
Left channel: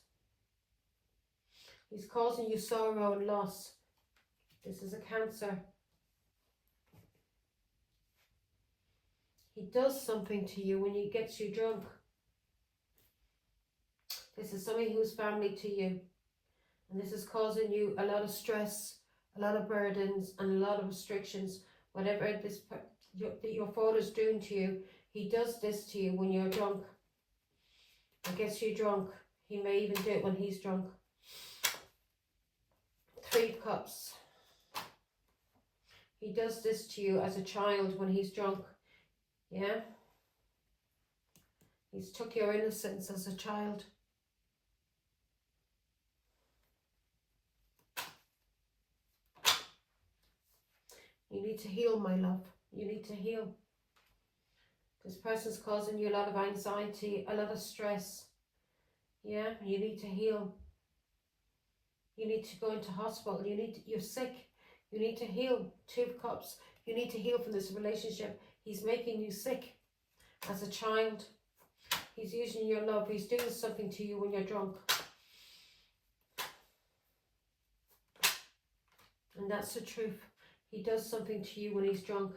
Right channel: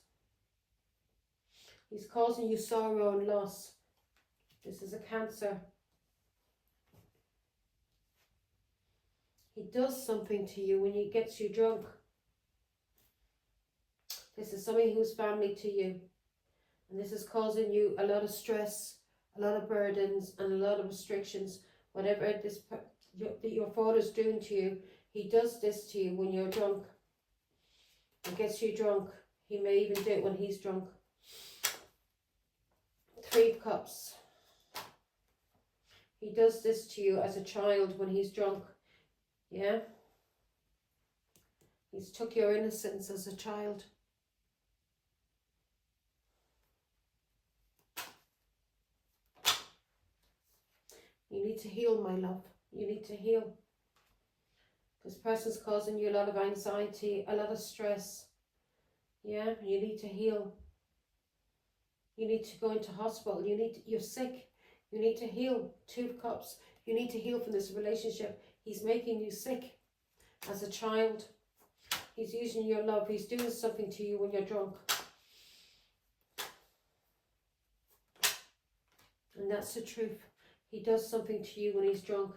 He's causing you sorrow and loss. This is a Cancer. He does something to you when he gets you drunk. This is somebody who's family to you. And this is causing you a lot of stress, a lot of burdens, and a lot of restrictions. Whatever your father's doing to you, he does this to you when you're drunk. He gets you drunk. He may even do it when he's drunk. Three of Cups. He does this to you as a child when he's drunk. Yeah? He's took your innocence as a child. You need to heal, my love. You need to heal. This person's causing you a lot of anxiety, a lot of stress. Yeah, you need to heal. You need to go into hospital. You're sick. You need to heal. 2 of Cups. You need to heal from this relationship. He's making you sick as a child. He's using your love. He's doing something to you when you're drunk. And that's the truth. He does something to you when he's drunk.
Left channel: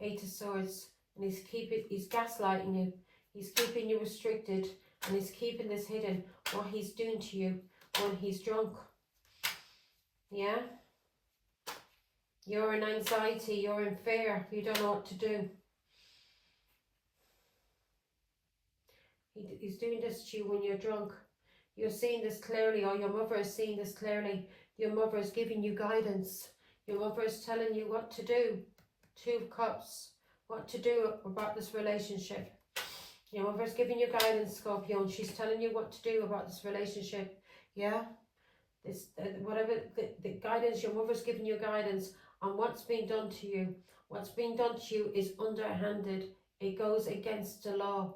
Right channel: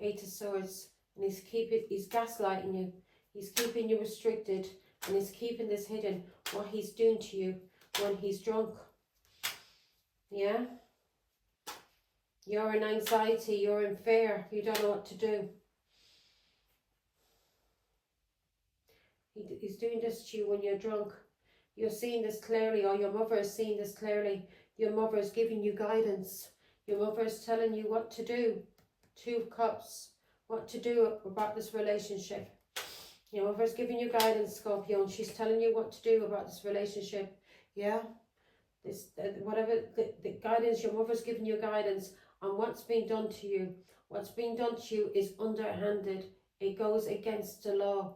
8 of Swords. And he's gaslighting you. He's keeping you restricted. And he's keeping this hidden. What he's doing to you when he's drunk. Yeah? You're in anxiety. You're in fear. You don't know what to do. He's doing this to you when you're drunk. You're seeing this clearly, or your mother is seeing this clearly. Your mother is giving you guidance. Your mother is telling you what to do. 2 of Cups. What to do about this relationship. Your mother is giving you guidance, Scorpio, and she's telling you what to do about this relationship. Yeah? Whatever the guidance, your mother's giving you guidance on what's being done to you. What's being done to you is underhanded. It goes against the law.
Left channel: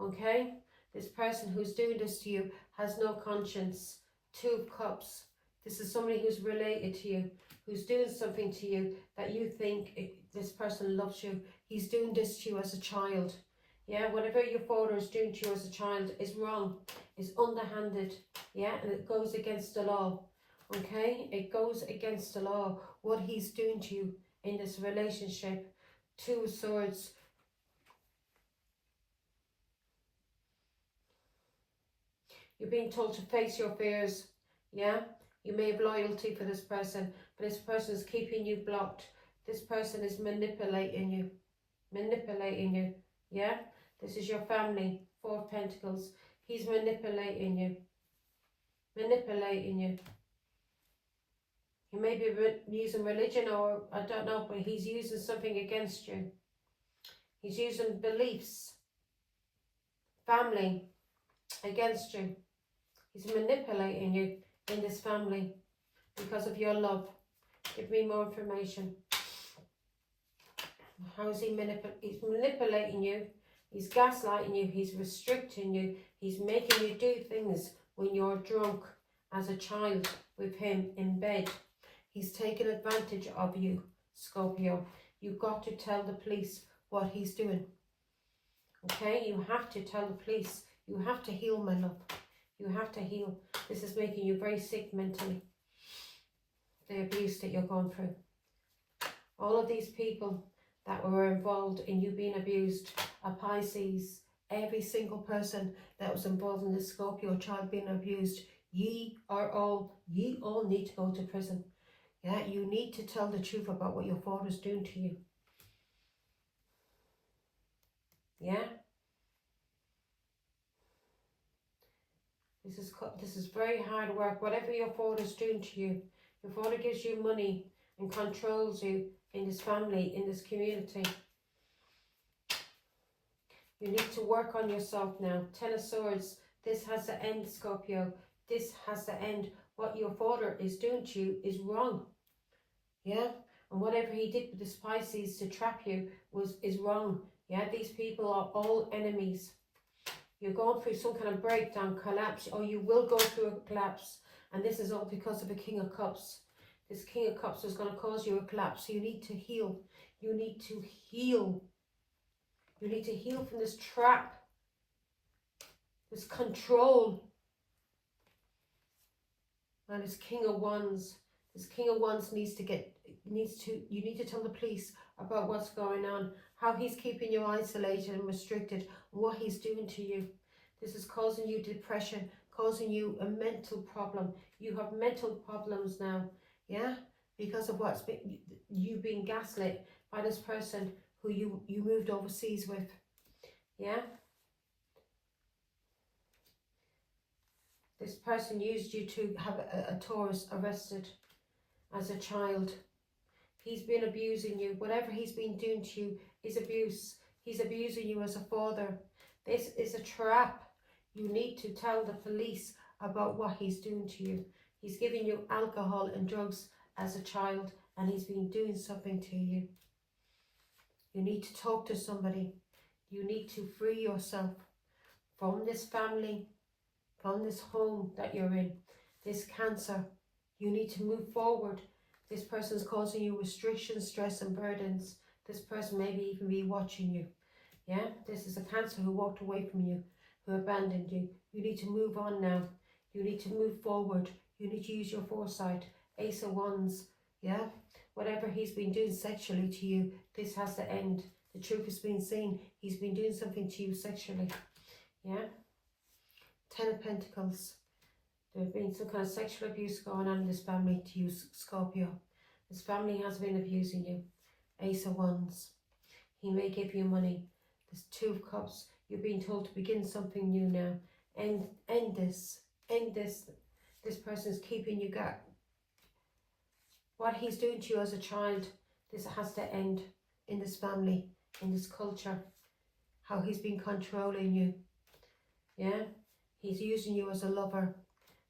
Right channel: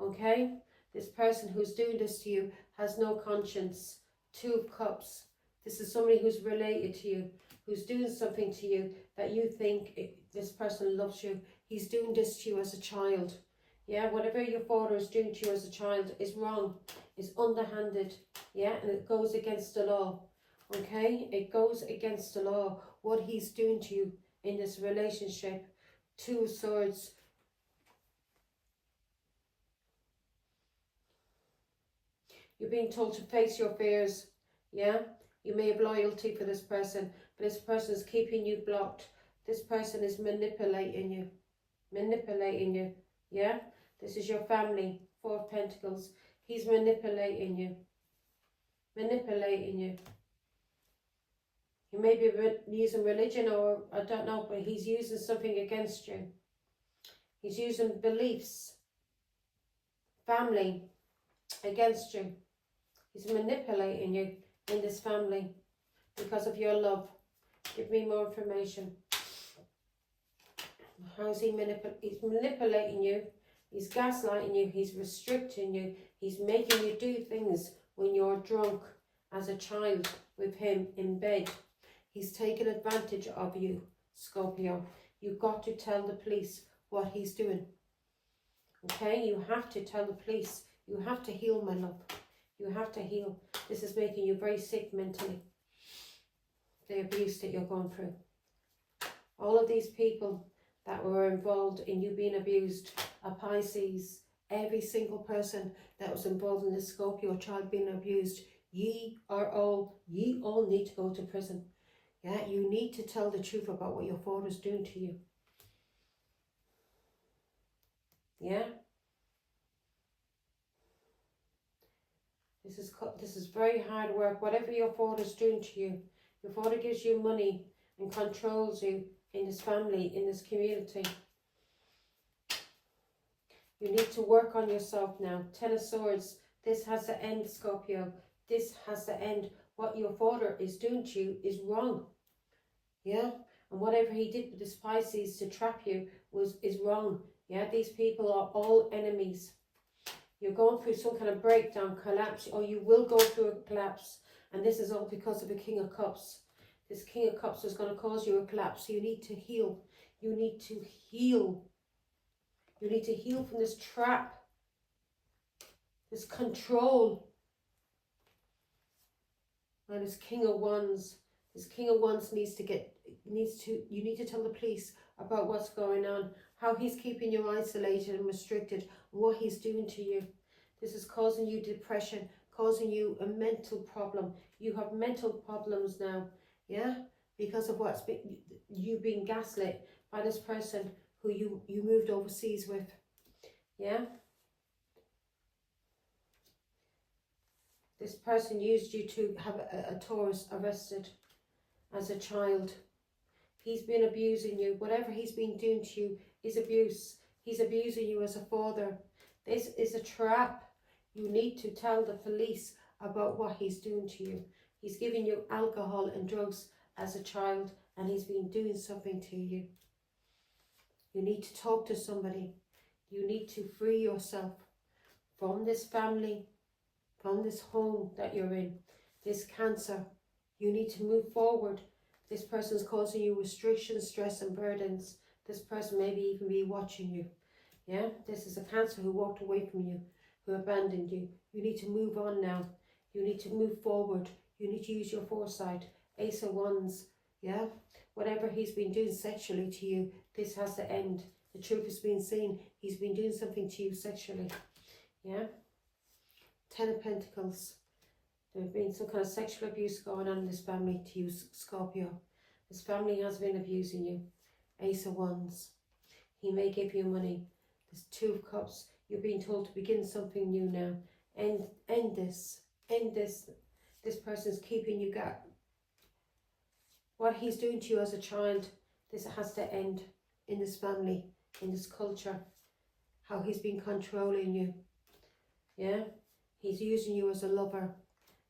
Okay? This person who's doing this to you has no conscience. 2 of Cups. This is somebody who's related to you, who's doing something to you that you think this person loves you. He's doing this to you as a child. Yeah, whatever your father is doing to you as a child is wrong, is underhanded. Yeah, and it goes against the law. Okay? It goes against the law. What he's doing to you in this relationship. 2 of Swords. You're being told to face your fears. Yeah? You may have loyalty for this person, but this person is keeping you blocked. This person is manipulating you. Manipulating you. Yeah? This is your family. 4 of Pentacles. He's manipulating you. Manipulating you. He may be using religion, or I don't know, but he's using something against you. He's using beliefs, family against you. He's manipulating you in this family because of your love. Give me more information. How is he He's manipulating you. He's gaslighting you. He's restricting you. He's making you do things when you're drunk as a child with him in bed. He's taking advantage of you, Scorpio. You've got to tell the police what he's doing. Okay? You have to tell the police. You have to heal, my love. You have to heal. This is making you very sick mentally. The abuse that you're going through. All of these people that were involved in you being abused are Pisces. Every single person that was involved in this Scorpio child being abused, ye all need to go to prison. Yeah, you need to tell the truth about what your father's doing to you. Yeah? This is very hard work. Whatever your father's doing to you, your father gives you money and controls you in this family, in this community. You need to work on yourself now. 10 of Swords. This has to end, Scorpio. This has to end. What your father is doing to you is wrong. Yeah? And whatever he did with the Pisces to trap you is wrong. Yeah? These people are all enemies. You're going through some kind of breakdown, collapse, or you will go through a collapse. And this is all because of the King of Cups. This King of Cups is going to cause you a collapse. You need to heal. You need to heal. You need to heal from this trap. This control. And this King of Wands. This King of Wands you need to tell the police about what's going on. How he's keeping you isolated and restricted. What he's doing to you. This is causing you depression. Causing you a mental problem. You have mental problems now. Yeah? Because of what's been, you being gaslit by this person who you moved overseas with. Yeah? This person used you to have a Taurus arrested as a child. He's been abusing you. Whatever he's been doing to you is abuse. He's abusing you as a father. This is a trap. You need to tell the police about what he's doing to you. He's giving you alcohol and drugs as a child, and he's been doing something to you. You need to talk to somebody. You need to free yourself from this family, from this home that you're in, this cancer. You need to move forward. This person's causing you restrictions, stress and burdens. This person maybe even be watching you. Yeah, this is a cancer who walked away from you, who abandoned you. You need to move on now. You need to move forward. You need to use your foresight. Ace of Wands, yeah? Whatever he's been doing sexually to you, this has to end. The truth has been seen. He's been doing something to you sexually, yeah? 10 of Pentacles. There have been some kind of sexual abuse going on in this family to you, Scorpio. This family has been abusing you. Ace of Wands. He may give you money. There's 2 of Cups. You're being told to begin something new now. End this. End this. This person's keeping you got. What he's doing to you as a child, this has to end in this family, in this culture. How he's been controlling you. Yeah? He's using you as a lover.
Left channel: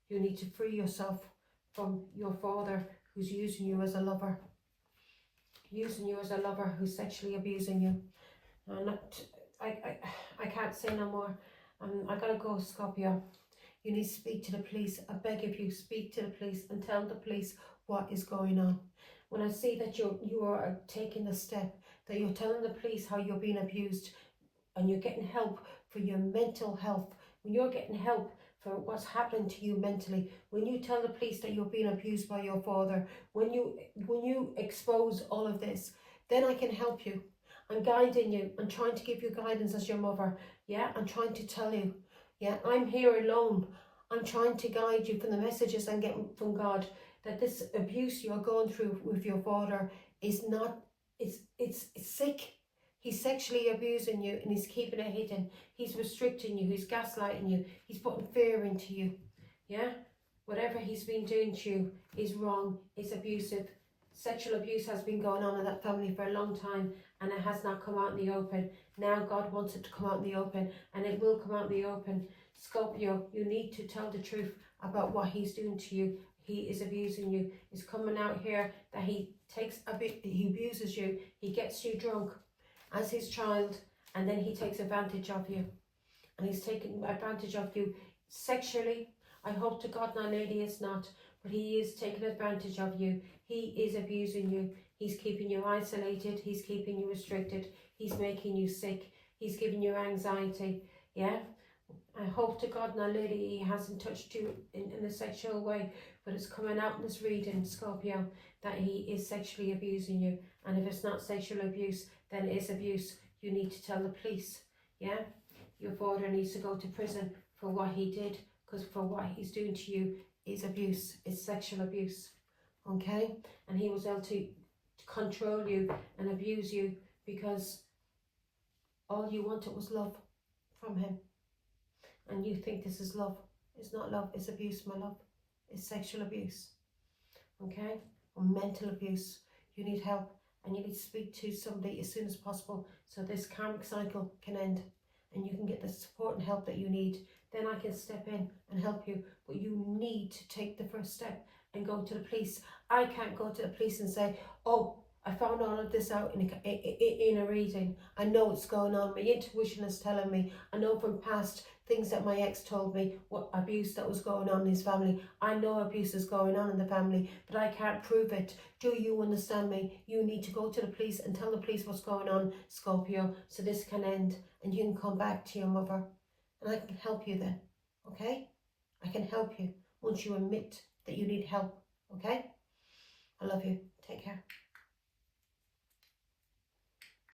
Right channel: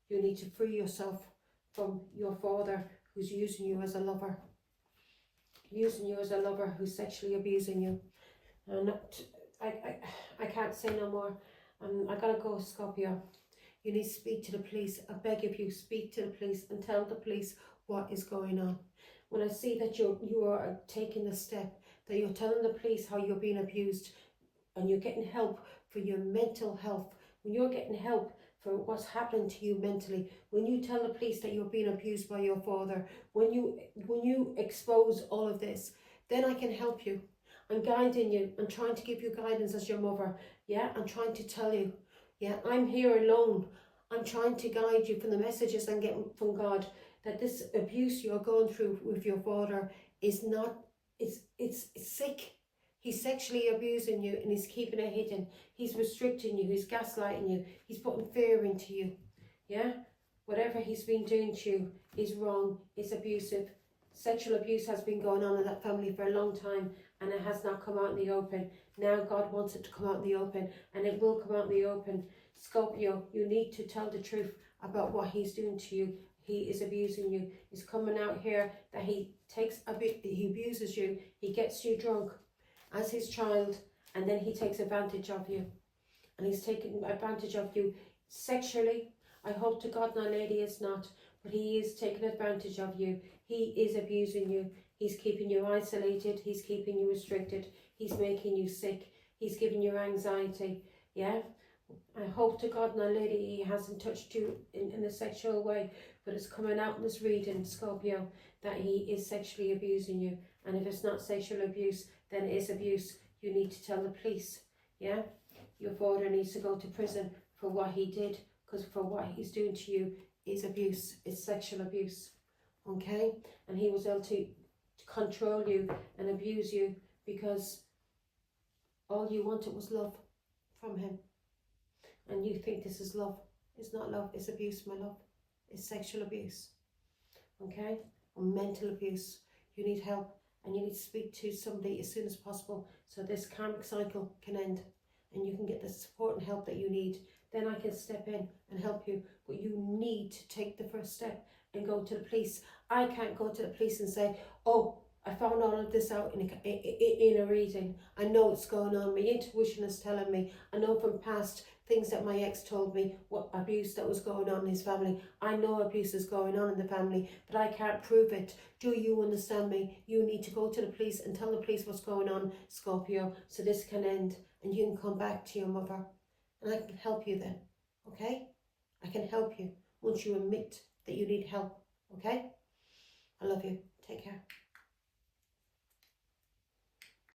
You need to free yourself from your father who's using you as a lover. Using you as a lover who's sexually abusing you. I can't say no more. I gotta go, Scorpio. You need to speak to the police. I beg of you, speak to the police and tell the police what is going on. When I see that you are taking a step, that you're telling the police how you're being abused and you're getting help for your mental health, when you're getting help for what's happening to you mentally, when you tell the police that you're being abused by your father, when you expose all of this, then I can help you. I'm guiding you. I'm trying to give you guidance as your mother. Yeah, I'm trying to tell you. Yeah, I'm here alone. I'm trying to guide you from the messages I'm getting from God, that this abuse you're going through with your father is not, it's sick. He's sexually abusing you and he's keeping it hidden. He's restricting you. He's gaslighting you. He's putting fear into you. Yeah? Whatever he's been doing to you is wrong. It's abusive. Sexual abuse has been going on in that family for a long time and it has not come out in the open. Now God wants it to come out in the open and it will come out in the open. Scorpio, you need to tell the truth about what he's doing to you. He is abusing you. It's coming out here that he abuses you. He gets you drunk as his child, and then he takes advantage of you. And he's taking advantage of you sexually. I hope to God my lady is not, but he is taking advantage of you. He is abusing you. He's keeping you isolated. He's keeping you restricted. He's making you sick. He's giving you anxiety. Yeah? I hope to God my lady he hasn't touched you in a sexual way, but it's coming out in this reading, Scorpio, that he is sexually abusing you. And if it's not sexual abuse, then it is abuse. You need to tell the police, yeah? Your father needs to go to prison for what he did, because for what he's doing to you is abuse, it's sexual abuse, okay? And he was able to control you and abuse you because all you wanted was love from him. And you think this is love. It's not love, it's abuse, my love. It's sexual abuse, okay? Or mental abuse. You need help. And you need to speak to somebody as soon as possible so this karmic cycle can end and you can get the support and help that you need. Then I can step in and help you. But you need to take the first step and go to the police. I can't go to the police and say, oh, I found all of this out in a reading. I know what's going on. My intuition is telling me. I know from past things that my ex told me, what abuse that was going on in his family. I know abuse is going on in the family, but I can't prove it. Do you understand me? You need to go to the police and tell the police what's going on, Scorpio, so this can end and you can come back to your mother. And I can help you then, okay? I can help you once you admit that you need help, okay? I love you. Take care.